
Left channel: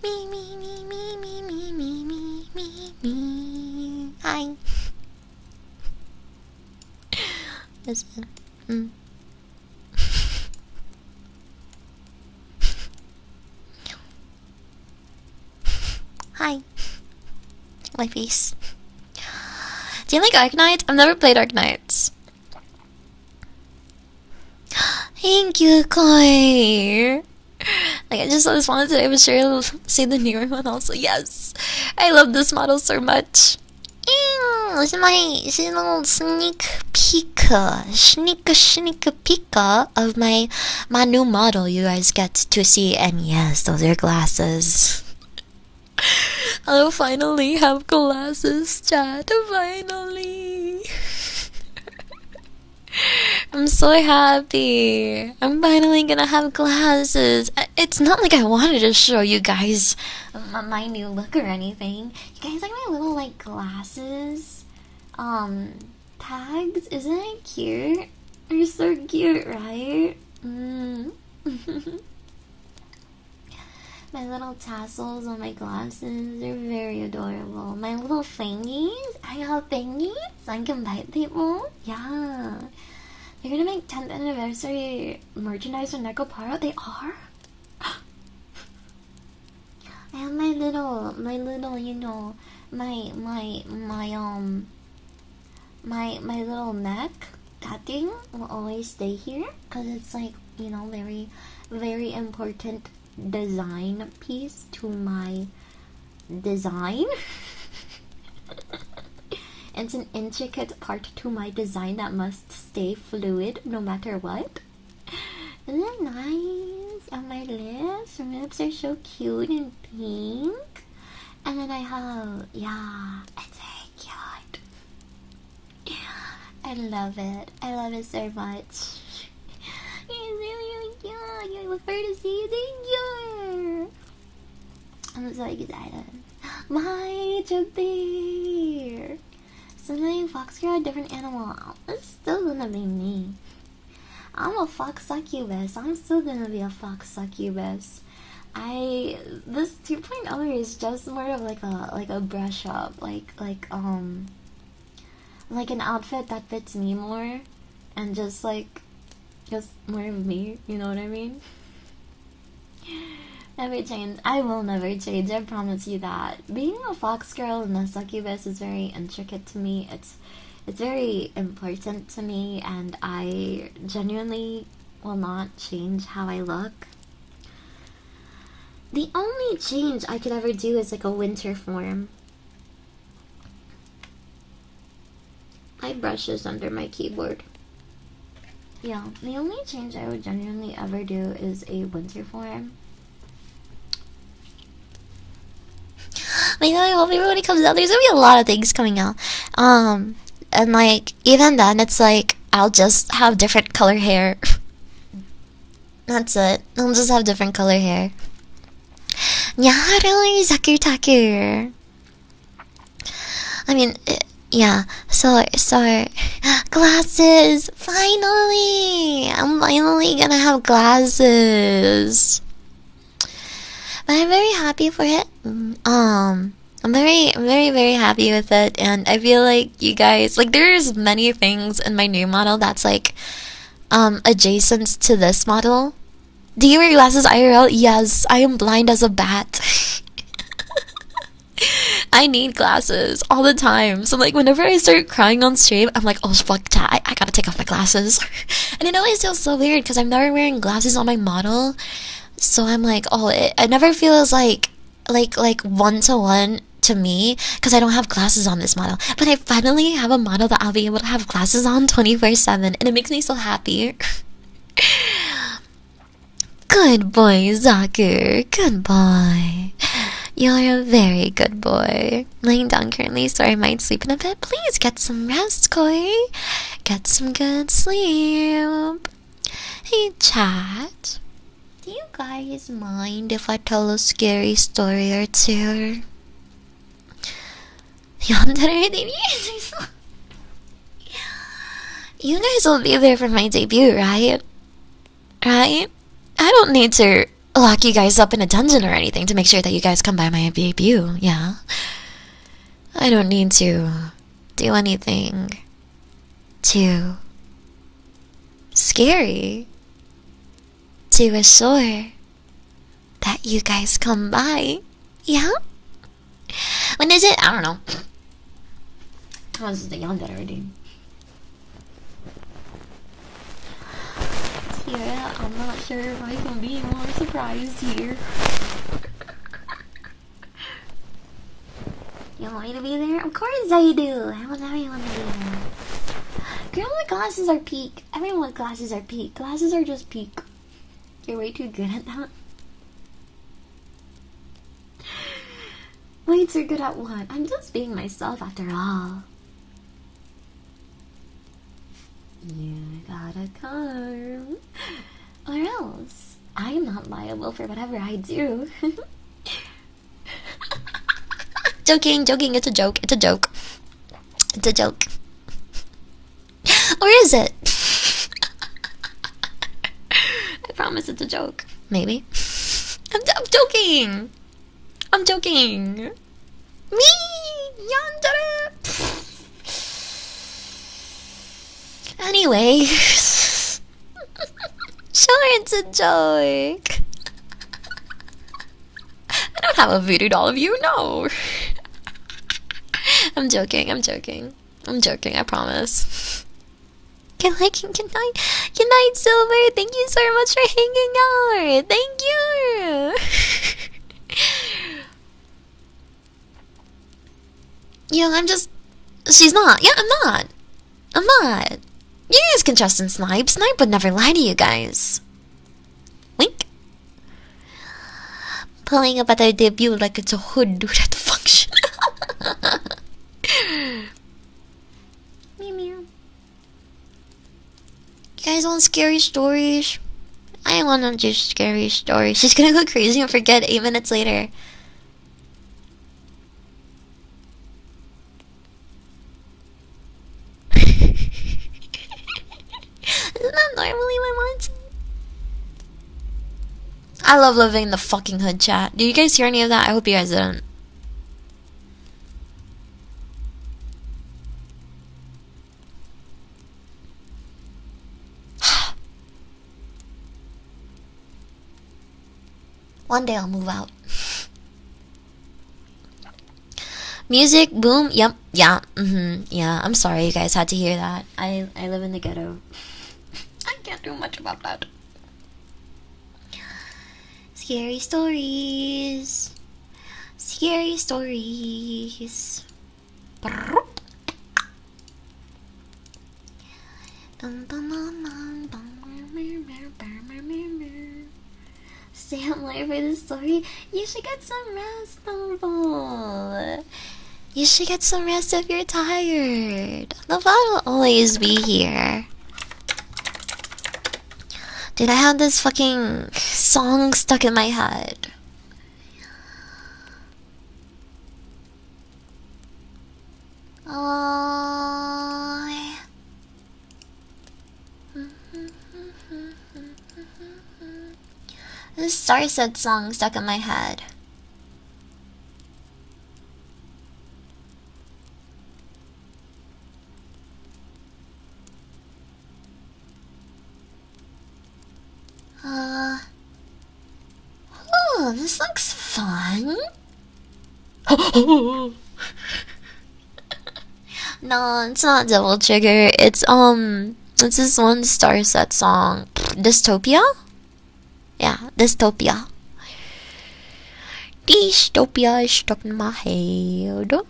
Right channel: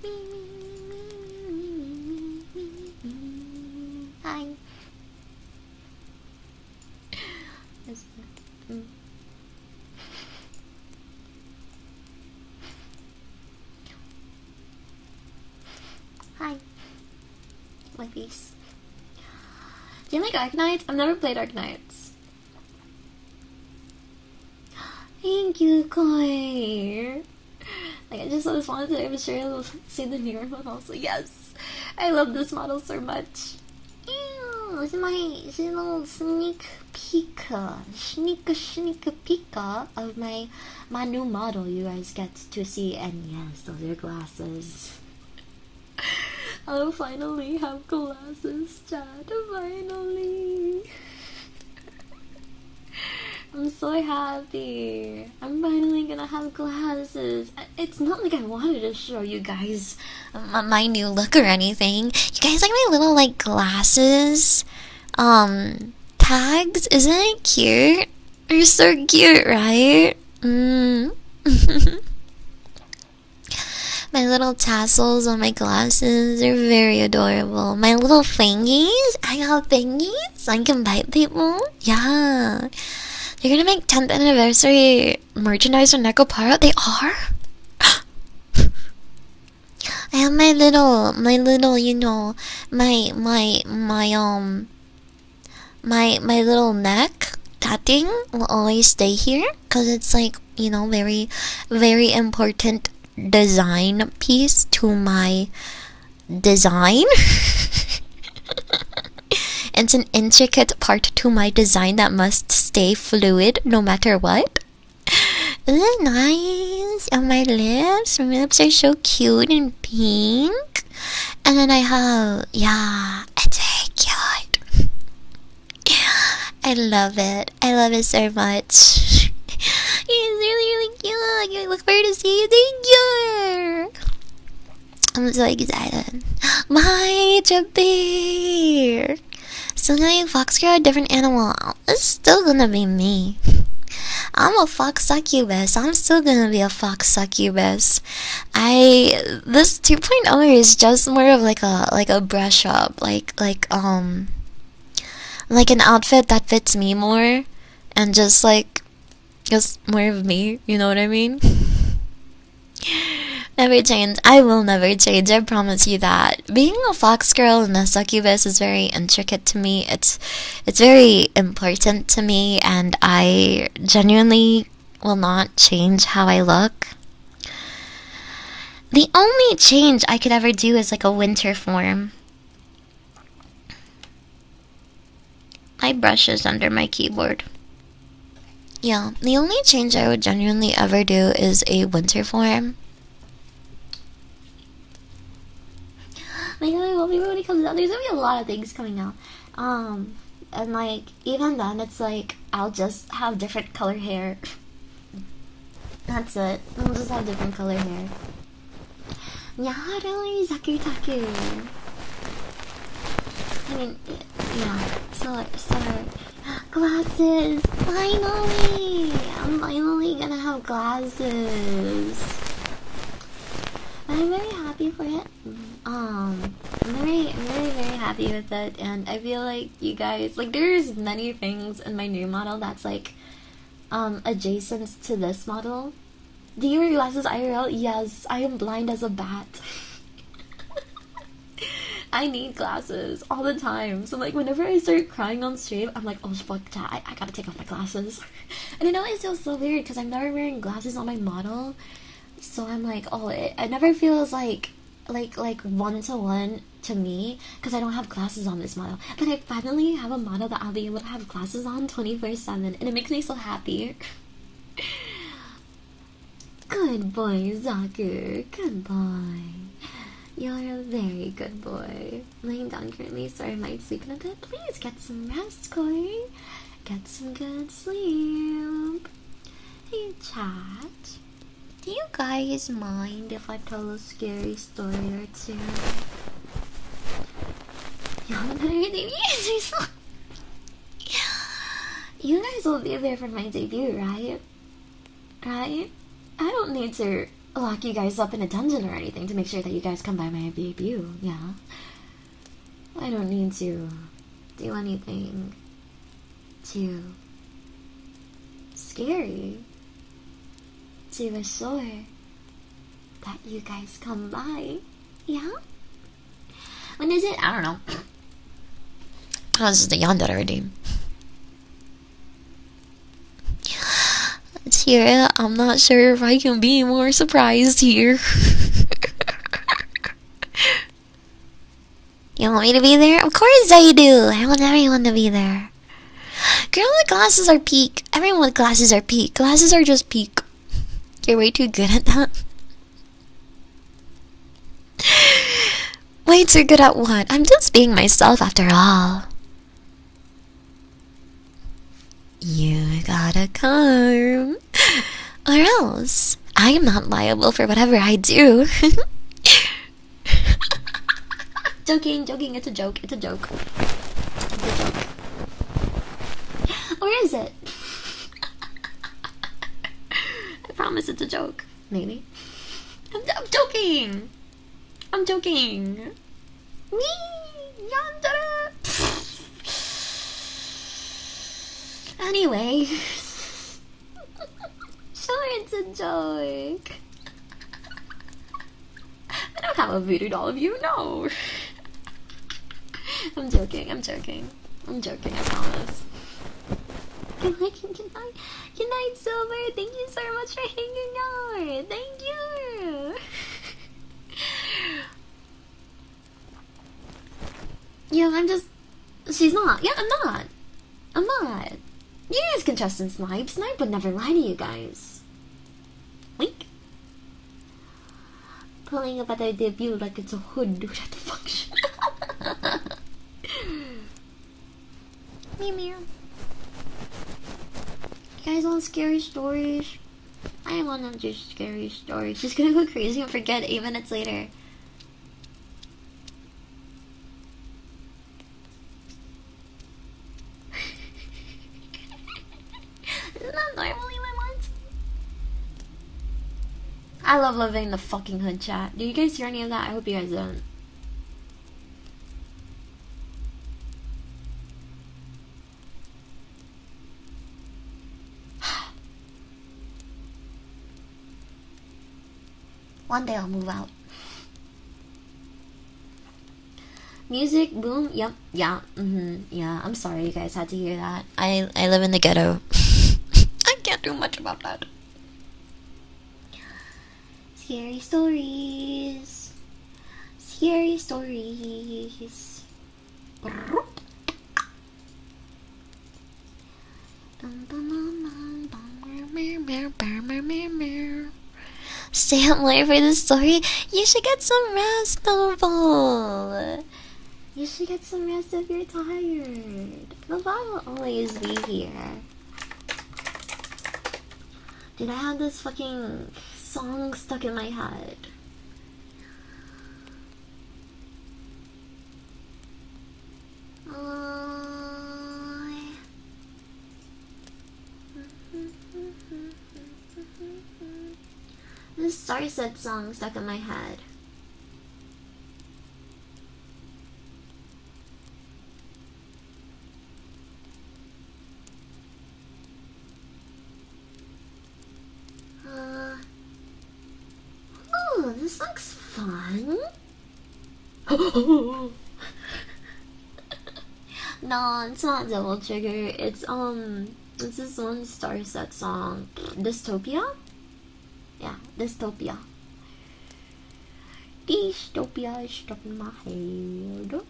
Me, me, me, me, me, me, me, me, me, me. Hi. Listen. Hi. My face. Do you like Arknights? I've never played Arknights. Thank you, Koi. Like, I just saw this one today, but sure I'll say the newer one also. Yes! I love this model so much. It's my little sneak peek of my new model you guys get to see. And yes, those are glasses. I'll finally have glasses, chat. Finally. I'm so happy. I'm finally gonna have glasses. It's not like I wanted to show you guys my new look or anything. You guys like my little, like, glasses? Tags? Isn't it cute? They're so cute, right? My little tassels on my glasses are very adorable. My little fingies? I got fingies? I can bite people? Yeah. They're gonna make 10th anniversary merchandise from Nekopara? They are? I have my little, you know, my little neck. That thing will always stay here, because it's like, you know, very, very important design piece to my design. It's an intricate part to my design that must stay fluid no matter what. Isn't it nice? And my lips are so cute and pink. And then I have, yeah, it's very cute. I love it so much. It's really cute. I look forward to see you. Thank you. I'm so excited. My Jabir. Still gonna be Fox Girl, a different animal. It's still gonna be me. I'm a fox succubus. I'm still gonna be a fox succubus. This 2.0 is just more of like a brush up, like an outfit that fits me more, and just more of me. You know what I mean? Never change. I will never change. I promise you that. Being a fox girl and a succubus is very intricate to me. It's very important to me, and I genuinely will not change how I look. The only change I could ever do is like a winter form. My brush is under my keyboard. Yeah, the only change I would genuinely ever do is a winter form. Maybe I hope everybody comes out. There's gonna be a lot of things coming out. And like, even then, it's like, I'll just have different color hair. That's it. I'll just have different color hair. Nyaharu Zakutaku. I mean, yeah. So glasses. Finally, I'm finally gonna have glasses. But I'm very happy for it. I'm very happy with it, and I feel like you guys like. There's many things in my new model that's like, adjacent to this model. Do you wear glasses IRL? Yes, I am blind as a bat. I need glasses all the time. So like whenever I start crying on stream, I'm like, oh fuck that, I gotta take off my glasses. And it always feels so weird because I'm never wearing glasses on my model. So I'm like, oh, it never feels like one-to-one to me because I don't have glasses on this model. But I finally have a model that I'll be able to have glasses on 24/7, and it makes me so happy. Good boy, Zaku. Good boy. You're a very good boy. Laying down currently, so I might sleep in a bit. Please get some rest, Koi. Get some good sleep. Hey, chat. Do you guys mind if I tell a scary story or two? You guys will be there for my debut, right? Right? I don't need to lock you guys up in a dungeon or anything to make sure that you guys come by my debut, yeah? I don't need to do anything too scary to assure that you guys come by, yeah? When is it? I don't know. Oh, this is the yonder already. Tira, I'm not sure if I can be more surprised here. You want me to be there? Of course I do! I want everyone to be there. Girl with glasses are peak. Everyone with glasses are peak. Glasses are just peak. You're way too good at that. Way too good at what? I'm just being myself after all. You gotta come. Or else I am not liable for whatever I do. Joking, it's a joke, it's a joke. It's a joke. Or is it? I promise it's a joke. Maybe. I'm joking! I'm joking! Me! Yonder! Anyway. Sure, it's a joke. I don't have a voodoo doll of you, no. I'm joking, I promise. Good night, Silver. Thank you so much for hanging out. Thank you. Yeah, she's not. Yeah, I'm not. You guys can trust in Snipe. Snipe would never lie to you guys. Wink. Pulling up at their debut like it's a hood at the function. Meow meow. You guys want scary stories? I wanna do scary stories. She's gonna go crazy and forget 8 minutes later. Isn't that normally my mindset? I love living the fucking hood, chat. Did you guys hear any of that? I hope you guys didn't. One day I'll move out. Music boom. Yep. Yeah. Yeah. I'm sorry you guys had to hear that. I live in the ghetto. I can't do much about that. Scary stories. Scary stories. Stay up late for the story. You should get some rest, Noble. You should get some rest if you're tired. The bot will always be here Dude, I had this fucking song stuck in my head. This Starset song stuck in my head. Oh, this looks fun. No, it's not Devil Trigger. It's this one Starset song. Dystopia? Yeah, Dystopia. Dystopia is stuck in my head.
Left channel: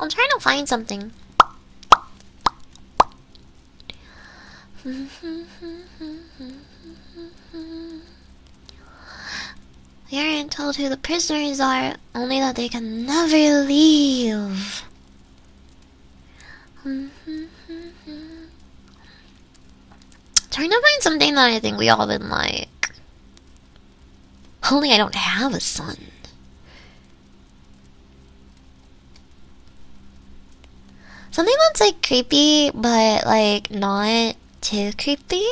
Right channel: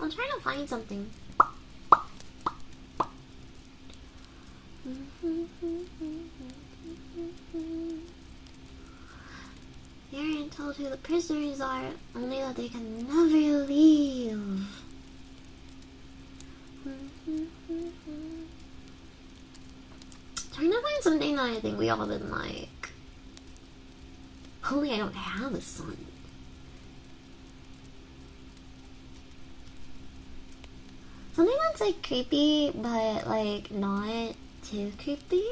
I'm trying to find something. We aren't told who the prisoners are, only that they can never leave. Trying to find something that I think we all would like. Only I don't have a son. Something that's like creepy, but like not too creepy.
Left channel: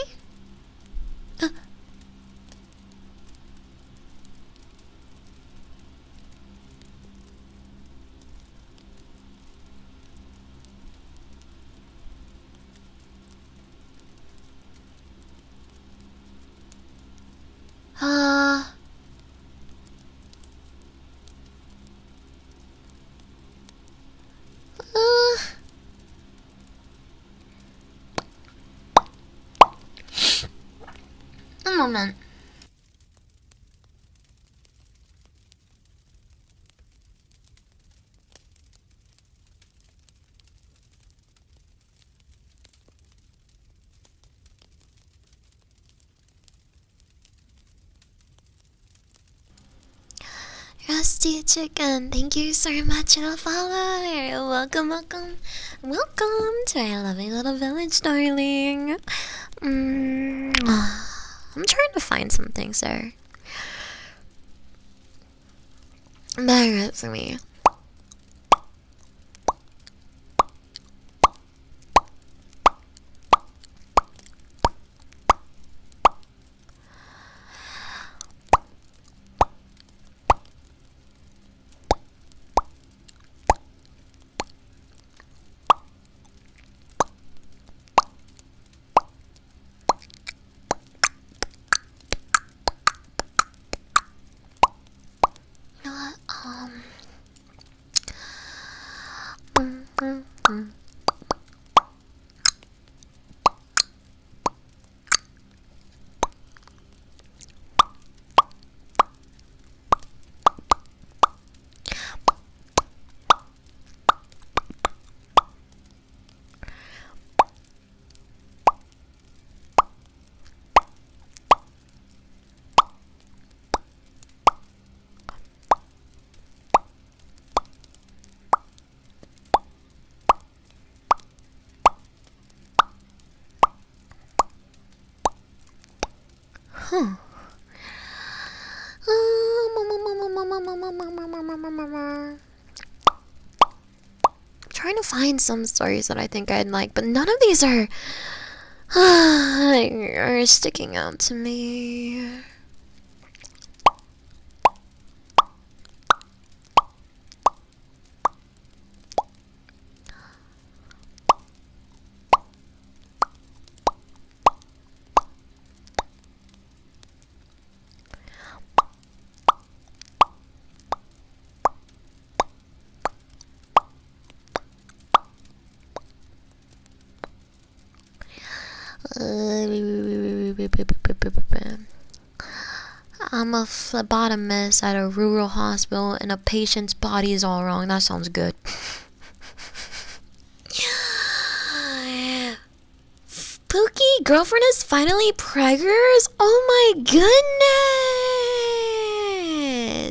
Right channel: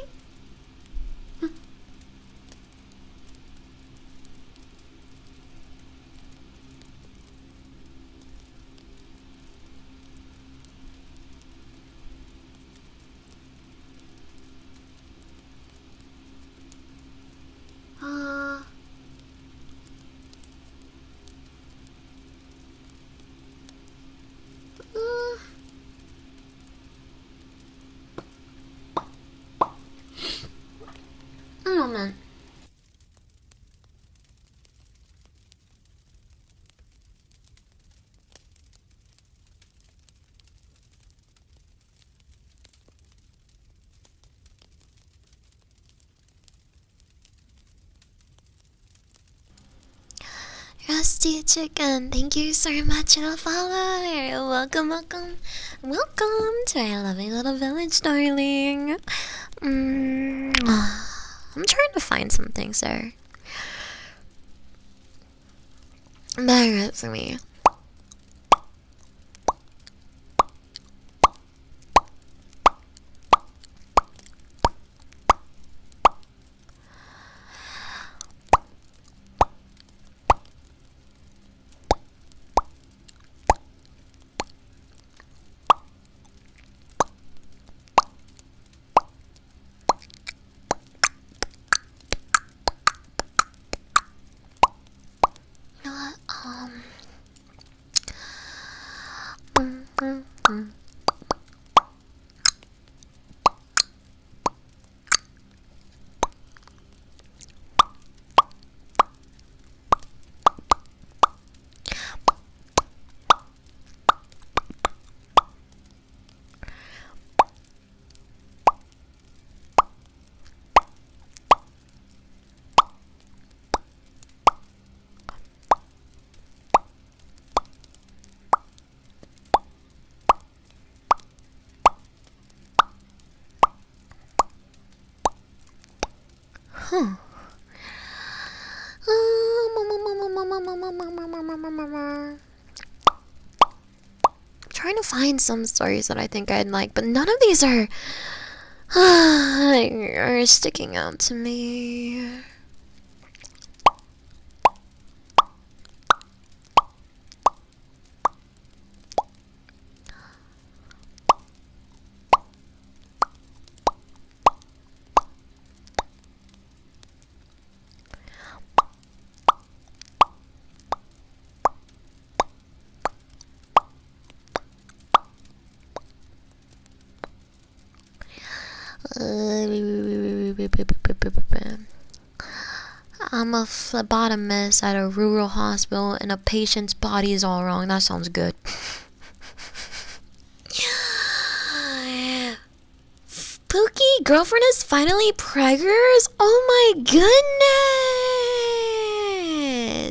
A moment. Rusty Chicken, thank you so much for the follow. Welcome to our lovely little village, darling. I'm trying to find something, sir. Bear with me. Trying to find some stories that I think I'd like, but none of these are sticking out to me. I'm a phlebotomist at a rural hospital and a patient's body is all wrong. That sounds good. Pookie, girlfriend is finally preggers? Oh my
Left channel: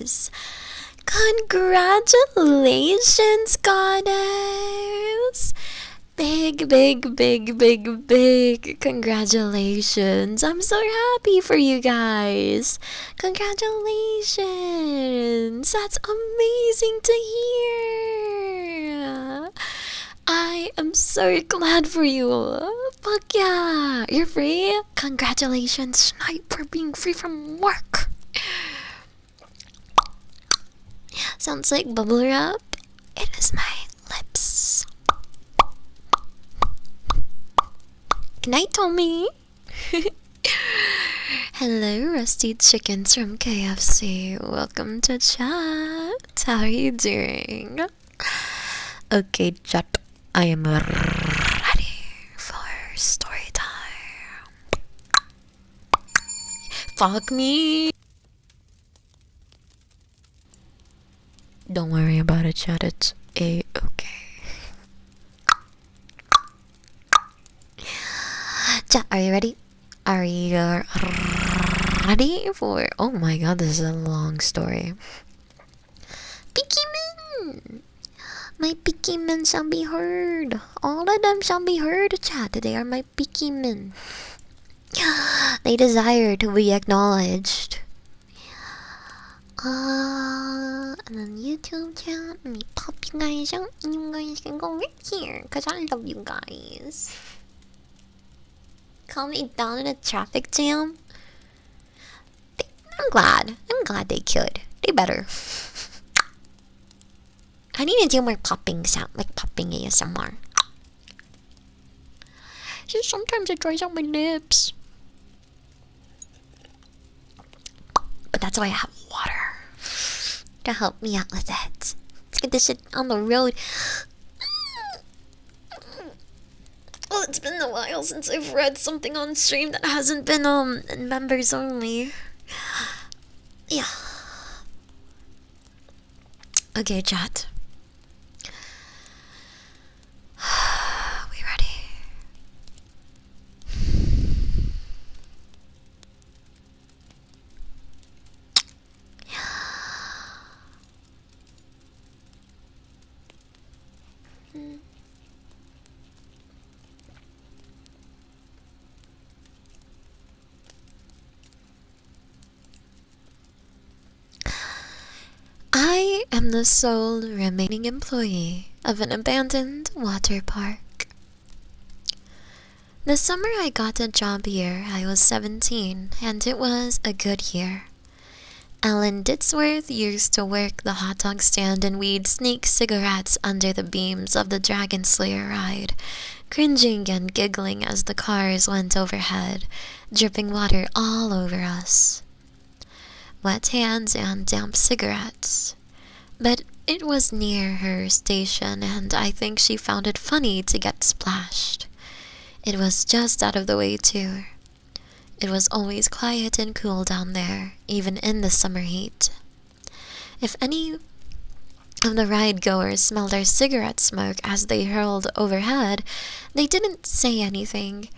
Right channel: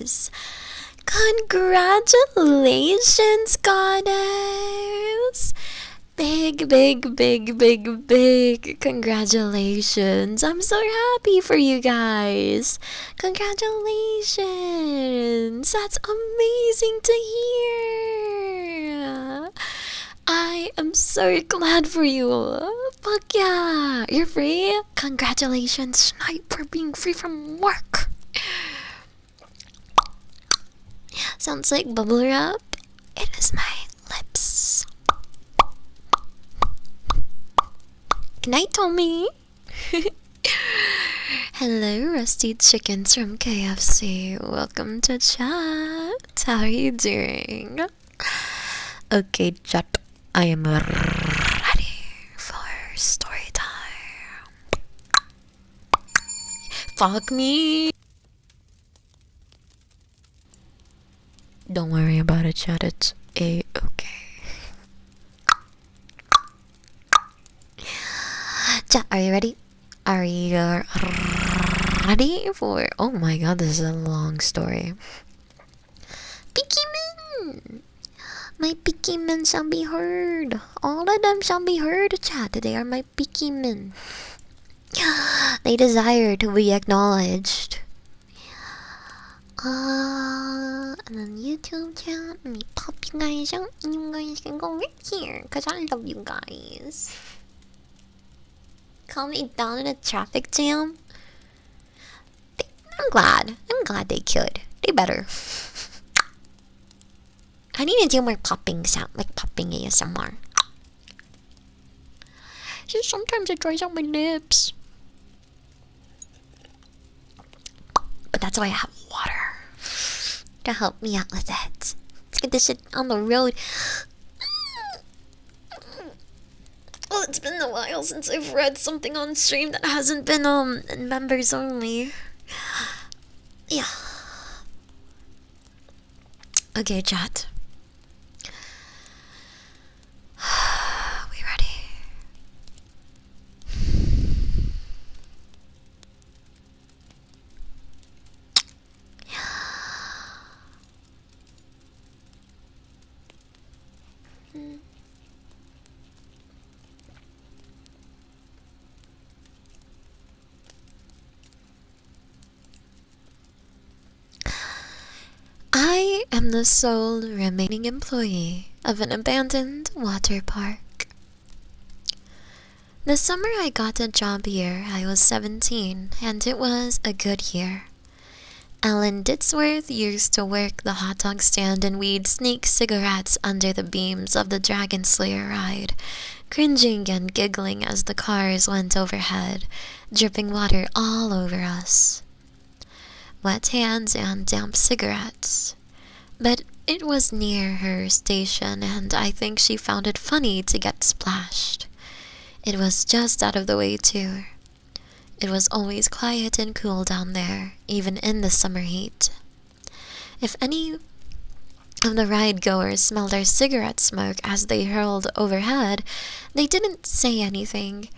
goodness! Congratulations, goddess! Big congratulations. I'm so happy for you guys. Congratulations. That's amazing to hear. I am so glad for you. Fuck yeah. You're free? Congratulations, Snipe, for being free from work. Sounds like bubble wrap. It is my lips. Good night, Tommy. Hello, Rusty Chickens from KFC. Welcome to chat. How are you doing? Okay, chat. I am ready for story time. Fuck me. Don't worry about it, chat. It's A-okay. Chat, are you ready? Are you ready for... Oh my god, this is a long story. Pikmin! My Pikmin shall be heard. All of them shall be heard, chat. They are my Pikmin. They desire to be acknowledged. And then YouTube chat, let me pop you guys out and you guys can go right here because I love you guys. Calm me down in a traffic jam. I'm glad they could. They better. I need to do more popping sound, like popping ASMR. So sometimes it dries out my lips. But that's why I have water to help me out with it. Let's get this shit on the road. Well, it's been a while since I've read something on stream that hasn't been members only. Yeah. Okay, chat. We ready? I am the sole remaining employee of an abandoned water park. The summer I got a job here, I was 17, and it was a good year. Alan Ditzworth used to work the hot dog stand, and we'd sneak cigarettes under the beams of the Dragon Slayer ride, cringing and giggling as the cars went overhead, dripping water all over us. Wet hands and damp cigarettes. But it was near her station, and I think she found it funny to get splashed. It was just out of the way, too. It was always quiet and cool down there, even in the summer heat. If any of the ride-goers smelled our cigarette smoke as they hurled overhead, they didn't say anything.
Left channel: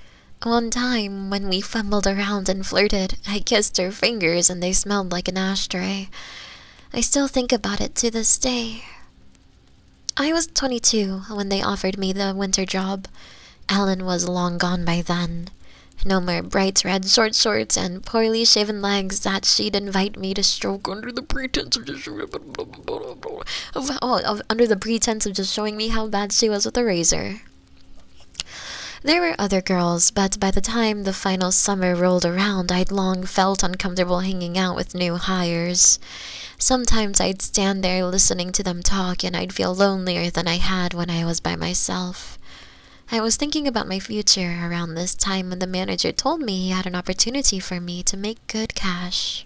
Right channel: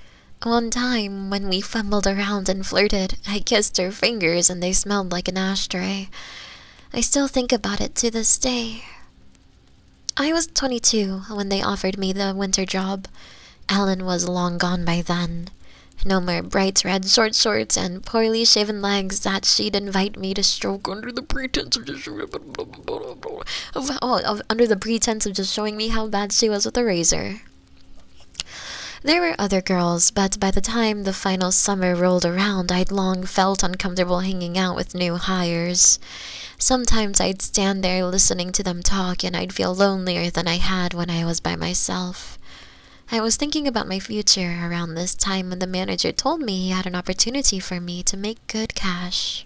One time, when we fumbled around and flirted, I kissed her fingers and they smelled like an ashtray. I still think about it to this day. I was 22 when they offered me the winter job. Alan was long gone by then. No more bright red short shorts and poorly shaven legs that she'd invite me to stroke under the pretense of just showing me how bad she was with a razor. There were other girls, but by the time the final summer rolled around, I'd long felt uncomfortable hanging out with new hires. Sometimes I'd stand there listening to them talk, and I'd feel lonelier than I had when I was by myself. I was thinking about my future around this time when the manager told me he had an opportunity for me to make good cash.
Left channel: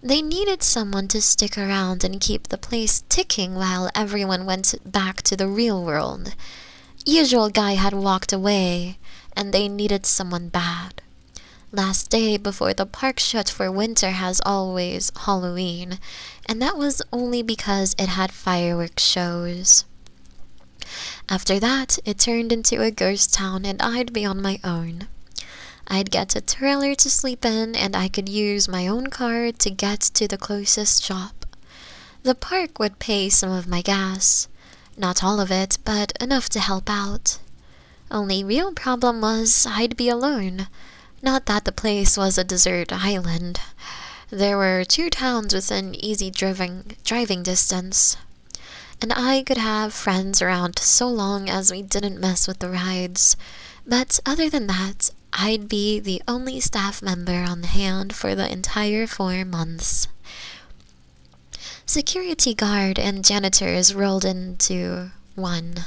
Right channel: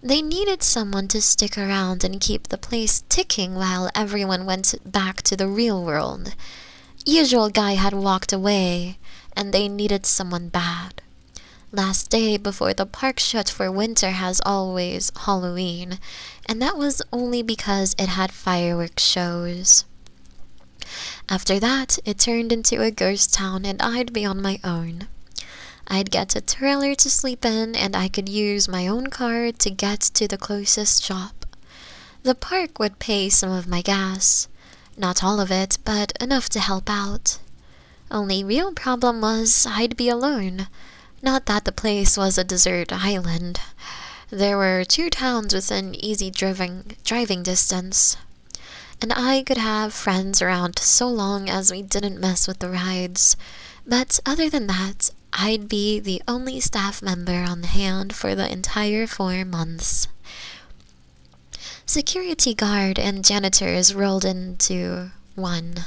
They needed someone to stick around and keep the place ticking while everyone went back to the real world. Usual guy had walked away, and they needed someone bad. Last day before the park shut for winter has always Halloween, and that was only because it had fireworks shows. After that, it turned into a ghost town and I'd be on my own. I'd get a trailer to sleep in and I could use my own car to get to the closest shop. The park would pay some of my gas. Not all of it, but enough to help out. Only real problem was I'd be alone. Not that the place was a desert island. There were 2 towns within easy driving distance. And I could have friends around so long as we didn't mess with the rides. But other than that, I'd be the only staff member on hand for the entire 4 months. Security guard and janitors rolled into one.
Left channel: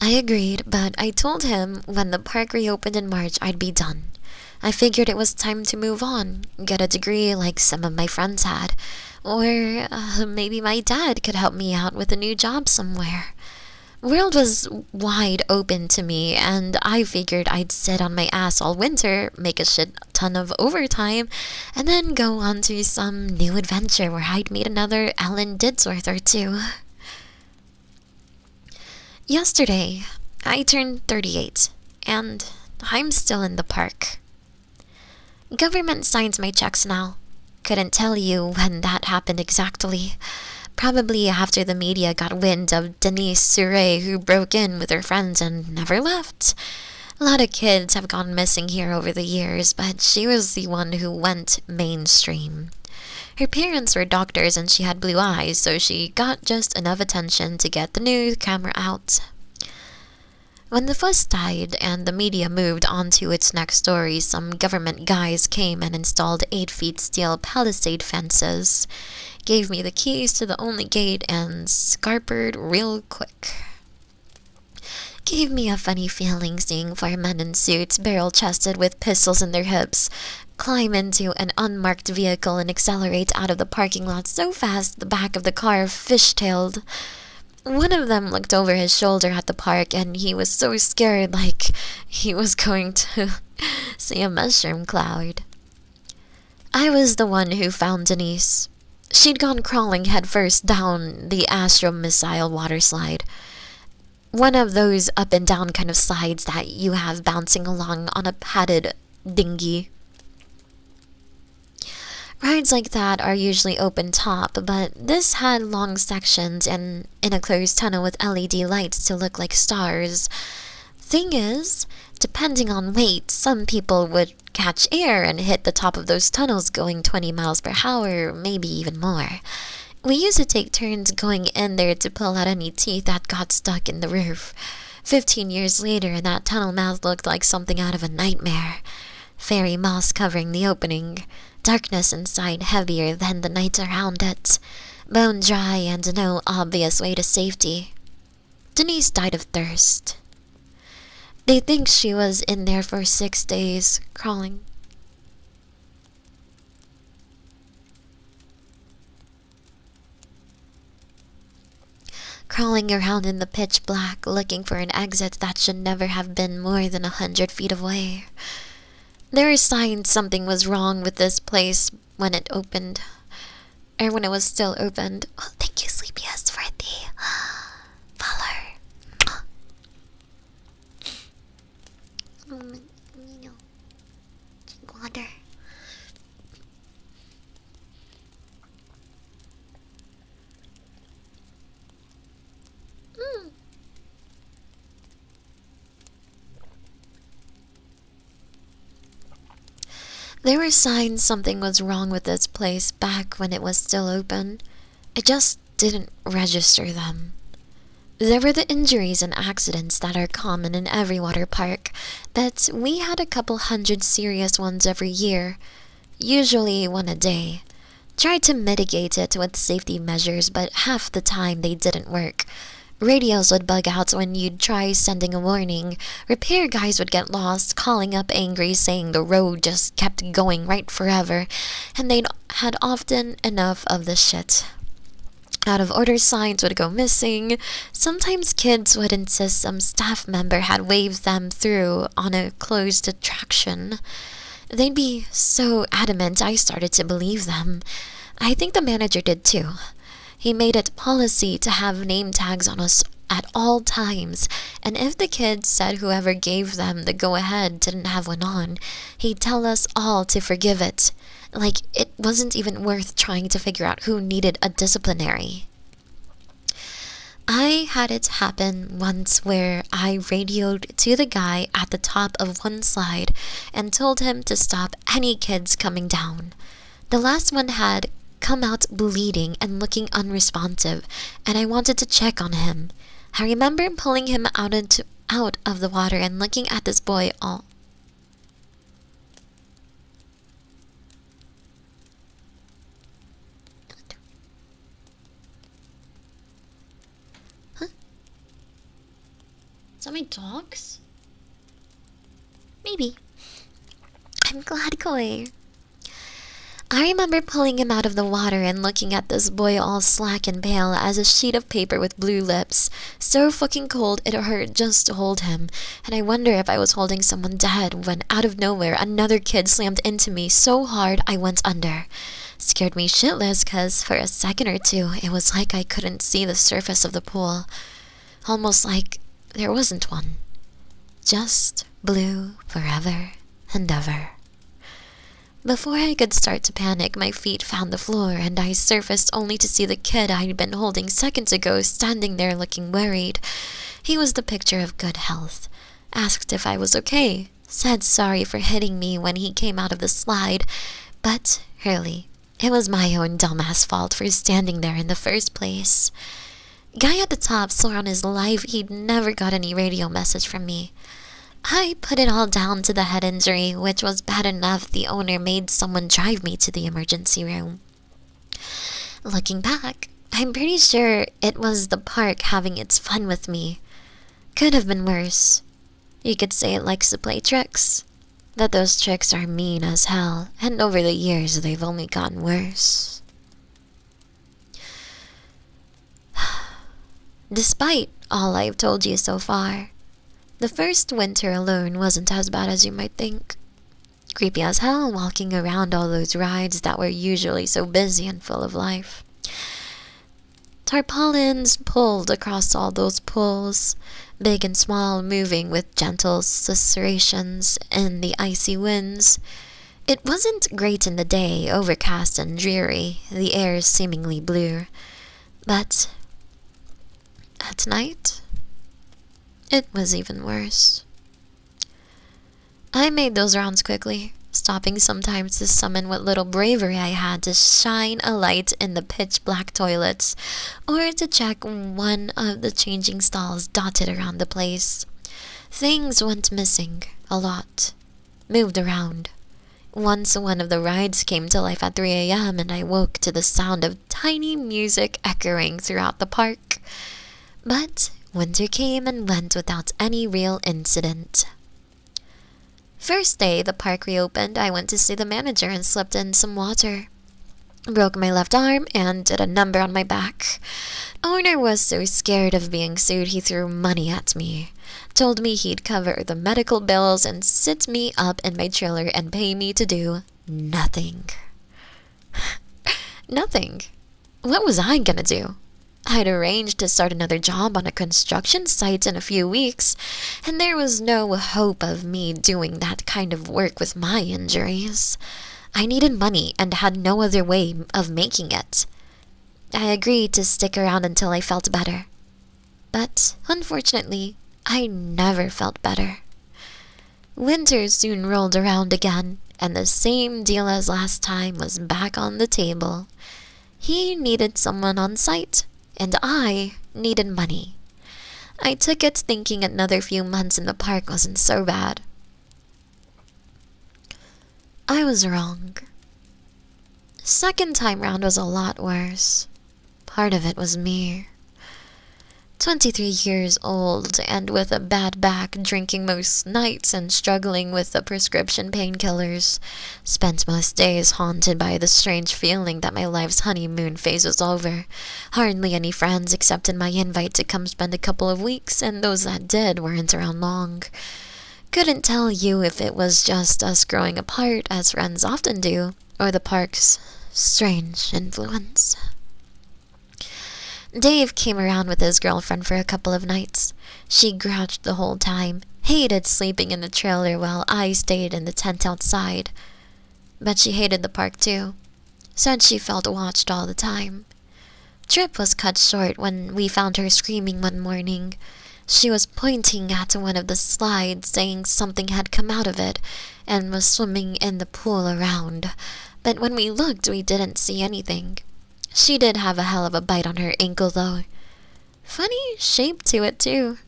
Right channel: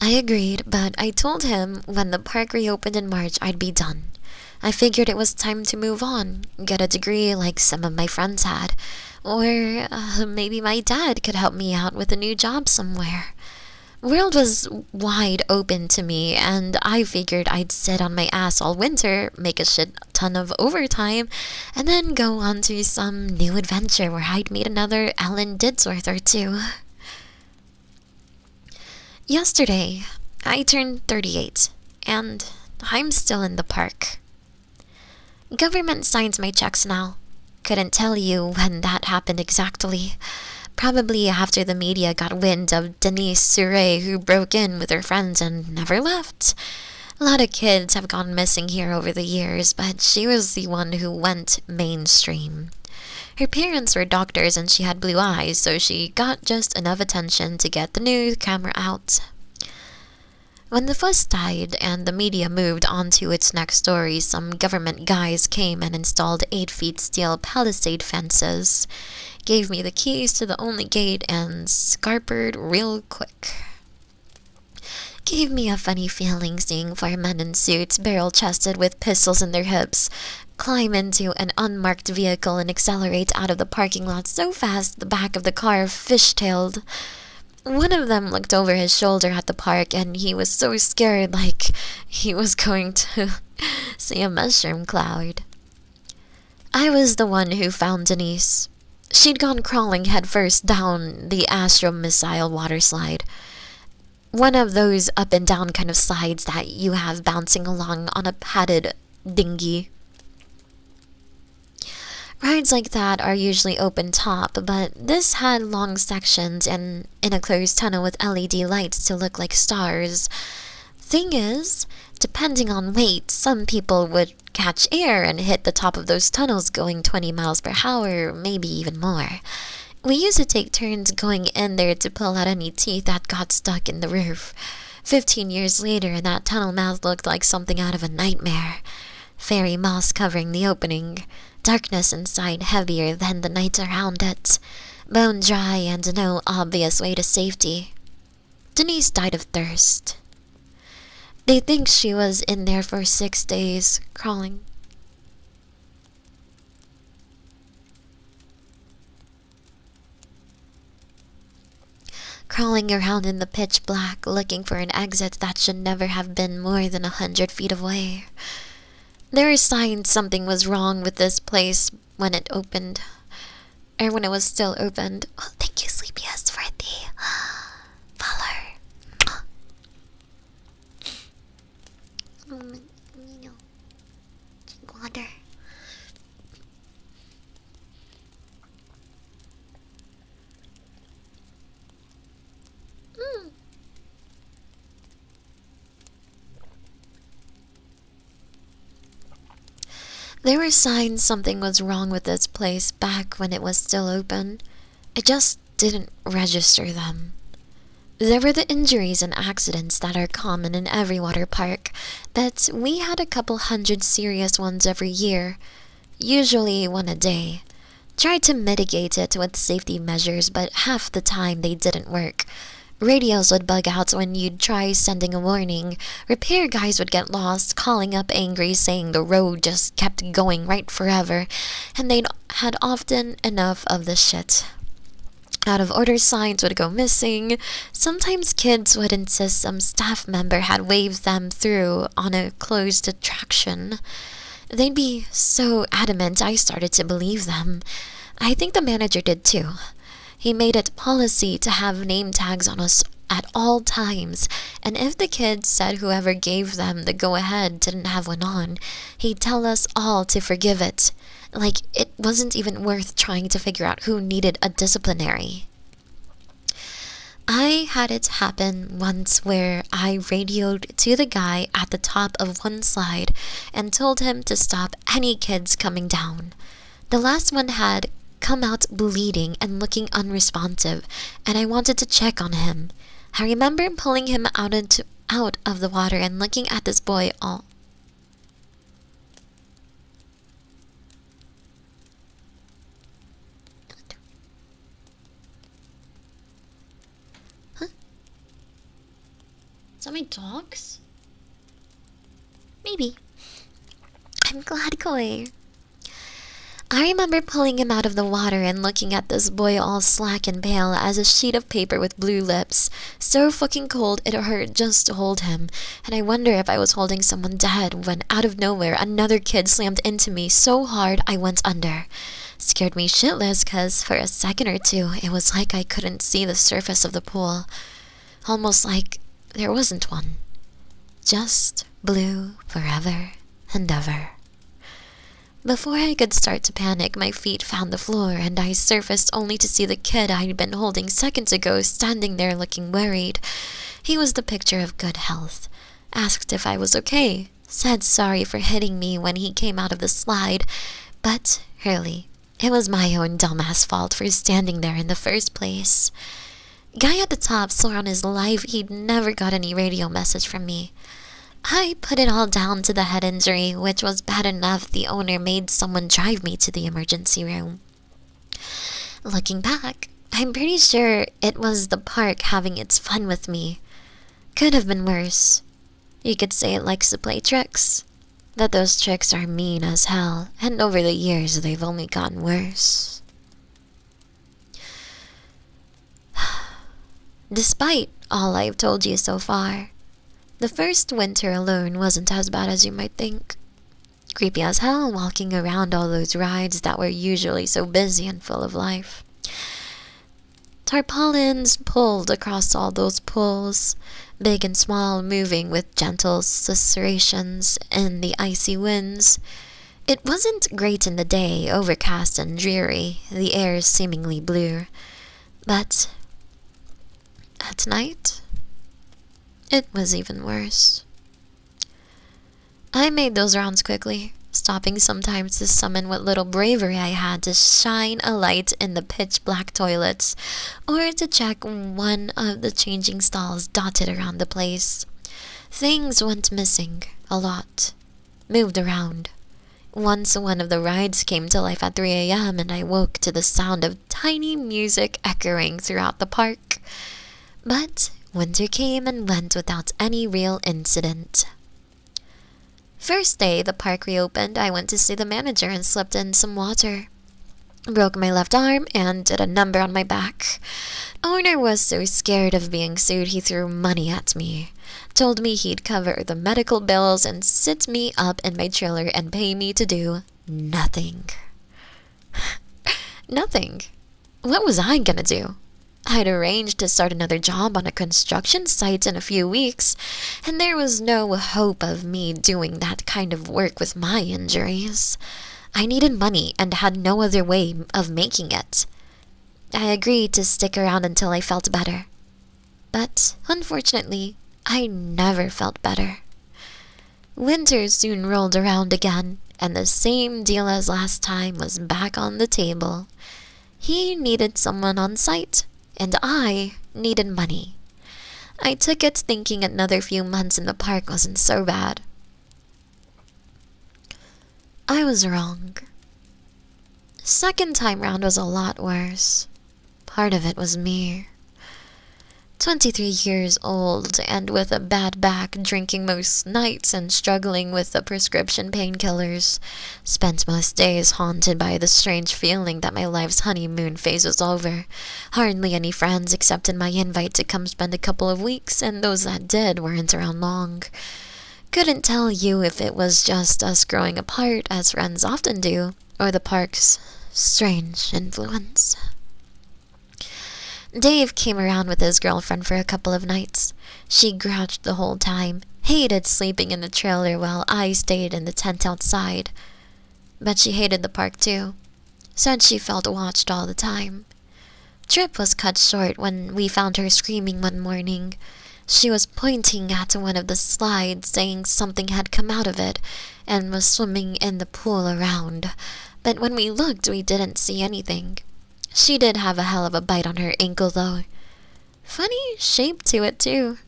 I agreed, but I told him when the park reopened in March I'd be done. I figured it was time to move on, get a degree like some of my friends had, or maybe my dad could help me out with a new job somewhere. World was wide open to me, and I figured I'd sit on my ass all winter, make a shit ton of overtime, and then go on to some new adventure where I'd meet another Ellen Didsworth or 2. Yesterday, I turned 38, and I'm still in the park. Government signs my checks now. Couldn't tell you when that happened exactly. Probably after the media got wind of Denise Surrey, who broke in with her friends and never left. A lot of kids have gone missing here over the years, but she was the one who went mainstream. Her parents were doctors and she had blue eyes, so she got just enough attention to get the news camera out. When the fuss died and the media moved on to its next story, some government guys came and installed 8-foot steel palisade fences, gave me the keys to the only gate, and scarpered real quick. Gave me a funny feeling seeing firemen in suits, barrel-chested with pistols in their hips, climb into an unmarked vehicle and accelerate out of the parking lot so fast the back of the car fishtailed. One of them looked over his shoulder at the park and he was so scared, like he was going to see a mushroom cloud. I was the one who found Denise. She'd gone crawling headfirst down the Astro Missile water slide. One of those up and down kind of slides that you have bouncing along on a padded dinghy. Rides like that are usually open top, but this had long sections and in a closed tunnel with LED lights to look like stars. Thing is, depending on weight, some people would catch air and hit the top of those tunnels going 20 miles per hour, maybe even more. We used to take turns going in there to pull out any teeth that got stuck in the roof. 15 years later, and that tunnel mouth looked like something out of a nightmare. Fairy moss covering the opening. Darkness inside heavier than the night around it. Bone dry and no obvious way to safety. Denise died of thirst. They think she was in there for 6 days, crawling. Crawling around in the pitch black, looking for an exit that should never have been more than 100 feet away. There were signs something was wrong with this place when it opened. Or when it was still opened. Oh, thank you, Sleepiest, for the follow. Drink water. There were signs something was wrong with this place back when it was still open. I just didn't register them. There were the injuries and accidents that are common in every water park, but we had a couple hundred serious ones every year, usually one a day. Tried to mitigate it with safety measures, but half the time they didn't work. Radios would bug out when you'd try sending a warning. Repair guys would get lost, calling up angry, saying the road just kept going right forever, and they'd had often enough of the shit. Out of order signs would go missing. Sometimes kids would insist some staff member had waved them through on a closed attraction. They'd be so adamant I started to believe them. I think the manager did too. He made it policy to have name tags on us at all times, and if the kids said whoever gave them the go-ahead didn't have one on, he'd tell us all to forgive it. Like it wasn't even worth trying to figure out who needed a disciplinary. I had it happen once where I radioed to the guy at the top of one slide and told him to stop any kids coming down. The last one had come out bleeding and looking unresponsive, and I wanted to check on him. I remember pulling him out of the water and looking at this boy all... Huh? Is that my dogs? Maybe. I'm glad, Koi. I remember pulling him out of the water and looking at this boy all slack and pale as a sheet of paper with blue lips. So fucking cold it hurt just to hold him. And I wonder if I was holding someone dead when out of nowhere another kid slammed into me so hard I went under. Scared me shitless cause for a second or two it was like I couldn't see the surface of the pool. Almost like there wasn't one. Just blue forever and ever. Before I could start to panic, my feet found the floor and I surfaced only to see the kid I'd been holding seconds ago standing there looking worried. He was the picture of good health. Asked if I was okay. Said sorry for hitting me when he came out of the slide. But, really, it was my own dumbass fault for standing there in the first place. Guy at the top swore on his life he'd never got any radio message from me. I put it all down to the head injury, which was bad enough the owner made someone drive me to the emergency room. Looking back, I'm pretty sure it was the park having its fun with me. Could have been worse. You could say it likes to play tricks. That those tricks are mean as hell, and over the years they've only gotten worse. Despite all I've told you so far, the first winter alone wasn't as bad as you might think. Creepy as hell walking around all those rides that were usually so busy and full of life. Tarpaulins pulled across all those pools, big and small, moving with gentle susurrations in the icy winds. It wasn't great in the day, overcast and dreary, the air seemingly blue. But at night, it was even worse. I made those rounds quickly, stopping sometimes to summon what little bravery I had to shine a light in the pitch-black toilets, or to check one of the changing stalls dotted around the place. Things went missing, a lot. Moved around. Once one of the rides came to life at 3 a.m. and I woke to the sound of tiny music echoing throughout the park. But winter came and went without any real incident. First day the park reopened, I went to see the manager and slipped in some water. Broke my left arm and did a number on my back. Owner was so scared of being sued he threw money at me. Told me he'd cover the medical bills and sit me up in my trailer and pay me to do nothing. Nothing. What was I gonna do? I'd arranged to start another job on a construction site in a few weeks, and there was no hope of me doing that kind of work with my injuries. I needed money and had no other way of making it. I agreed to stick around until I felt better. But, unfortunately, I never felt better. Winter soon rolled around again, and the same deal as last time was back on the table. He needed someone on site, and I needed money. I took it thinking another few months in the park wasn't so bad. I was wrong. Second time round was a lot worse. Part of it was me. 23 years old and with a bad back, drinking most nights and struggling with the prescription painkillers. Spent most days haunted by the strange feeling that my life's honeymoon phase was over. Hardly any friends accepted my invite to come spend a couple of weeks, and those that did weren't around long. Couldn't tell you if it was just us growing apart, as friends often do, or the park's strange influence. Dave came around with his girlfriend for a couple of nights. She grouched the whole time, hated sleeping in the trailer while I stayed in the tent outside. But she hated the park too. Said she felt watched all the time. Trip was cut short when we found her screaming one morning. She was pointing at one of the slides, saying something had come out of it, and was swimming in the pool around. But when we looked, we didn't see anything. She did have a hell of a bite on her ankle, though. Funny shape to it, too.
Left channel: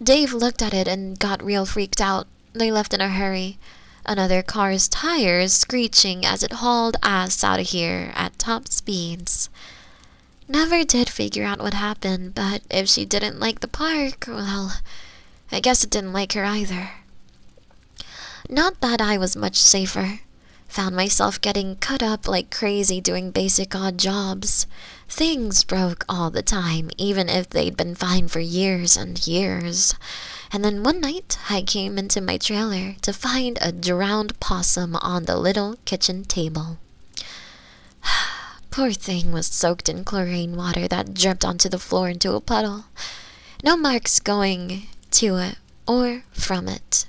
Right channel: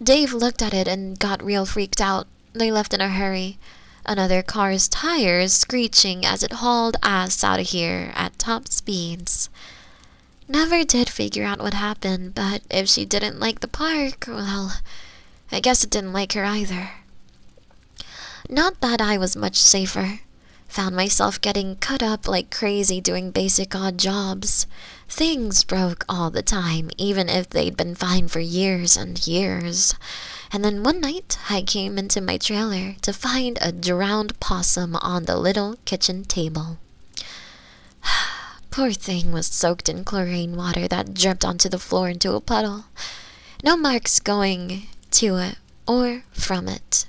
Dave looked at it and got real freaked out. They left in a hurry. Another car's tires screeching as it hauled ass out of here at top speeds. Never did figure out what happened, but if she didn't like the park, well, I guess it didn't like her either. Not that I was much safer. Found myself getting cut up like crazy doing basic odd jobs. Things broke all the time, even if they'd been fine for years and years. And then one night, I came into my trailer to find a drowned possum on the little kitchen table. Poor thing was soaked in chlorine water that dripped onto the floor into a puddle. No marks going to it or from it.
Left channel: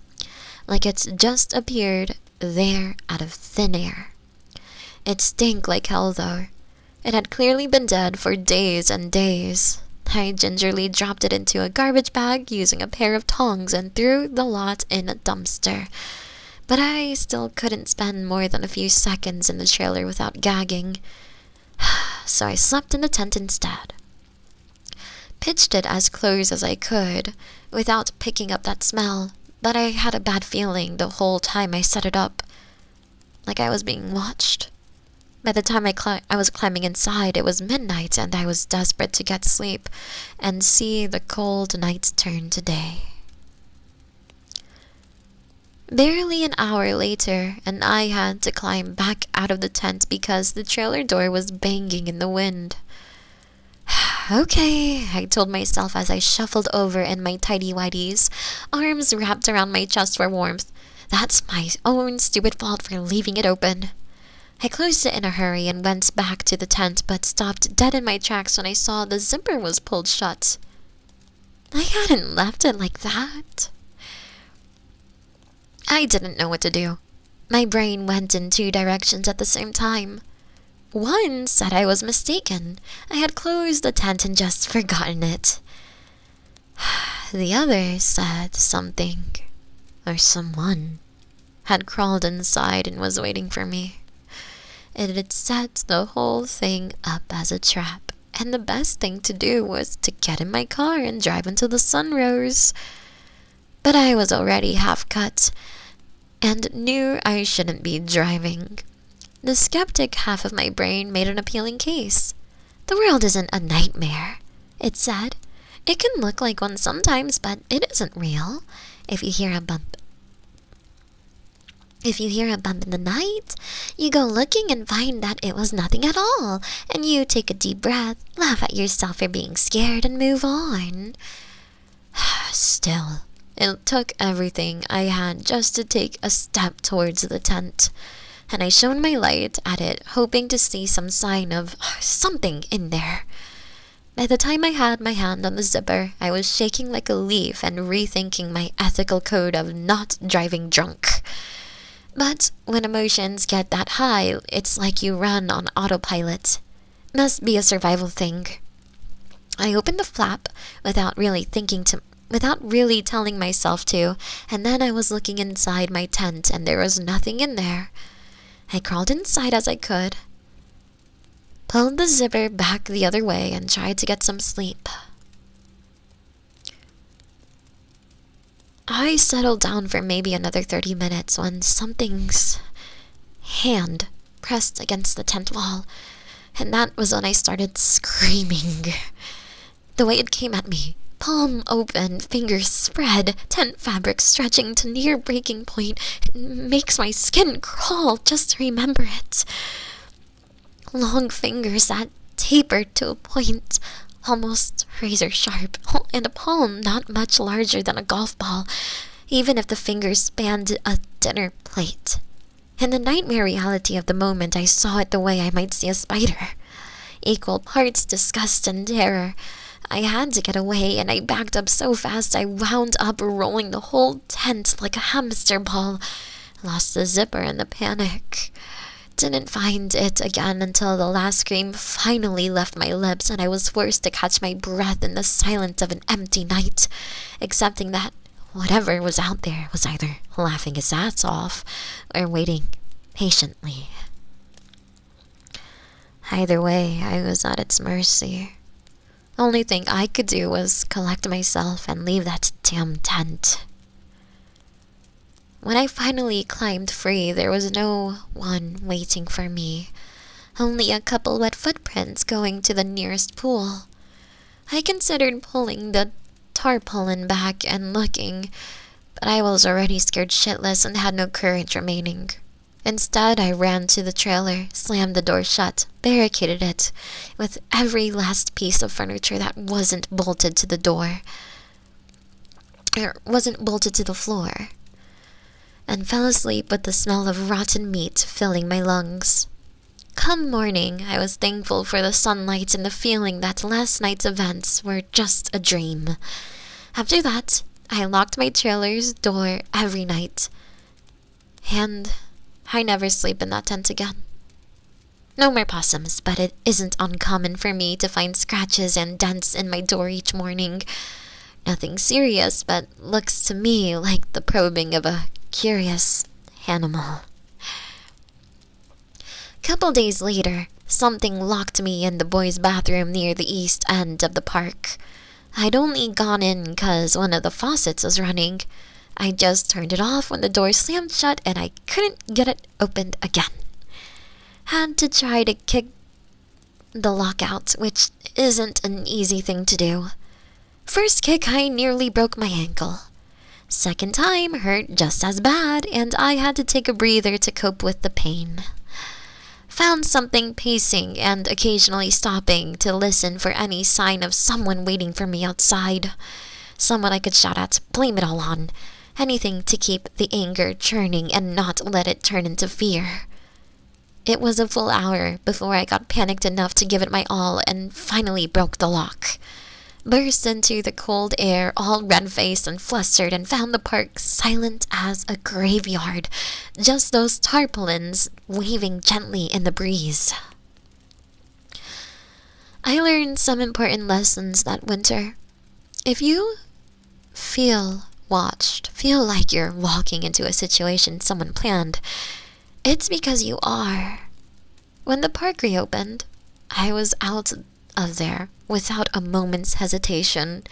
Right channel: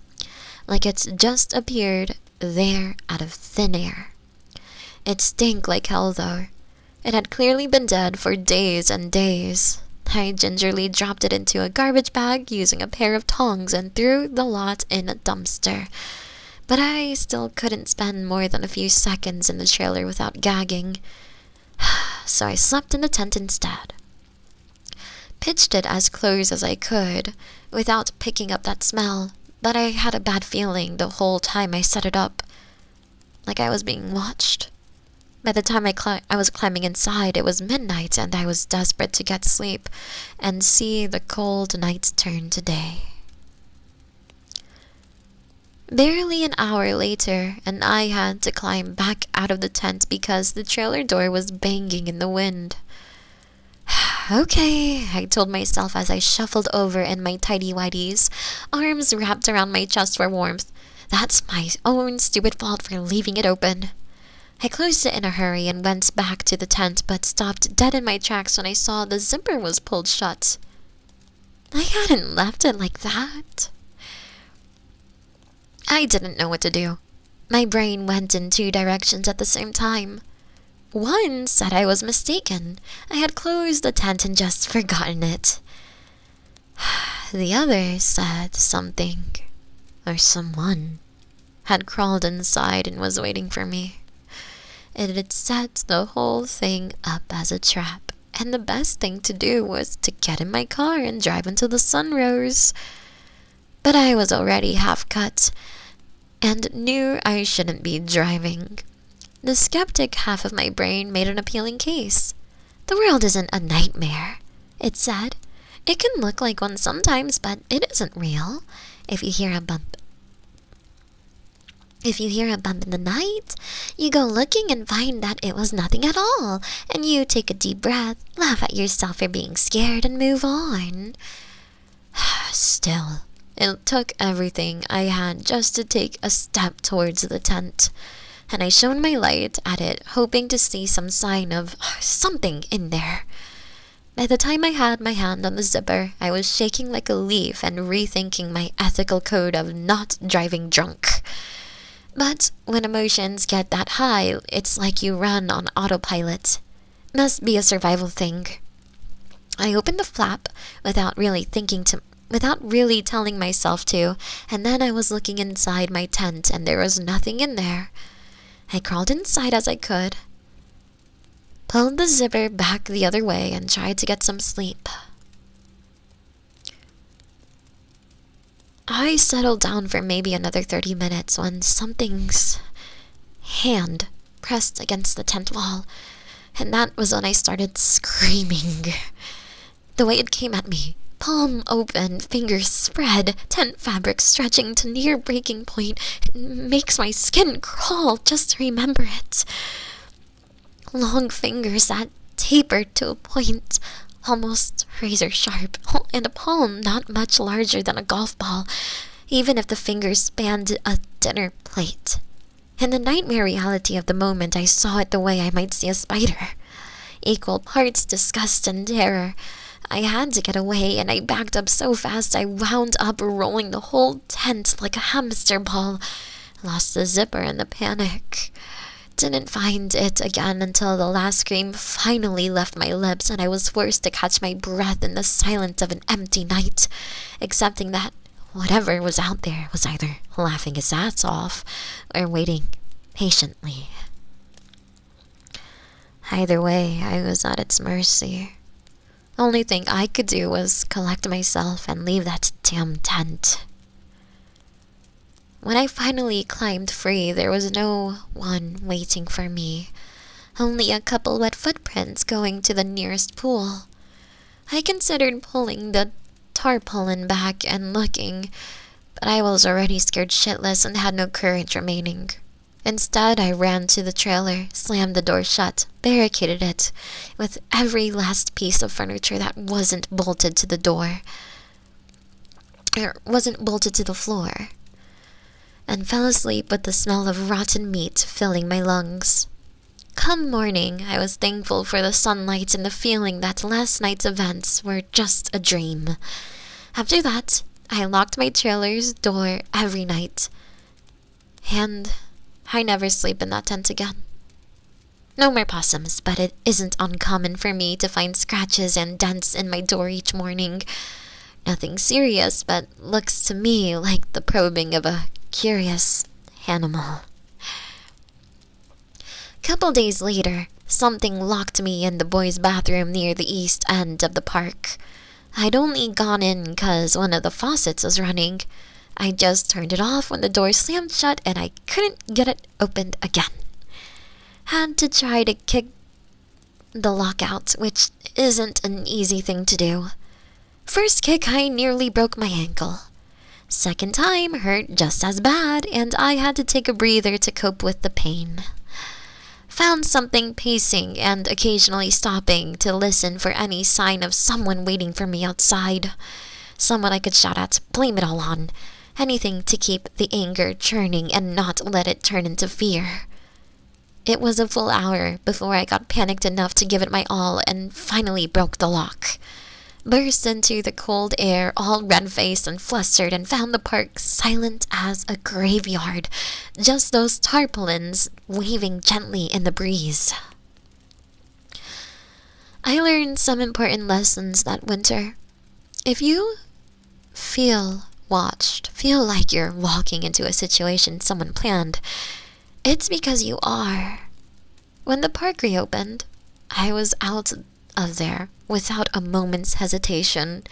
Like it's just appeared there out of thin air. It stank like hell, though. It had clearly been dead for days and days. I gingerly dropped it into a garbage bag using a pair of tongs and threw the lot in a dumpster. But I still couldn't spend more than a few seconds in the trailer without gagging. So I slept in the tent instead. Pitched it as close as I could without picking up that smell. But I had a bad feeling the whole time I set it up, like I was being watched. By the time I was climbing inside, it was midnight, and I was desperate to get sleep and see the cold night turn to day. Barely an hour later, and I had to climb back out of the tent because the trailer door was banging in the wind. Okay, I told myself as I shuffled over in my tighty-whities, arms wrapped around my chest for warmth. That's my own stupid fault for leaving it open. I closed it in a hurry and went back to the tent, but stopped dead in my tracks when I saw the zipper was pulled shut. I hadn't left it like that. I didn't know what to do. My brain went in two directions at the same time. One said I was mistaken. I had closed the tent and just forgotten it. The other said something, or someone, had crawled inside and was waiting for me. It had set the whole thing up as a trap, and the best thing to do was to get in my car and drive until the sun rose. But I was already half cut, and knew I shouldn't be driving. The skeptic half of my brain made an appealing case. The world isn't a nightmare, it said. It can look like one sometimes, but it isn't real. If you hear a bump in the night, you go looking and find that it was nothing at all, and you take a deep breath, laugh at yourself for being scared, and move on. Still, it took everything I had just to take a step towards the tent, and I shone my light at it, hoping to see some sign of something in there. By the time I had my hand on the zipper, I was shaking like a leaf and rethinking my ethical code of not driving drunk. But when emotions get that high, it's like you run on autopilot. Must be a survival thing. I opened the flap without really telling myself to, and then I was looking inside my tent and there was nothing in there. I crawled inside as I could, pulled the zipper back the other way, and tried to get some sleep. I settled down for maybe another 30 minutes when something's hand pressed against the tent wall, and that was when I started screaming. The way it came at me, palm open, fingers spread, tent fabric stretching to near breaking point, it makes my skin crawl just to remember it. Long fingers that tapered to a point, almost razor sharp, and a palm not much larger than a golf ball, even if the fingers spanned a dinner plate. In the nightmare reality of the moment, I saw it the way I might see a spider. Equal parts disgust and terror. I had to get away, and I backed up so fast I wound up rolling the whole tent like a hamster ball. Lost the zipper in the panic. Didn't find it again until the last scream finally left my lips and I was forced to catch my breath in the silence of an empty night, accepting that whatever was out there was either laughing its ass off or waiting patiently. Either way, I was at its mercy. Only thing I could do was collect myself and leave that damn tent. When I finally climbed free, there was no one waiting for me. Only a couple wet footprints going to the nearest pool. I considered pulling the tarpaulin back and looking, but I was already scared shitless and had no courage remaining. Instead, I ran to the trailer, slammed the door shut, barricaded it with every last piece of furniture that wasn't bolted to the door, or wasn't bolted to the floor, and fell asleep with the smell of rotten meat filling my lungs. Come morning, I was thankful for the sunlight and the feeling that last night's events were just a dream. After that, I locked my trailer's door every night, and I never sleep in that tent again. No more possums, but it isn't uncommon for me to find scratches and dents in my door each morning. Nothing serious, but looks to me like the probing of a curious animal. Couple days later, something locked me in the boys' bathroom near the east end of the park. I'd only gone in 'cause one of the faucets was running. I just turned it off when the door slammed shut and I couldn't get it opened again. Had to try to kick the lock out, which isn't an easy thing to do. First kick, I nearly broke my ankle. Second time hurt just as bad, and I had to take a breather to cope with the pain. Found something pacing and occasionally stopping to listen for any sign of someone waiting for me outside. Someone I could shout at, blame it all on. Anything to keep the anger churning and not let it turn into fear. It was a full hour before I got panicked enough to give it my all and finally broke the lock. Burst into the cold air, all red-faced and flustered, and found the park silent as a graveyard. Just those tarpaulins waving gently in the breeze. I learned some important lessons that winter. If you feel watched, feel like you're walking into a situation someone planned, it's because you are. When the park reopened, I was out of there without a moment's hesitation.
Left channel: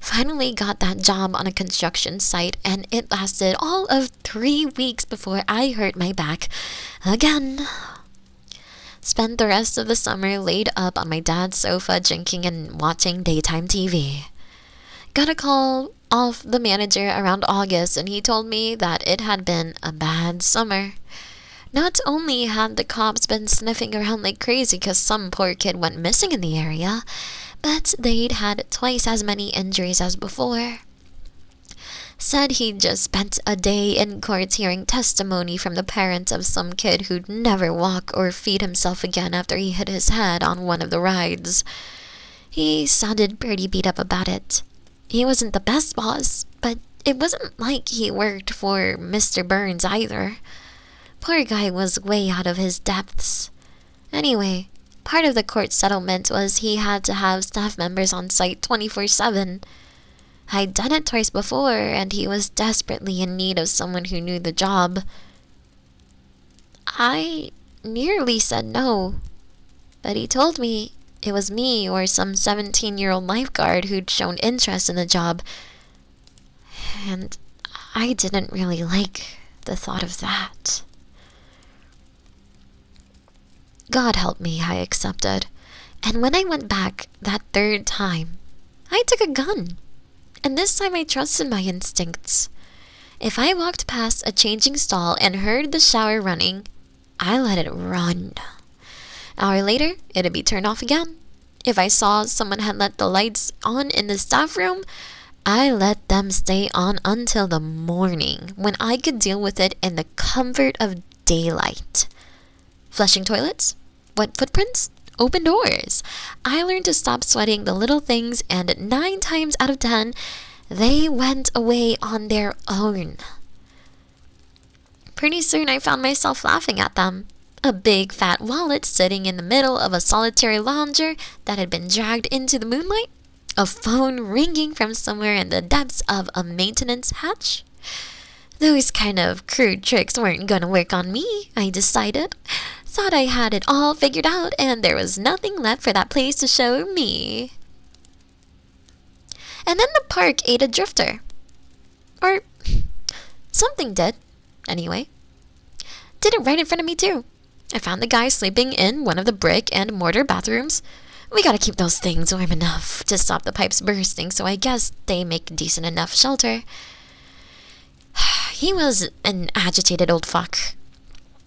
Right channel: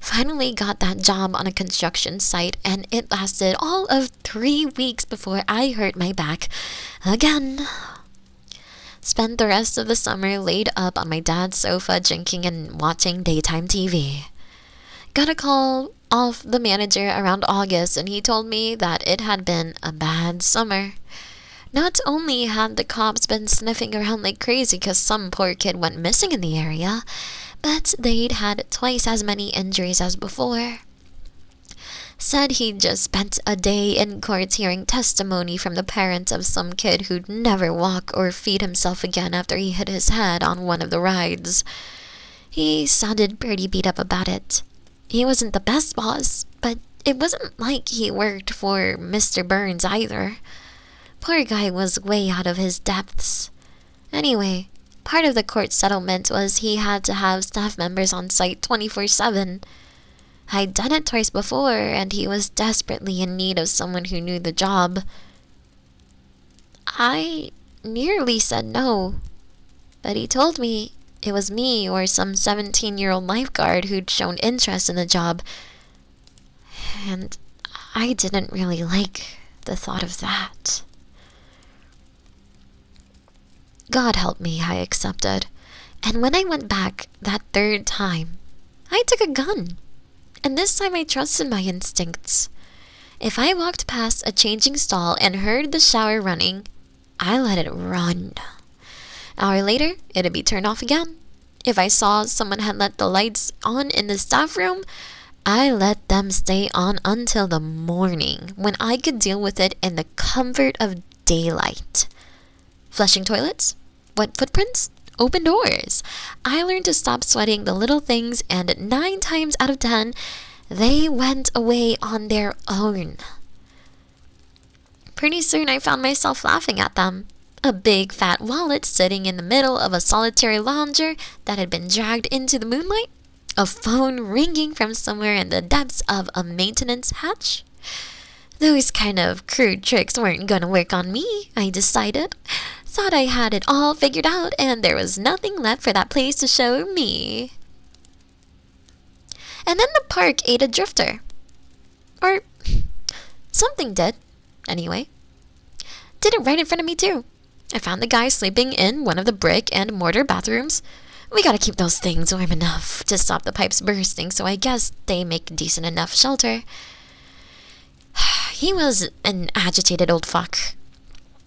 Finally got that job on a construction site, and it lasted all of 3 weeks before I hurt my back again. Spent the rest of the summer laid up on my dad's sofa drinking and watching daytime TV. Got a call off the manager around August, and he told me that it had been a bad summer. Not only had the cops been sniffing around like crazy because some poor kid went missing in the area, but they'd had twice as many injuries as before. Said he'd just spent a day in court hearing testimony from the parents of some kid who'd never walk or feed himself again after he hit his head on one of the rides. He sounded pretty beat up about it. He wasn't the best boss, but it wasn't like he worked for Mr. Burns either. Poor guy was way out of his depths. Anyway, part of the court settlement was he had to have staff members on site 24/7. I'd done it twice before, and he was desperately in need of someone who knew the job. I nearly said no, but he told me it was me or some 17-year-old lifeguard who'd shown interest in the job, and I didn't really like the thought of that. God help me, I accepted. And when I went back that third time, I took a gun, and this time I trusted my instincts. If I walked past a changing stall and heard the shower running, I let it run. An hour later, it'd be turned off again. If I saw someone had let the lights on in the staff room, I let them stay on until the morning, when I could deal with it in the comfort of daylight. Flushing toilets? Wet footprints? Open doors. I learned to stop sweating the little things, and 9 times out of 10, they went away on their own. Pretty soon I found myself laughing at them. A big fat wallet sitting in the middle of a solitary lounger that had been dragged into the moonlight. A phone ringing from somewhere in the depths of a maintenance hatch. Those kind of crude tricks weren't gonna work on me, I decided. Thought I had it all figured out and there was nothing left for that place to show me. And then the park ate a drifter. Or something did, anyway. Did it right in front of me too. I found the guy sleeping in one of the brick and mortar bathrooms. We gotta keep those things warm enough to stop the pipes bursting, so I guess they make decent enough shelter. He was an agitated old fuck.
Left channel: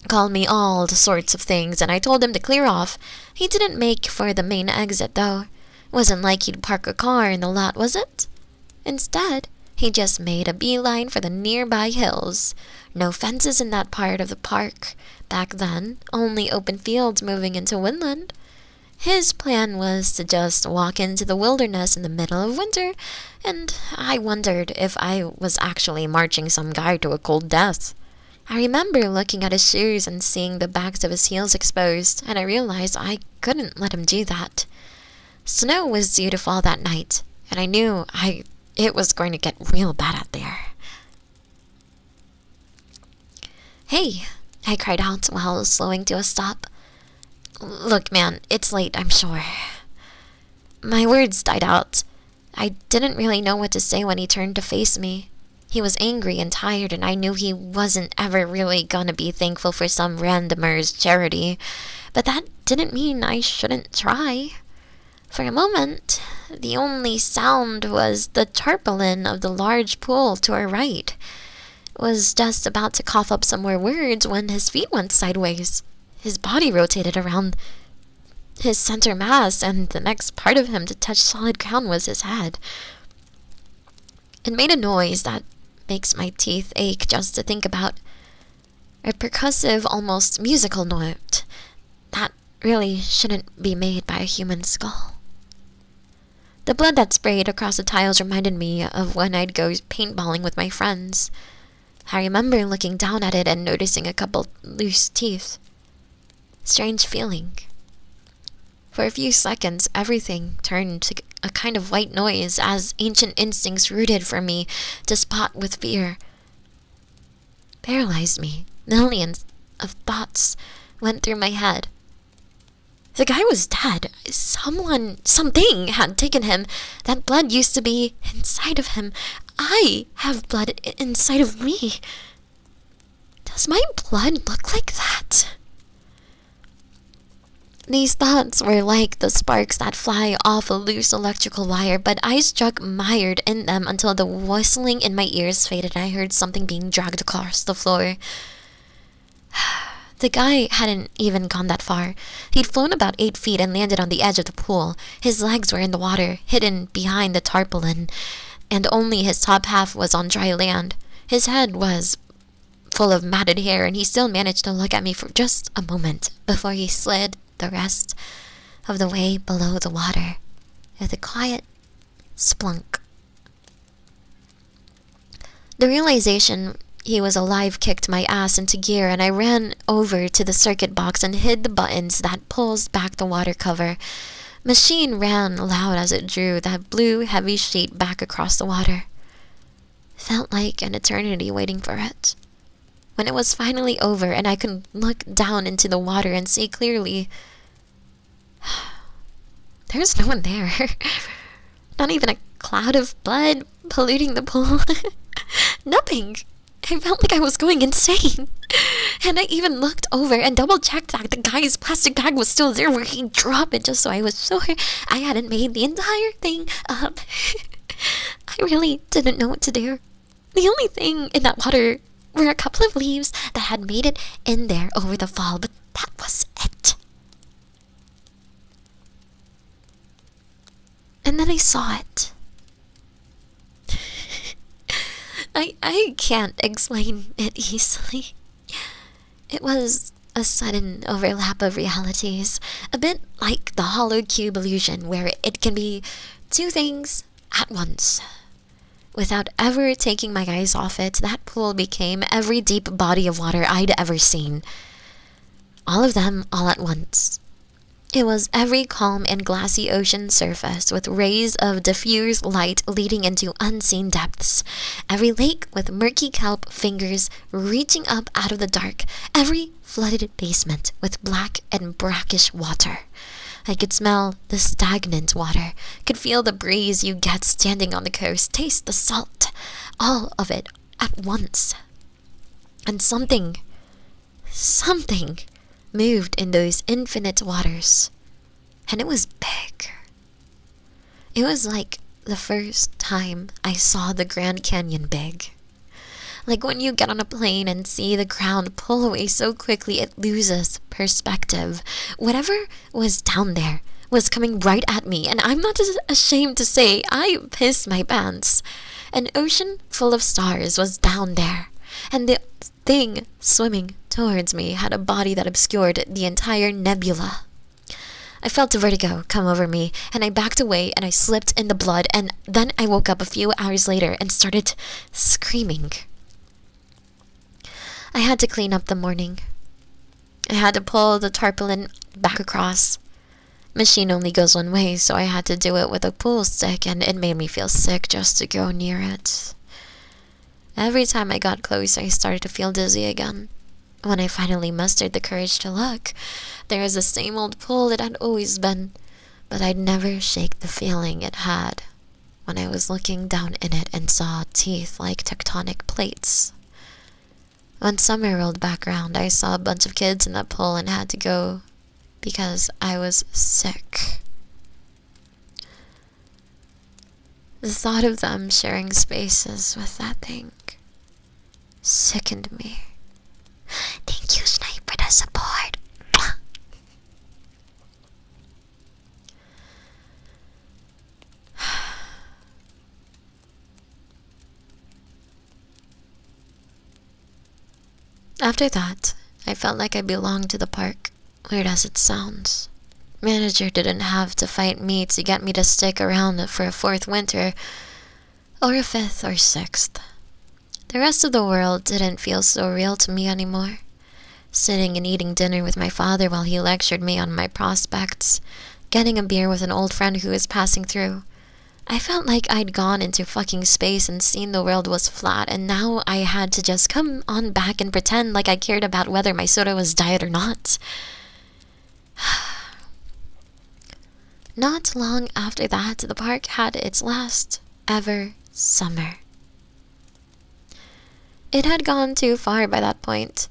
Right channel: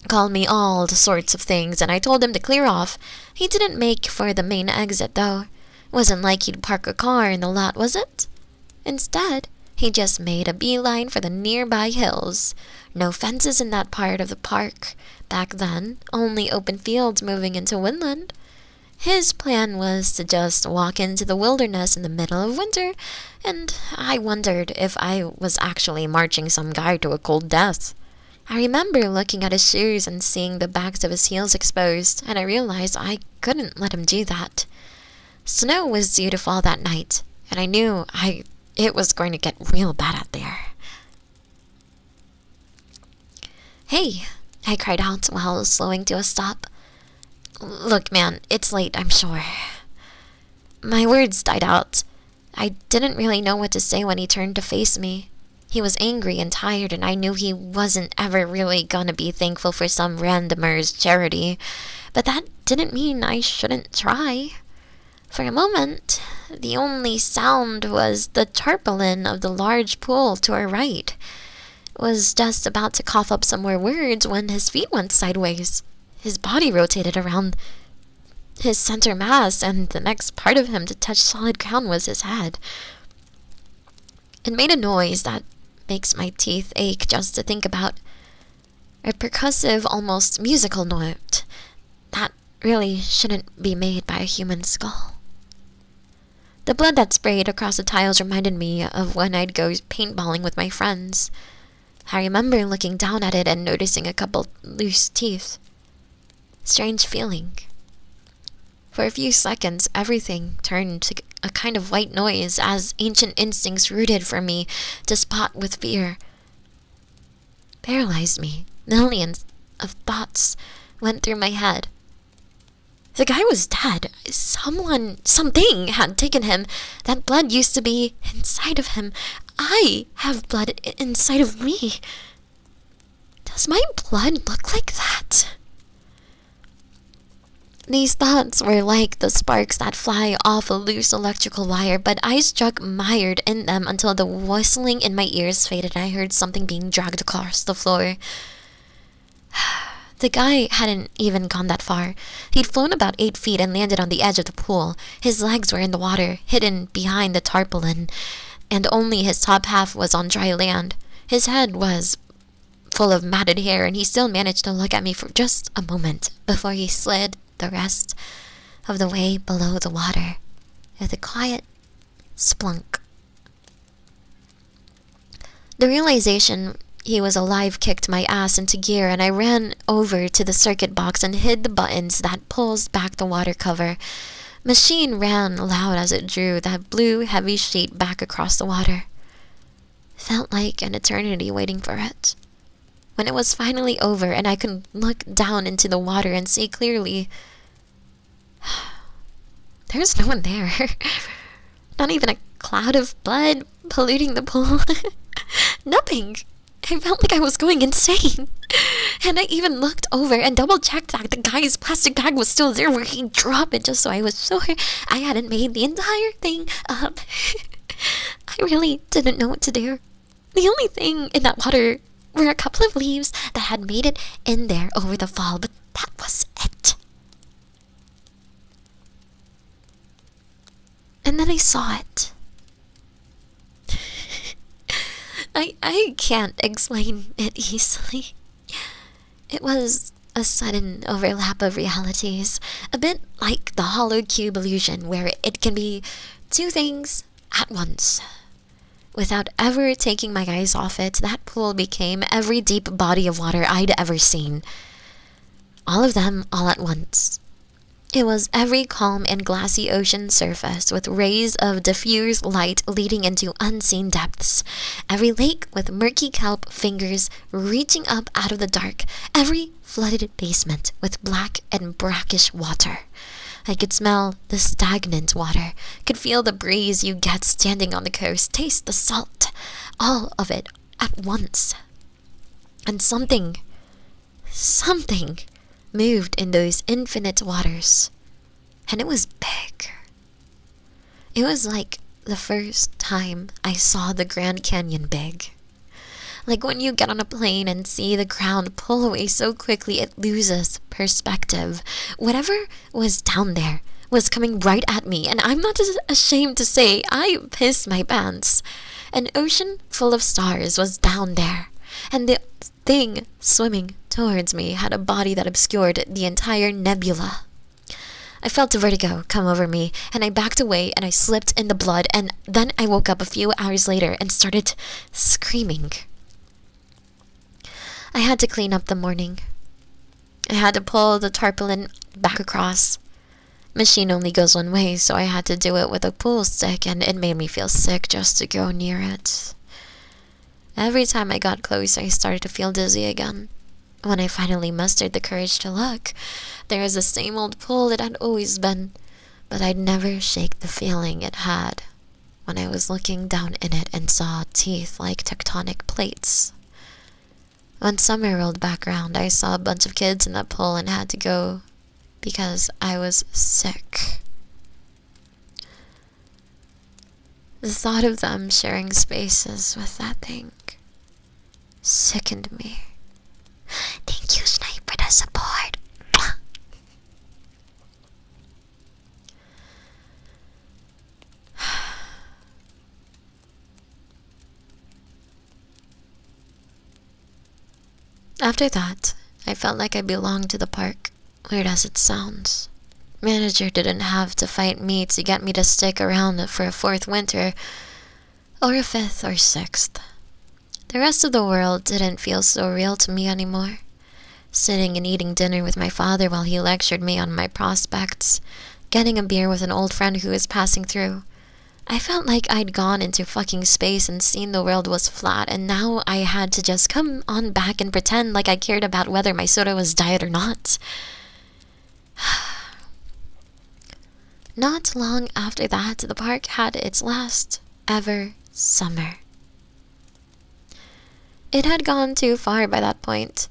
Called me all sorts of things, and I told him to clear off. He didn't make for the main exit, though. Wasn't like he'd park a car in the lot, was it? Instead, he just made a beeline for the nearby hills. No fences in that part of the park. Back then, only open fields moving into woodland. His plan was to just walk into the wilderness in the middle of winter, and I wondered if I was actually marching some guy to a cold death. I remember looking at his shoes and seeing the backs of his heels exposed, and I realized I couldn't let him do that. Snow was due to fall that night, and I knew it was going to get real bad out there. "Hey," I cried out while slowing to a stop. "Look, man, it's late, I'm sure." My words died out. I didn't really know what to say when he turned to face me. He was angry and tired, and I knew he wasn't ever really gonna be thankful for some randomer's charity. But that didn't mean I shouldn't try. For a moment, the only sound was the tarpaulin of the large pool to our right. Was just about to cough up some more words when his feet went sideways. His body rotated around his center mass, and the next part of him to touch solid ground was his head. It made a noise that makes my teeth ache just to think about. A percussive, almost musical note that really shouldn't be made by a human skull. The blood that sprayed across the tiles reminded me of when I'd go paintballing with my friends. I remember looking down at it and noticing a couple loose teeth. Strange feeling. For a few seconds, everything turned to a kind of white noise as ancient instincts rooted for me to spot with fear. Paralyzed me. Millions of thoughts went through my head. The guy was dead. Something had taken him. That blood used to be inside of him. I have blood inside of me. Does my blood look like that? These thoughts were like the sparks that fly off a loose electrical wire, but I struck mired in them until the whistling in my ears faded and I heard something being dragged across the floor. The guy hadn't even gone that far. He'd flown about 8 feet and landed on the edge of the pool. His legs were in the water, hidden behind the tarpaulin, and only his top half was on dry land. His head was full of matted hair, and he still managed to look at me for just a moment before he slid the rest of the way below the water with a quiet splunk. The realization he was alive kicked my ass into gear, and I ran over to the circuit box and hid the buttons that pulls back the water cover. Machine ran loud as it drew that blue, heavy sheet back across the water. Felt like an eternity waiting for it. When it was finally over and I could look down into the water and see clearly, there's no one there. Not even a cloud of blood polluting the pool. Nothing. I felt like I was going insane. And I even looked over and double-checked that the guy's plastic bag was still there where he dropped it, just so I was sure I hadn't made the entire thing up. I really didn't know what to do. The only thing in that water were a couple of leaves that had made it in there over the fall, but that was it. And then I saw it. I can't explain it easily. It was a sudden overlap of realities, a bit like the hollow cube illusion, where it can be two things at once. Without ever taking my eyes off it, that pool became every deep body of water I'd ever seen. All of them all at once. It was every calm and glassy ocean surface with rays of diffused light leading into unseen depths. Every lake with murky kelp fingers reaching up out of the dark. Every flooded basement with black and brackish water. I could smell the stagnant water, could feel the breeze you get standing on the coast, taste the salt, all of it at once. And something moved in those infinite waters, and it was big. It was like the first time I saw the Grand Canyon big. Like when you get on a plane and see the ground pull away so quickly it loses perspective. Whatever was down there was coming right at me, and I'm not ashamed to say I pissed my pants. An ocean full of stars was down there, and the thing swimming towards me had a body that obscured the entire nebula. I felt a vertigo come over me, and I backed away and I slipped in the blood, and then I woke up a few hours later and started screaming. I had to clean up the morning. I had to pull the tarpaulin back across. Machine only goes one way, so I had to do it with a pool stick, and it made me feel sick just to go near it. Every time I got close, I started to feel dizzy again. When I finally mustered the courage to look, there was the same old pool it had always been, but I'd never shake the feeling it had when I was looking down in it and saw teeth like tectonic plates. When summer rolled back around, I saw a bunch of kids in that pool and had to go because I was sick. The thought of them sharing spaces with that thing sickened me. Thank you, Snipe, for the support. After that, I felt like I belonged to the park, weird as it sounds. Manager didn't have to fight me to get me to stick around for a fourth winter, or a fifth or sixth. The rest of the world didn't feel so real to me anymore. Sitting and eating dinner with my father while he lectured me on my prospects, getting a beer with an old friend who was passing through. I felt like I'd gone into fucking space and seen the world was flat, and now I had to just come on back and pretend like I cared about whether my soda was diet or not. Not long after that, the park had its last ever summer. It had gone too far by that point.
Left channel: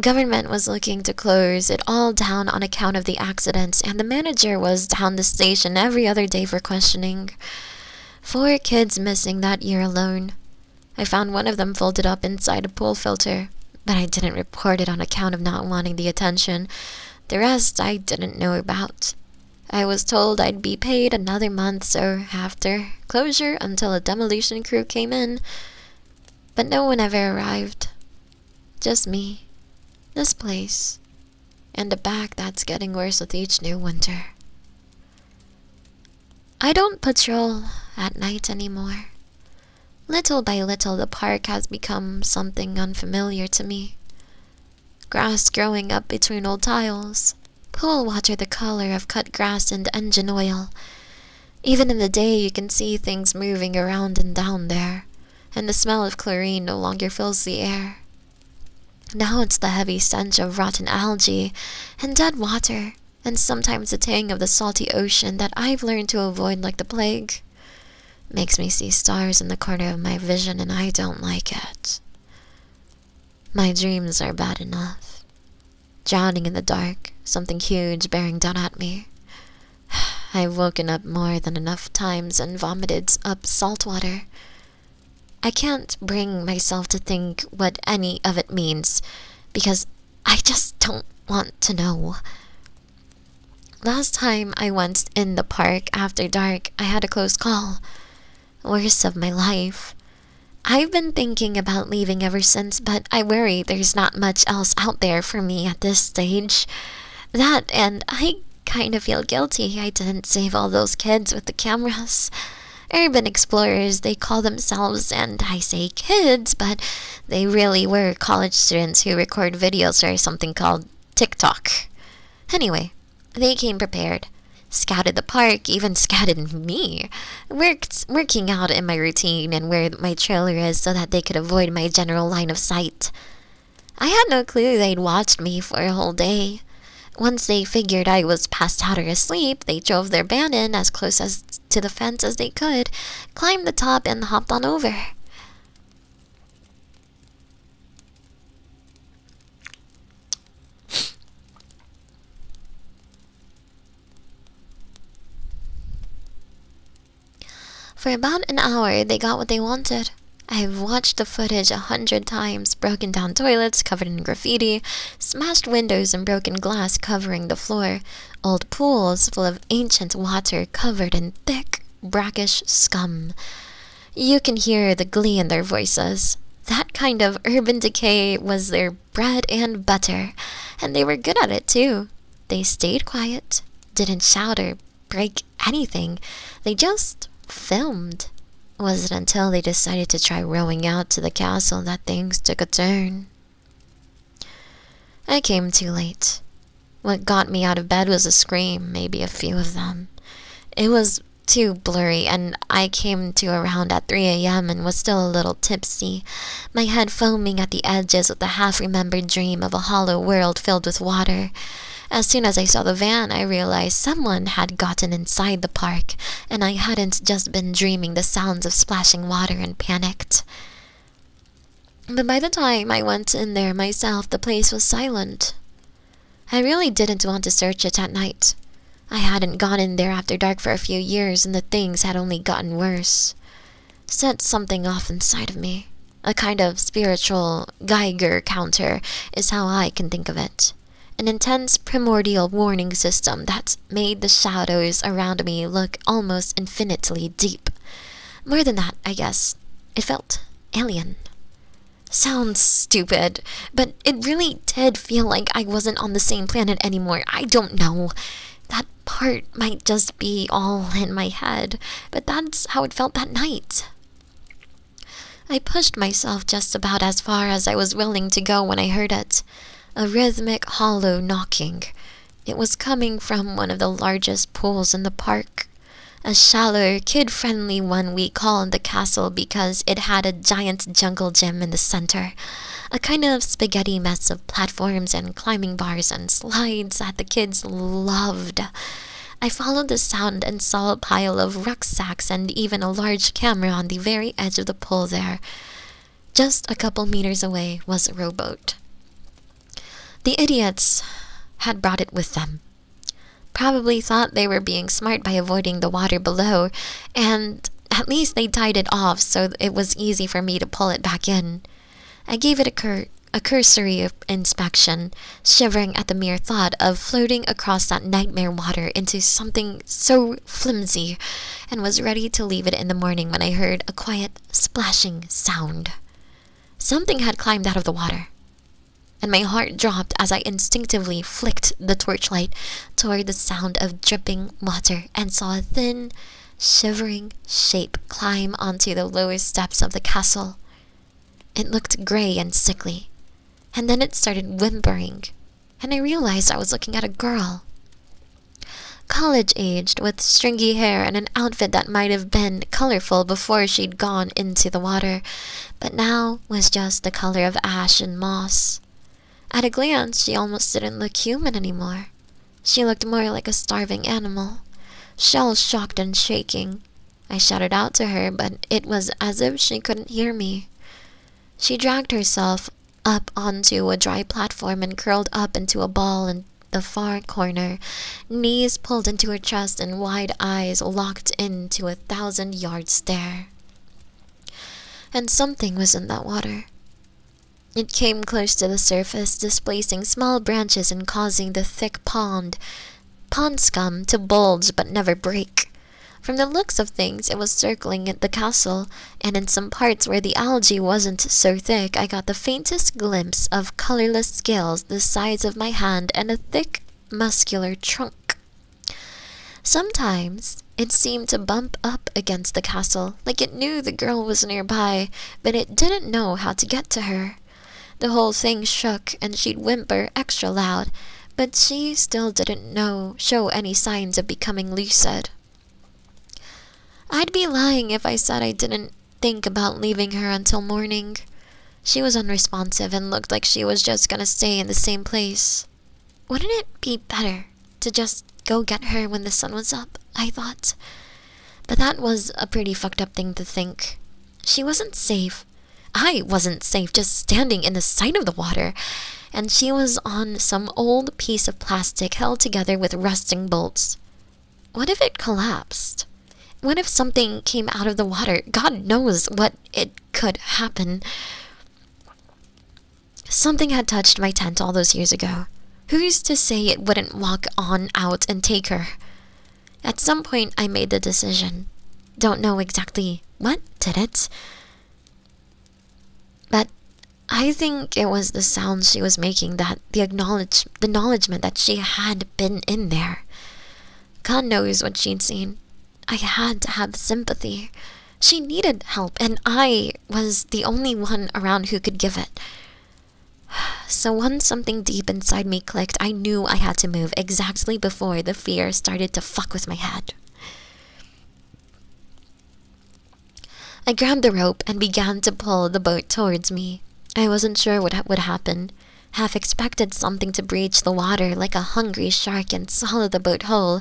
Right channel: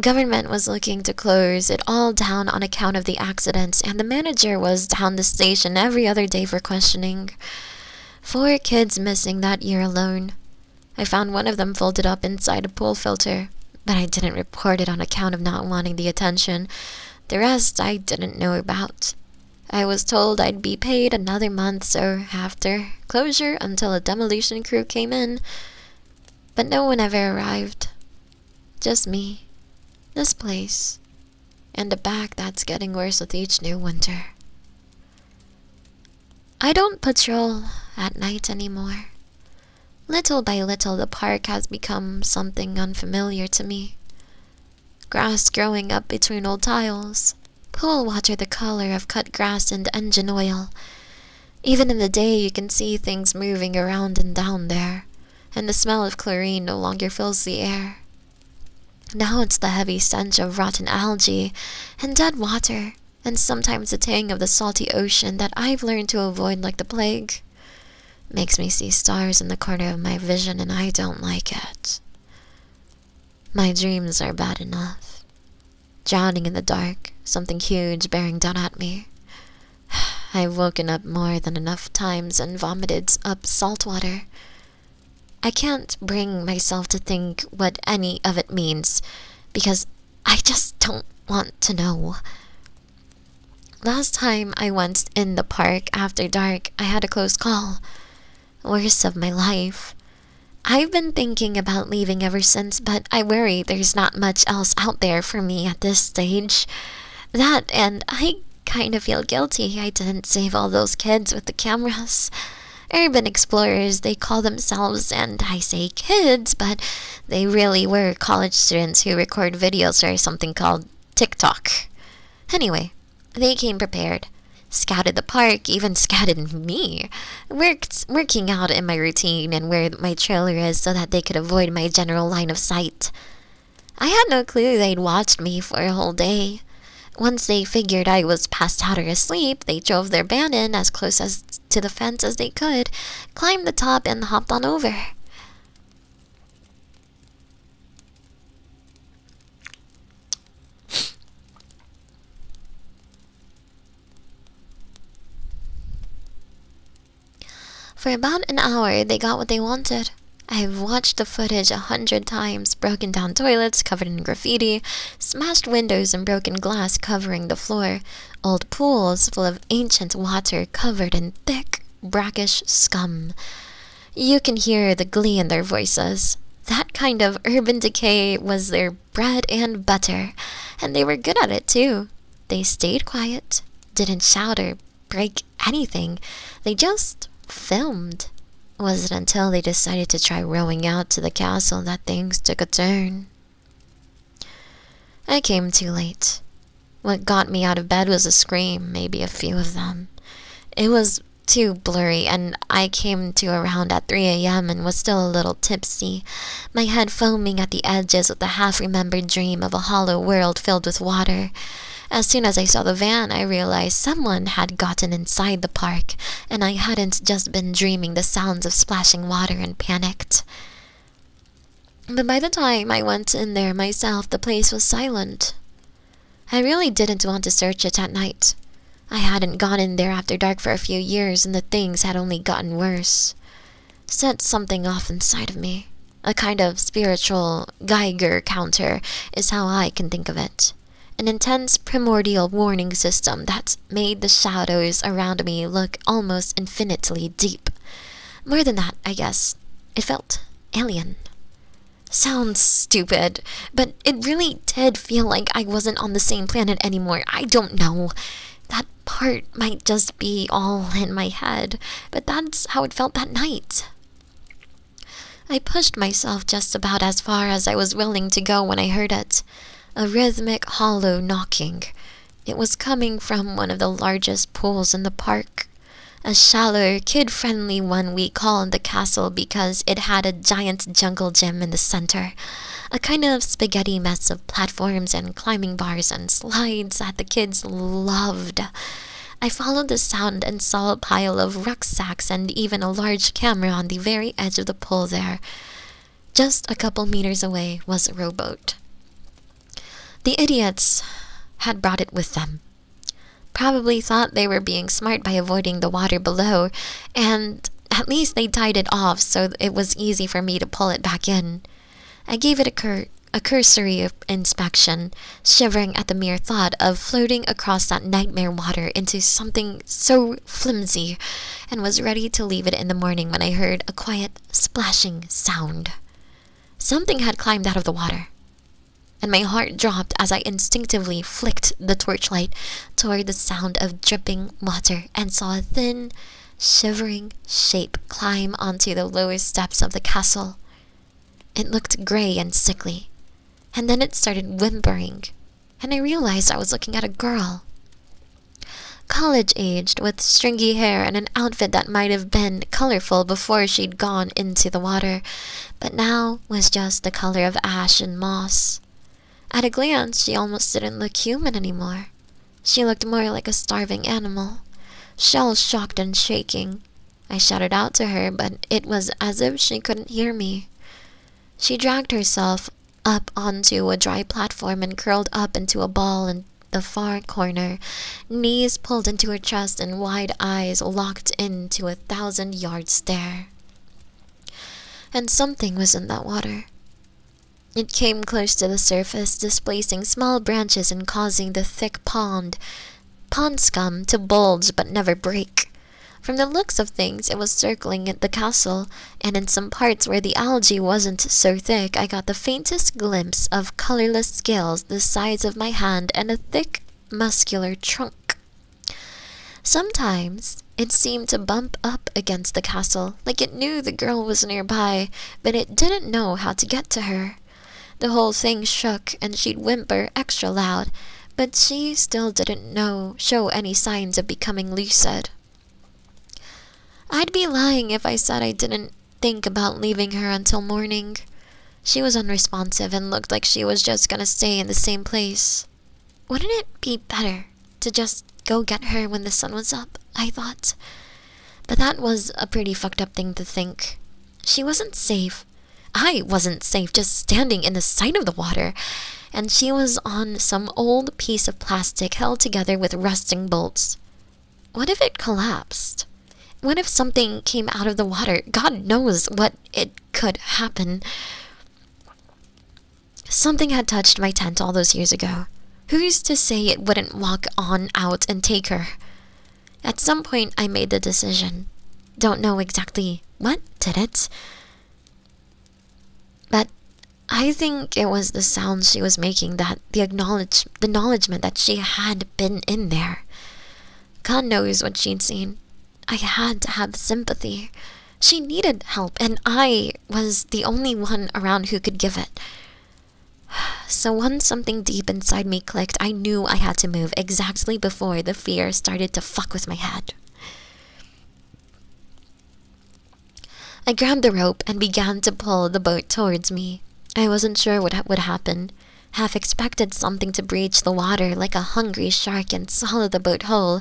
Government was looking to close it all down on account of the accidents, and the manager was down the station every other day for questioning. 4 kids missing that year alone. I found one of them folded up inside a pool filter, but I didn't report it on account of not wanting the attention. The rest I didn't know about. I was told I'd be paid another month, so after closure until a demolition crew came in. But no one ever arrived. Just me, this place, and a back that's getting worse with each new winter. I don't patrol at night anymore. Little by little, the park has become something unfamiliar to me. Grass growing up between old tiles, pool water the color of cut grass and engine oil. Even in the day, you can see things moving around and down there, and the smell of chlorine no longer fills the air. Now it's the heavy stench of rotten algae and dead water, and sometimes the tang of the salty ocean that I've learned to avoid like the plague. Makes me see stars in the corner of my vision, and I don't like it. My dreams are bad enough. Drowning in the dark, something huge bearing down at me. I've woken up more than enough times and vomited up salt water. I can't bring myself to think what any of it means, because I just don't want to know. Last time I went in the park after dark, I had a close call. Worst of my life. I've been thinking about leaving ever since, but I worry there's not much else out there for me at this stage. That, and I kind of feel guilty I didn't save all those kids with the cameras. Urban explorers, they call themselves, and I say kids, but they really were college students who record videos for something called TikTok. Anyway, they came prepared. Scouted the park, even scouted me. Working out in my routine and where my trailer is so that they could avoid my general line of sight. I had no clue they'd watched me for a whole day. Once they figured I was passed out or asleep, they drove their van in as close as to the fence as they could, climbed the top, and hopped on over. For about an hour, they got what they wanted. I've watched the footage 100 times, broken down toilets covered in graffiti, smashed windows and broken glass covering the floor, old pools full of ancient water covered in thick, brackish scum. You can hear the glee in their voices. That kind of urban decay was their bread and butter, and they were good at it too. They stayed quiet, didn't shout or break anything. They just filmed. Was it until they decided to try rowing out to the castle that things took a turn? I came too late. What got me out of bed was a scream, maybe a few of them. It was too blurry, and I came to around at 3 a.m. and was still a little tipsy, my head foaming at the edges with the half-remembered dream of a hollow world filled with water. As soon as I saw the van, I realized someone had gotten inside the park, and I hadn't just been dreaming the sounds of splashing water and panicked. But by the time I went in there myself, the place was silent. I really didn't want to search it at night. I hadn't gone in there after dark for a few years, and the things had only gotten worse. Set something off inside of me. A kind of spiritual Geiger counter is how I can think of it. An intense primordial warning system that made the shadows around me look almost infinitely deep. More than that, I guess. It felt alien. Sounds stupid, but it really did feel like I wasn't on the same planet anymore. I don't know. That part might just be all in my head, but that's how it felt that night. I pushed myself just about as far as I was willing to go when I heard it. A rhythmic, hollow knocking. It was coming from one of the largest pools in the park. A shallow, kid-friendly one we called the castle because it had a giant jungle gym in the center. A kind of spaghetti mess of platforms and climbing bars and slides that the kids loved. I followed the sound and saw a pile of rucksacks and even a large camera on the very edge of the pool there. Just a couple meters away was a rowboat. The idiots had brought it with them. Probably thought they were being smart by avoiding the water below, and at least they tied it off so it was easy for me to pull it back in. I gave it a cursory inspection, shivering at the mere thought of floating across that nightmare water into something so flimsy, and was ready to leave it in the morning when I heard a quiet splashing sound. Something had climbed out of the water, and my heart dropped as I instinctively flicked the torchlight toward the sound of dripping water and saw a thin, shivering shape climb onto the lowest steps of the castle. It looked gray and sickly, and then it started whimpering, and I realized I was looking at a girl. College-aged, with stringy hair and an outfit that might have been colorful before she'd gone into the water, but now was just the color of ash and moss. At a glance, she almost didn't look human anymore. She looked more like a starving animal, shell-shocked and shaking. I shouted out to her, but it was as if she couldn't hear me. She dragged herself up onto a dry platform and curled up into a ball in the far corner, knees pulled into her chest and wide eyes locked into a 1,000-yard stare. And something was in that water. It came close to the surface, displacing small branches and causing the thick pond scum to bulge but never break. From the looks of things, it was circling the castle, and in some parts where the algae wasn't so thick, I got the faintest glimpse of colorless scales the size of my hand and a thick, muscular trunk. Sometimes, it seemed to bump up against the castle, like it knew the girl was nearby, but it didn't know how to get to her. The whole thing shook, and she'd whimper extra loud, but she still didn't show any signs of becoming lucid. I'd be lying if I said I didn't think about leaving her until morning. She was unresponsive and looked like she was just gonna stay in the same place. Wouldn't it be better to just go get her when the sun was up, I thought. But that was a pretty fucked up thing to think. She wasn't safe. I wasn't safe just standing in the sight of the water, and she was on some old piece of plastic held together with rusting bolts. What if it collapsed? What if something came out of the water? God knows what it could happen. Something had touched my tent all those years ago. Who's to say it wouldn't walk on out and take her? At some point, I made the decision. Don't know exactly what did it, but I think it was the sounds she was making, that the acknowledgement that she had been in there. God knows what she'd seen. I had to have sympathy. She needed help, and I was the only one around who could give it. So once something deep inside me clicked, I knew I had to move exactly before the fear started to fuck with my head. I grabbed the rope and began to pull the boat towards me. I wasn't sure what would happen. Half expected something to breach the water like a hungry shark and swallow the boat whole,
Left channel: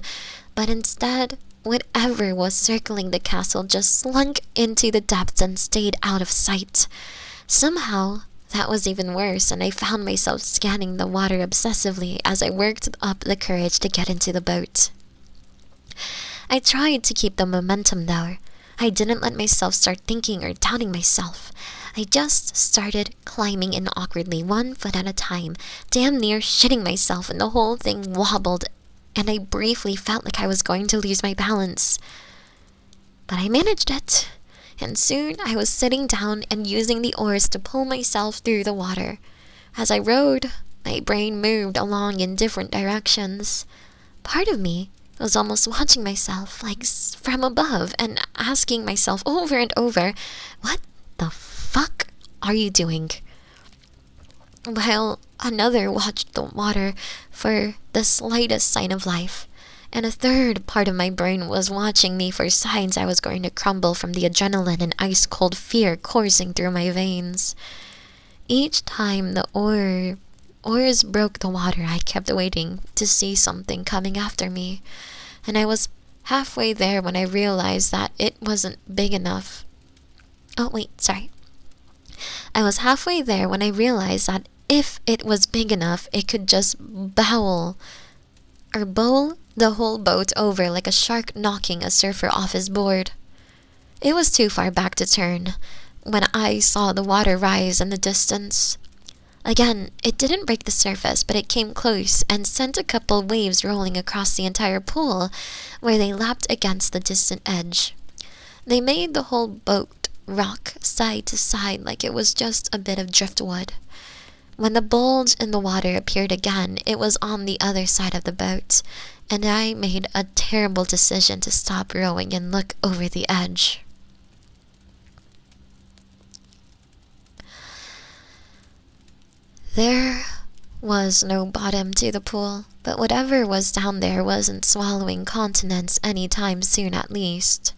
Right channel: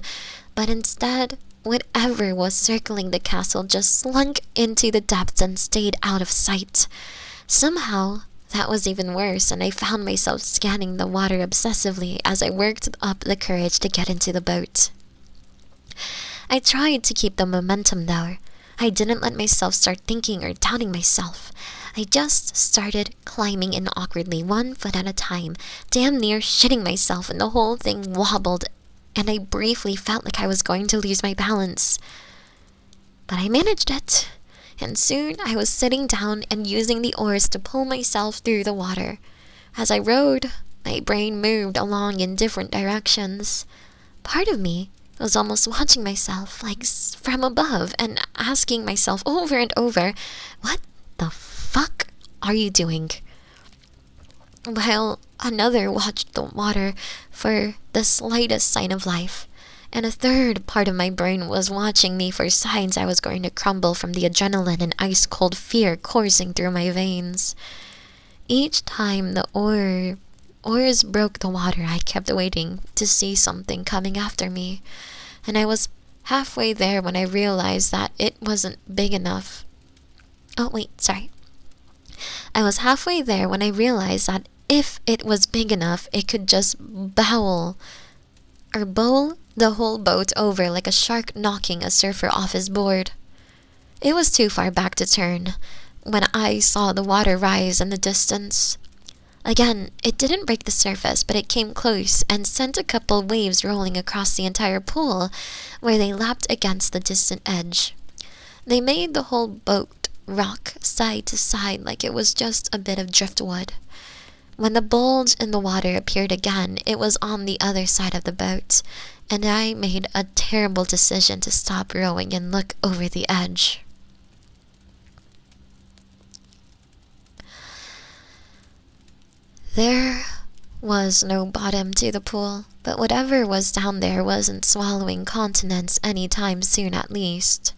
but instead, whatever was circling the castle just slunk into the depths and stayed out of sight. Somehow, that was even worse, and I found myself scanning the water obsessively as I worked up the courage to get into the boat. I tried to keep the momentum though. I didn't let myself start thinking or doubting myself. I just started climbing in awkwardly, 1 foot at a time, damn near shitting myself, and the whole thing wobbled, and I briefly felt like I was going to lose my balance. But I managed it, and soon I was sitting down and using the oars to pull myself through the water. As I rowed, my brain moved along in different directions. Part of me was almost watching myself, like from above, and asking myself over and over, what the fuck are you doing? While another watched the water for the slightest sign of life, and a third part of my brain was watching me for signs I was going to crumble from the adrenaline and ice-cold fear coursing through my veins. Each time the oars broke the water, I kept waiting to see something coming after me, and I was halfway there when I realized that it wasn't big enough. I was halfway there when I realized that if it was big enough, it could just bowl the whole boat over like a shark knocking a surfer off his board. It was too far back to turn when I saw the water rise in the distance. Again, it didn't break the surface, but it came close and sent a couple waves rolling across the entire pool, where they lapped against the distant edge. They made the whole boat rock side to side like it was just a bit of driftwood. When the bulge in the water appeared again, it was on the other side of the boat, and I made a terrible decision to stop rowing and look over the edge. There was no bottom to the pool, but whatever was down there wasn't swallowing continents anytime soon, at least.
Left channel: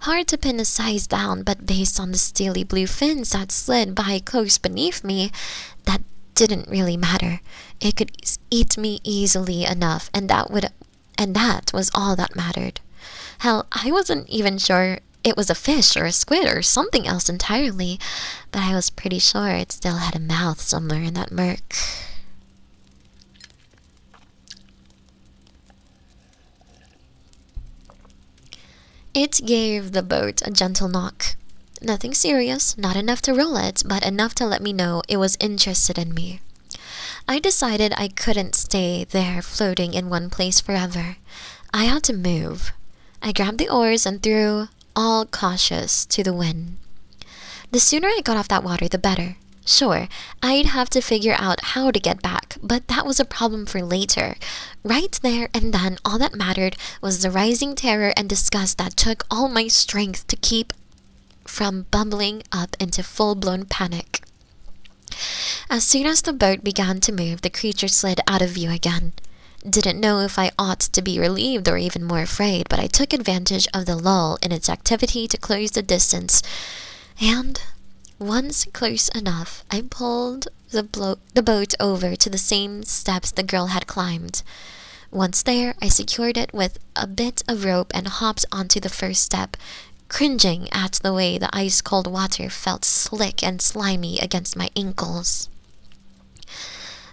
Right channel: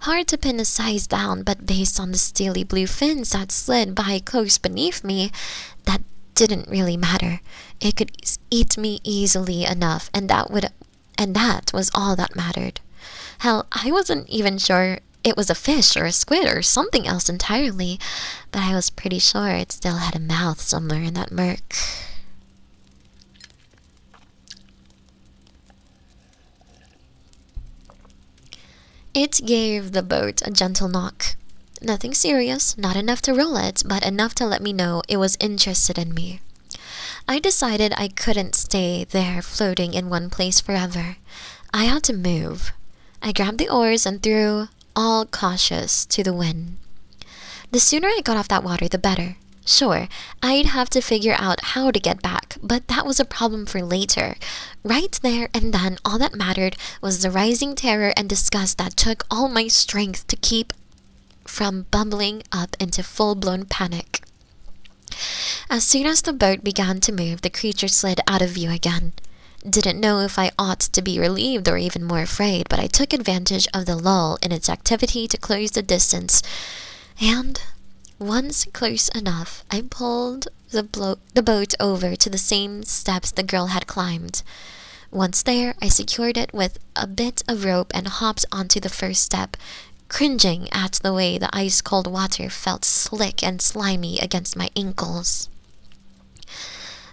Hard to pin a size down, but based on the steely blue fins that slid by close beneath me, that didn't really matter. It could eat me easily enough, and that was all that mattered. Hell, I wasn't even sure it was a fish or a squid or something else entirely, but I was pretty sure it still had a mouth somewhere in that murk. It gave the boat a gentle knock. Nothing serious, not enough to roll it, but enough to let me know it was interested in me. I decided I couldn't stay there floating in one place forever. I had to move. I grabbed the oars and threw, all cautious, to the wind. The sooner I got off that water, the better. Sure, I'd have to figure out how to get back, but that was a problem for later. Right there and then, all that mattered was the rising terror and disgust that took all my strength to keep from bubbling up into full-blown panic. As soon as the boat began to move, the creature slid out of view again. Didn't know if I ought to be relieved or even more afraid, but I took advantage of the lull in its activity to close the distance, and once close enough, I pulled the boat over to the same steps the girl had climbed. Once there, I secured it with a bit of rope and hopped onto the first step, cringing at the way the ice-cold water felt slick and slimy against my ankles.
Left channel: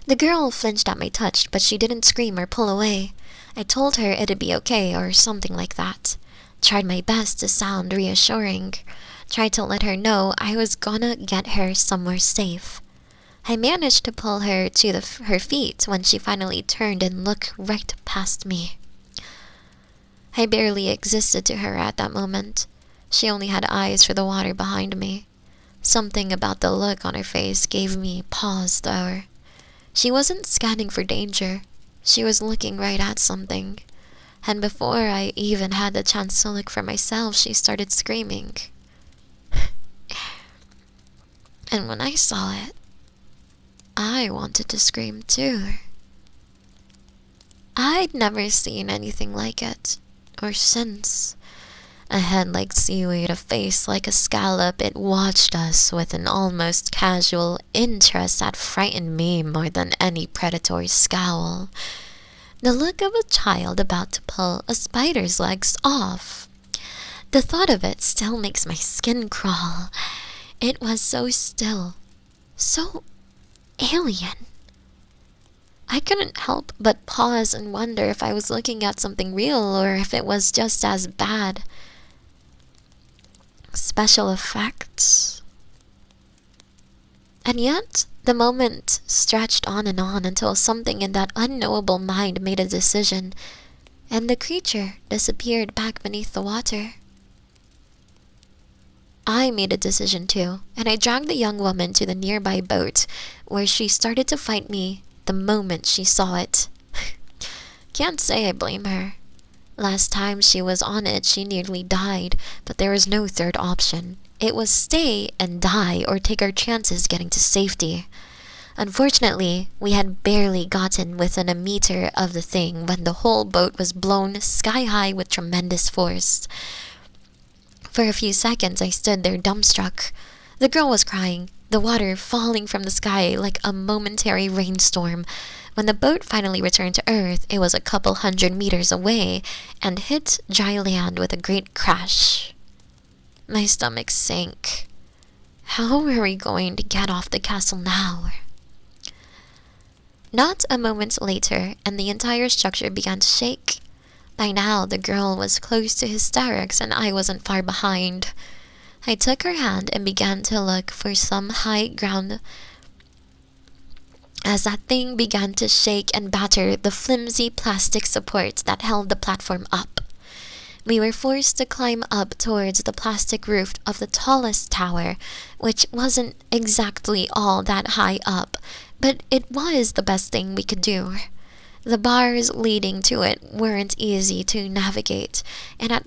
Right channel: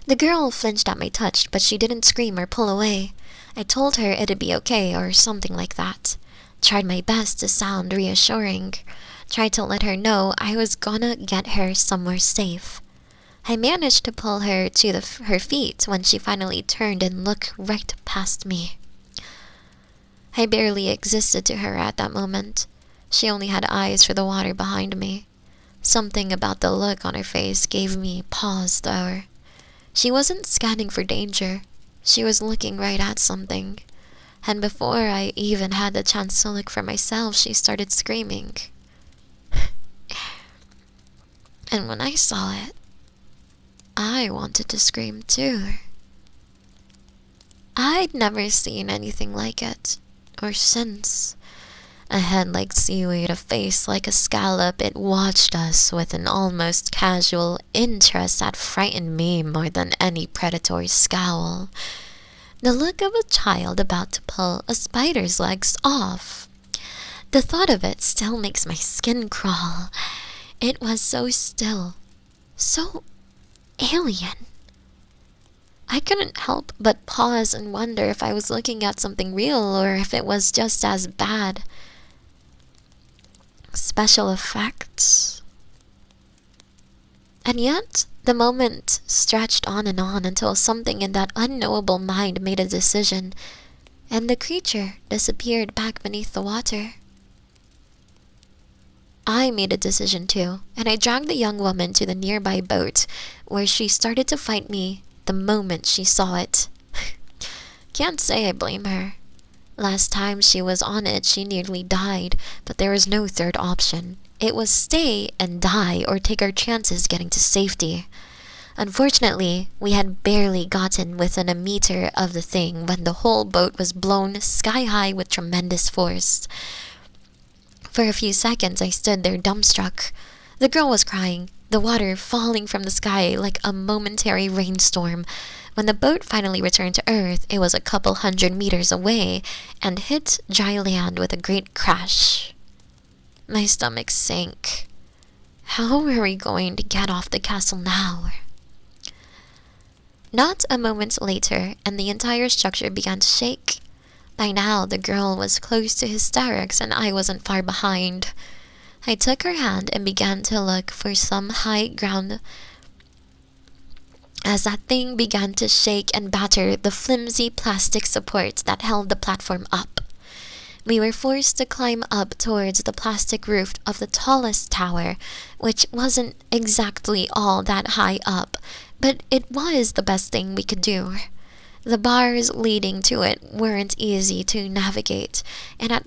The girl flinched at my touch, but she didn't scream or pull away. I told her it'd be okay or something like that. Tried my best to sound reassuring. Tried to let her know I was gonna get her somewhere safe. I managed to pull her to her feet when she finally turned and looked right past me. I barely existed to her at that moment. She only had eyes for the water behind me. Something about the look on her face gave me pause, though. She wasn't scanning for danger. She was looking right at something. And before I even had the chance to look for myself, she started screaming. And when I saw it, I wanted to scream too. I'd never seen anything like it, or since. A head like seaweed, a face like a scallop, it watched us with an almost casual interest that frightened me more than any predatory scowl. The look of a child about to pull a spider's legs off. The thought of it still makes my skin crawl. It was so still, so alien. I couldn't help but pause and wonder if I was looking at something real or if it was just as bad. Special effects. And yet, the moment stretched on until something in that unknowable mind made a decision, and the creature disappeared back beneath the water. I made a decision too, and I dragged the young woman to the nearby boat, where she started to fight me the moment she saw it. Can't say I blame her. Last time she was on it, she nearly died, but there was no third option. It was stay and die or take our chances getting to safety. Unfortunately, we had barely gotten within a meter of the thing when the whole boat was blown sky high with tremendous force. For a few seconds, I stood there dumbstruck. The girl was crying, the water falling from the sky like a momentary rainstorm. When the boat finally returned to Earth, it was a couple 100 meters away and hit dry land with a great crash. My stomach sank. How were we going to get off the castle now? Not a moment later, and the entire structure began to shake. By now, the girl was close to hysterics, and I wasn't far behind. I took her hand and began to look for some high ground as that thing began to shake and batter the flimsy plastic supports that held the platform up. We were forced to climb up towards the plastic roof of the tallest tower, which wasn't exactly all that high up, but it was the best thing we could do. The bars leading to it weren't easy to navigate, and at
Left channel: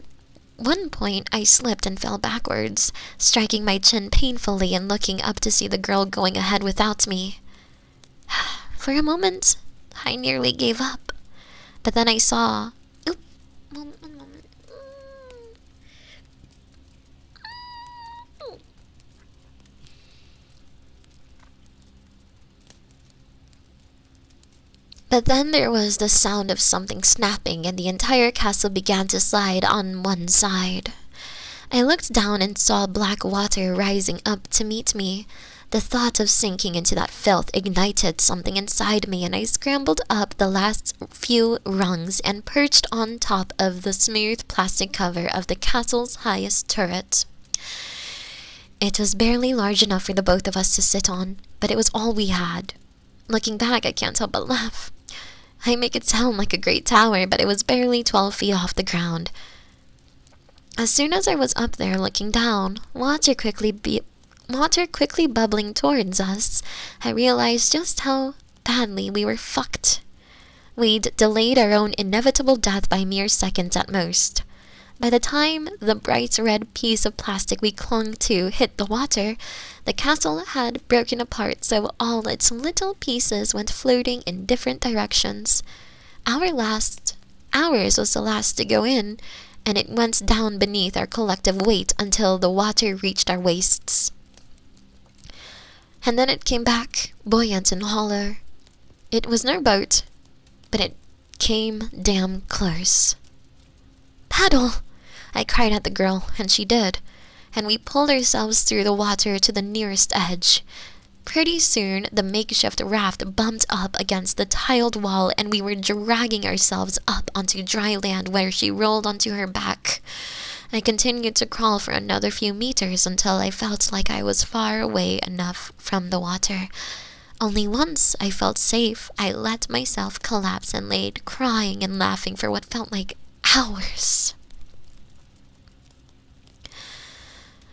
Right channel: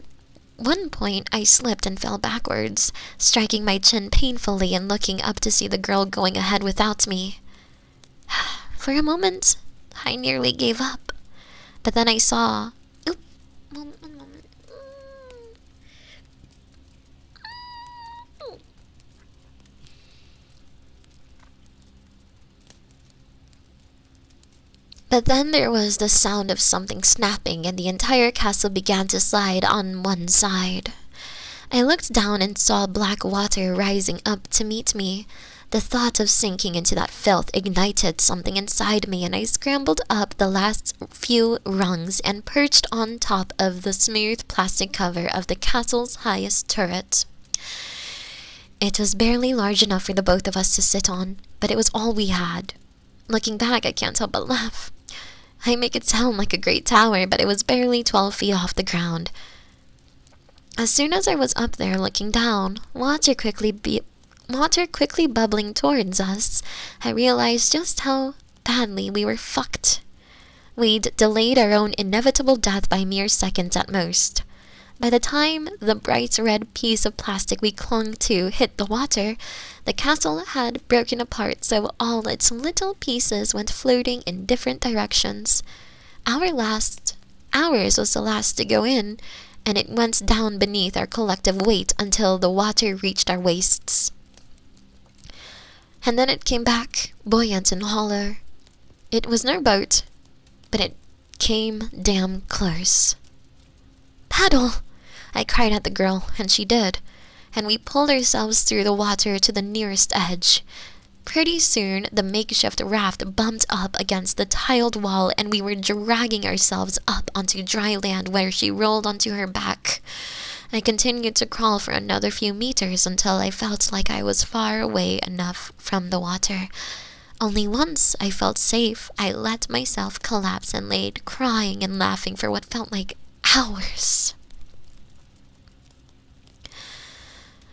one point I slipped and fell backwards, striking my chin painfully and looking up to see the girl going ahead without me. For a moment, I nearly gave up, but then I saw... One moment. But then there was the sound of something snapping, and the entire castle began to slide on one side. I looked down and saw black water rising up to meet me. The thought of sinking into that filth ignited something inside me, and I scrambled up the last few rungs and perched on top of the smooth plastic cover of the castle's highest turret. It was barely large enough for the both of us to sit on, but it was all we had. Looking back, I can't help but laugh. I make it sound like a great tower, but it was barely 12 feet off the ground. As soon as I was up there looking down, water quickly bubbling towards us, I realized just how badly we were fucked. We'd delayed our own inevitable death by mere seconds at most. By the time the bright red piece of plastic we clung to hit the water, the castle had broken apart, so all its little pieces went floating in different directions. Ours was the last to go in, and it went down beneath our collective weight until the water reached our waists. And then it came back, buoyant and hollow. It was no boat, but it came damn close. "Paddle!" I cried at the girl, and she did, and we pulled ourselves through the water to the nearest edge. Pretty soon, the makeshift raft bumped up against the tiled wall, and we were dragging ourselves up onto dry land where she rolled onto her back. I continued to crawl for another few meters until I felt like I was far away enough from the water. Only once I felt safe, I let myself collapse and laid crying and laughing for what felt like hours.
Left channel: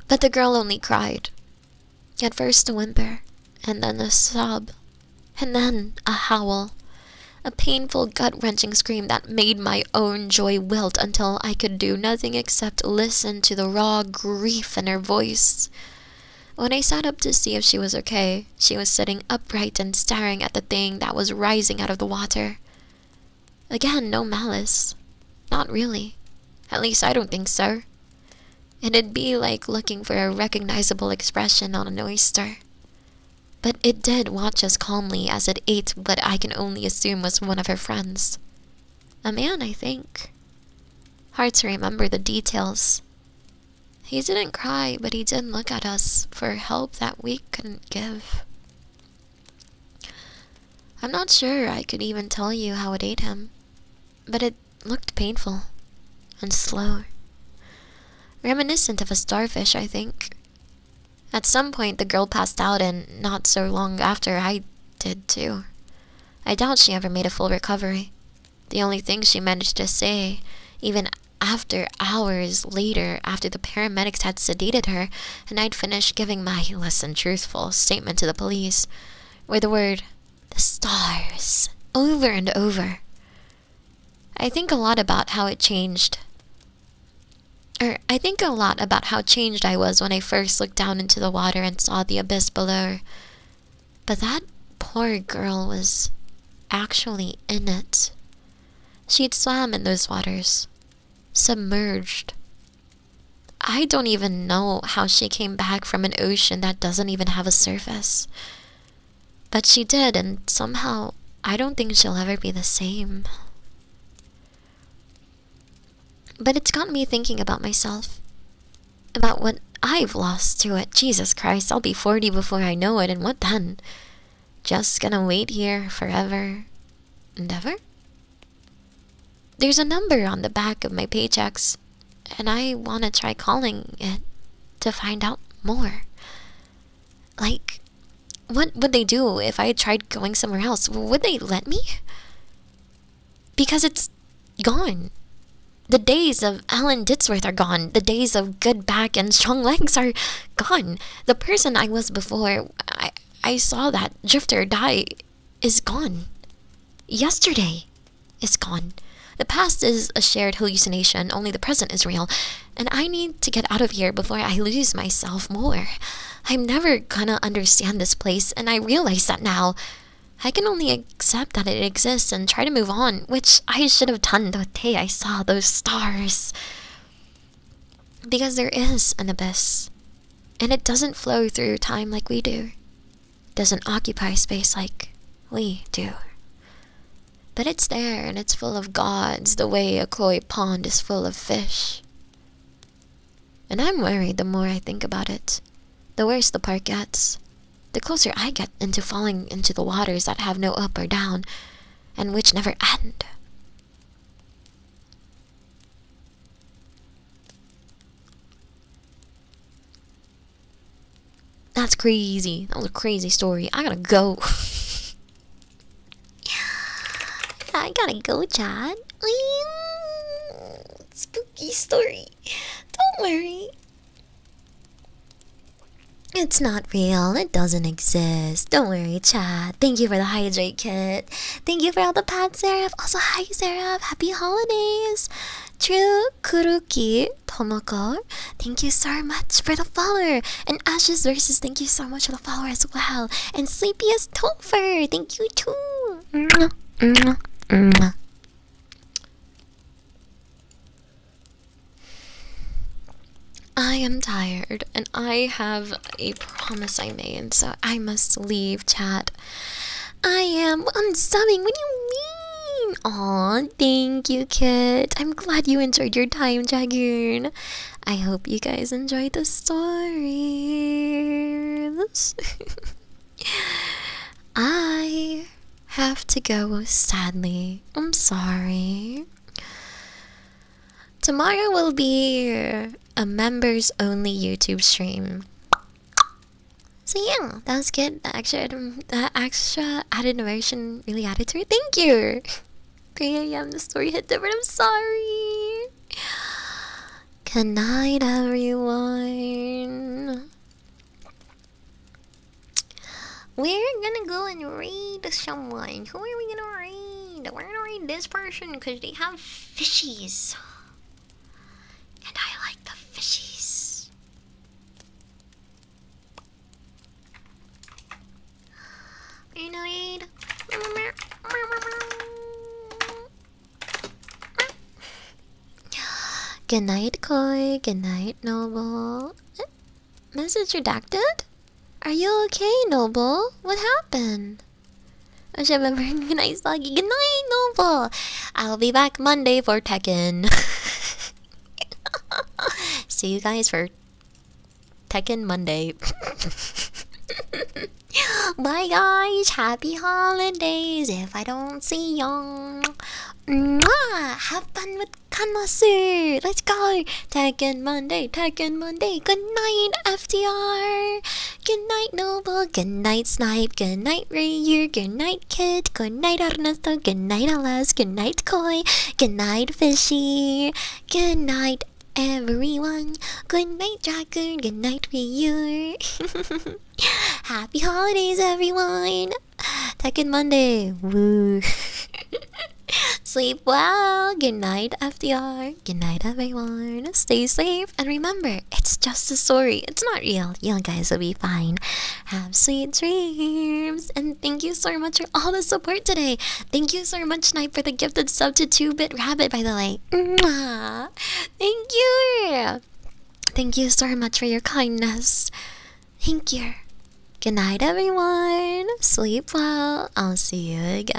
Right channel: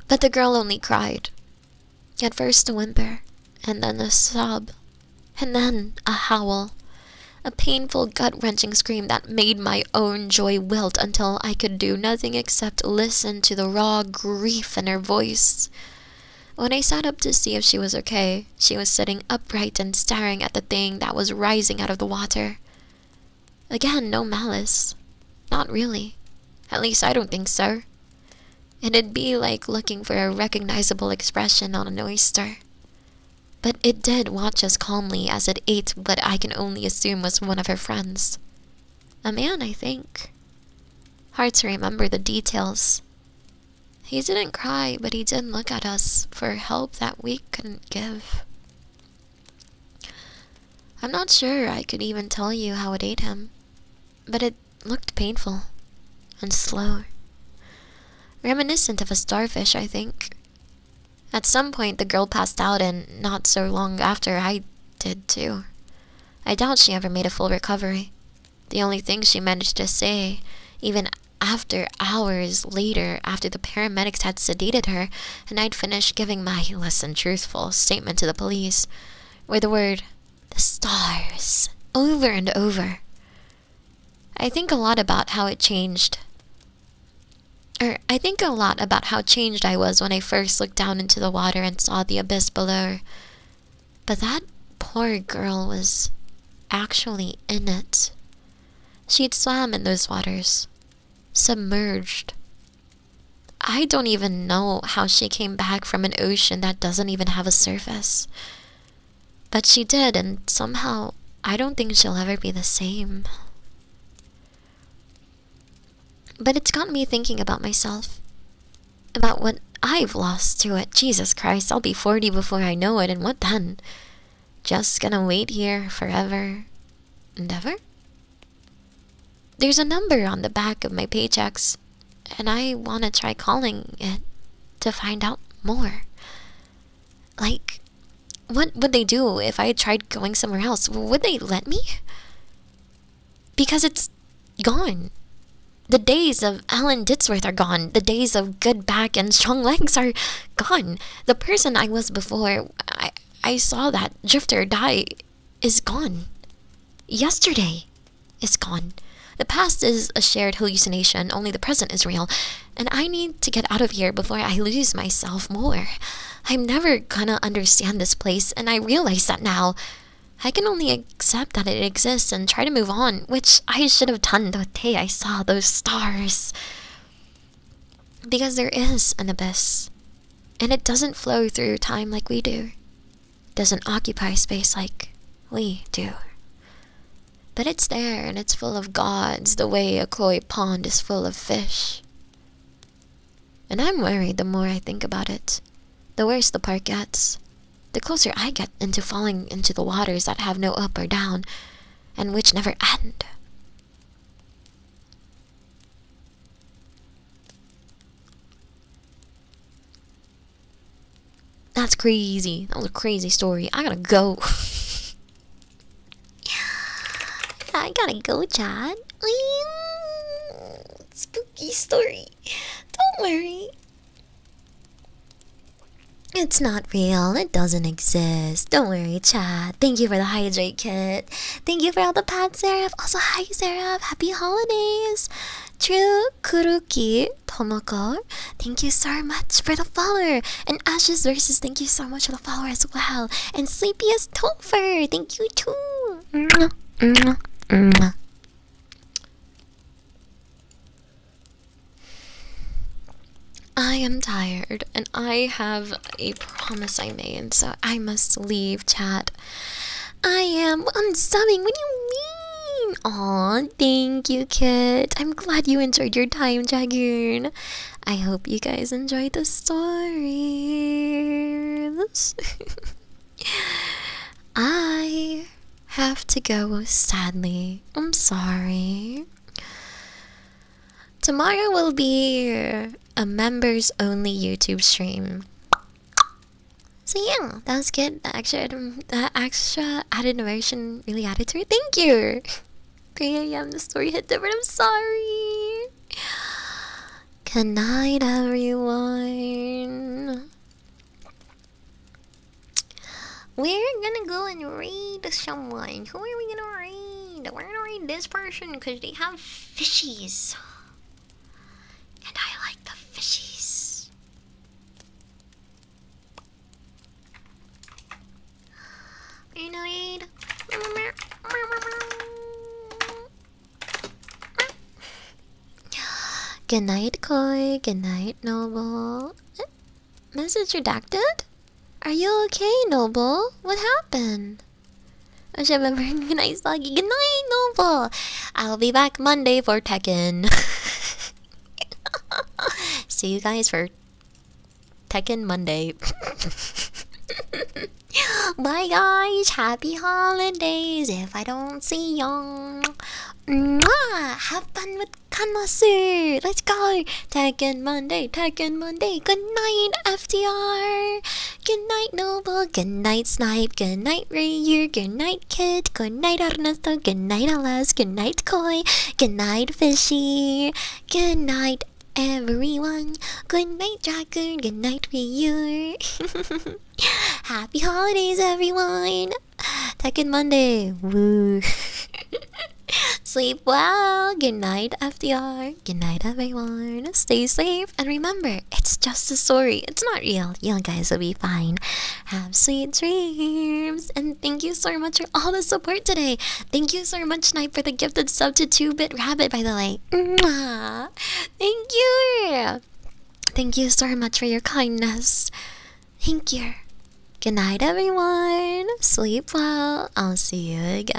But the girl only cried. At first a whimper, and then a sob, and then a howl. A painful, gut-wrenching scream that made my own joy wilt until I could do nothing except listen to the raw grief in her voice. When I sat up to see if she was okay, she was sitting upright and staring at the thing that was rising out of the water. Again, no malice. Not really. At least I don't think so. It'd be like looking for a recognizable expression on an oyster. But it did watch us calmly as it ate what I can only assume was one of her friends. A man, I think. Hard to remember the details. He didn't cry, but he did look at us for help that we couldn't give. I'm not sure I could even tell you how it ate him, but it looked painful and slow. Reminiscent of a starfish, I think. At some point, the girl passed out, and not so long after, I did too. I doubt she ever made a full recovery. The only thing she managed to say, even after hours later, after the paramedics had sedated her, and I'd finished giving my less than truthful statement to the police, were the word, "the stars," over and over. I think a lot about how changed I was when I first looked down into the water and saw the abyss below. But that poor girl was actually in it. She'd swam in those waters, submerged. I don't even know how she came back from an ocean that doesn't even have a surface. But she did, and somehow I don't think she'll ever be the same. But it's got me thinking about myself. About what I've lost to it. Jesus Christ, I'll be 40 before I know it, and what then? Just gonna wait here forever and ever? There's a number on the back of my paychecks, and I want to try calling it to find out more. Like, what would they do if I tried going somewhere else? Would they let me? Because it's gone. The days of Alan Ditzworth are gone. The days of good back and strong legs are gone. The person I was before I saw that drifter die is gone. Yesterday is gone. The past is a shared hallucination. Only the present is real. And I need to get out of here before I lose myself more. I'm never gonna understand this place, and I realize that now. I can only accept that it exists and try to move on, which I should have done the day I saw those stars. Because there is an abyss, and it doesn't flow through time like we do. It doesn't occupy space like we do. But it's there, and it's full of gods the way a koi pond is full of fish. And I'm worried the more I think about it. The worse the part gets. The closer I get into falling into the waters that have no up or down, and which never end. That's crazy. That was a crazy story. I gotta go. I gotta go, Chad. Spooky story. Don't worry. It's not real. It doesn't exist. Don't worry, Chad. Thank you for the hydrate kit. Thank you for all the pats, Seraph. Also, hi, Seraph. Happy holidays. True Kuruki Tomoko. Thank you so much for the follower. And Ashes Versus, thank you so much for the follower as well. And Sleepiest Topher, thank you too. Mwah, mwah, mwah. I am tired, and I have a promise I made, so I must leave, chat. I am unsubbing. What do you mean? Aw, thank you, Kit. I'm glad you enjoyed your time, Dragoon. I hope you guys enjoyed the stories. I have to go, sadly. I'm sorry. Tomorrow will be a members only YouTube stream. So yeah, that's good. The extra added narration really added to it. Thank you. 3 a.m. the story hit different. I'm sorry. Good night, everyone. We're gonna go and read someone. Who are we gonna read? We're gonna read this person because they have fishies. And I like the fishies. You know, read. Good night, Koi. Good night, Noble. Message redacted? Are you okay, Noble? What happened? I should remember. Good night, Saki. Good night, Noble. I'll be back Monday for Tekken. See you guys for Tekken Monday. Bye guys, happy holidays if I don't see y'all. Have fun with Kanasu. Let's go. Tekken Monday, Tekken Monday. Good night, FDR. Good night, Noble. Good night, Snipe. Good night, Ryu. Good night, Kid. Good night, Ernesto. Good night, Alas. Good night, Koi. Good night, Fishy. Good night, everyone. Good night, Dragoon. Good night, Ryu. Happy holidays, everyone. Tekken Monday. Woo. Sleep well. Good night, FDR. Good night, everyone. Stay safe. And remember, it's just a story. It's not real. You guys will be fine. Have sweet dreams. And thank you so much for all the support today. Thank you so much, Snipe, for the gifted sub to 2-Bit Rabbit, by the way. Mwah. Thank you. Thank you so much for your kindness. Thank you. Good night, everyone. Sleep well. I'll see you again.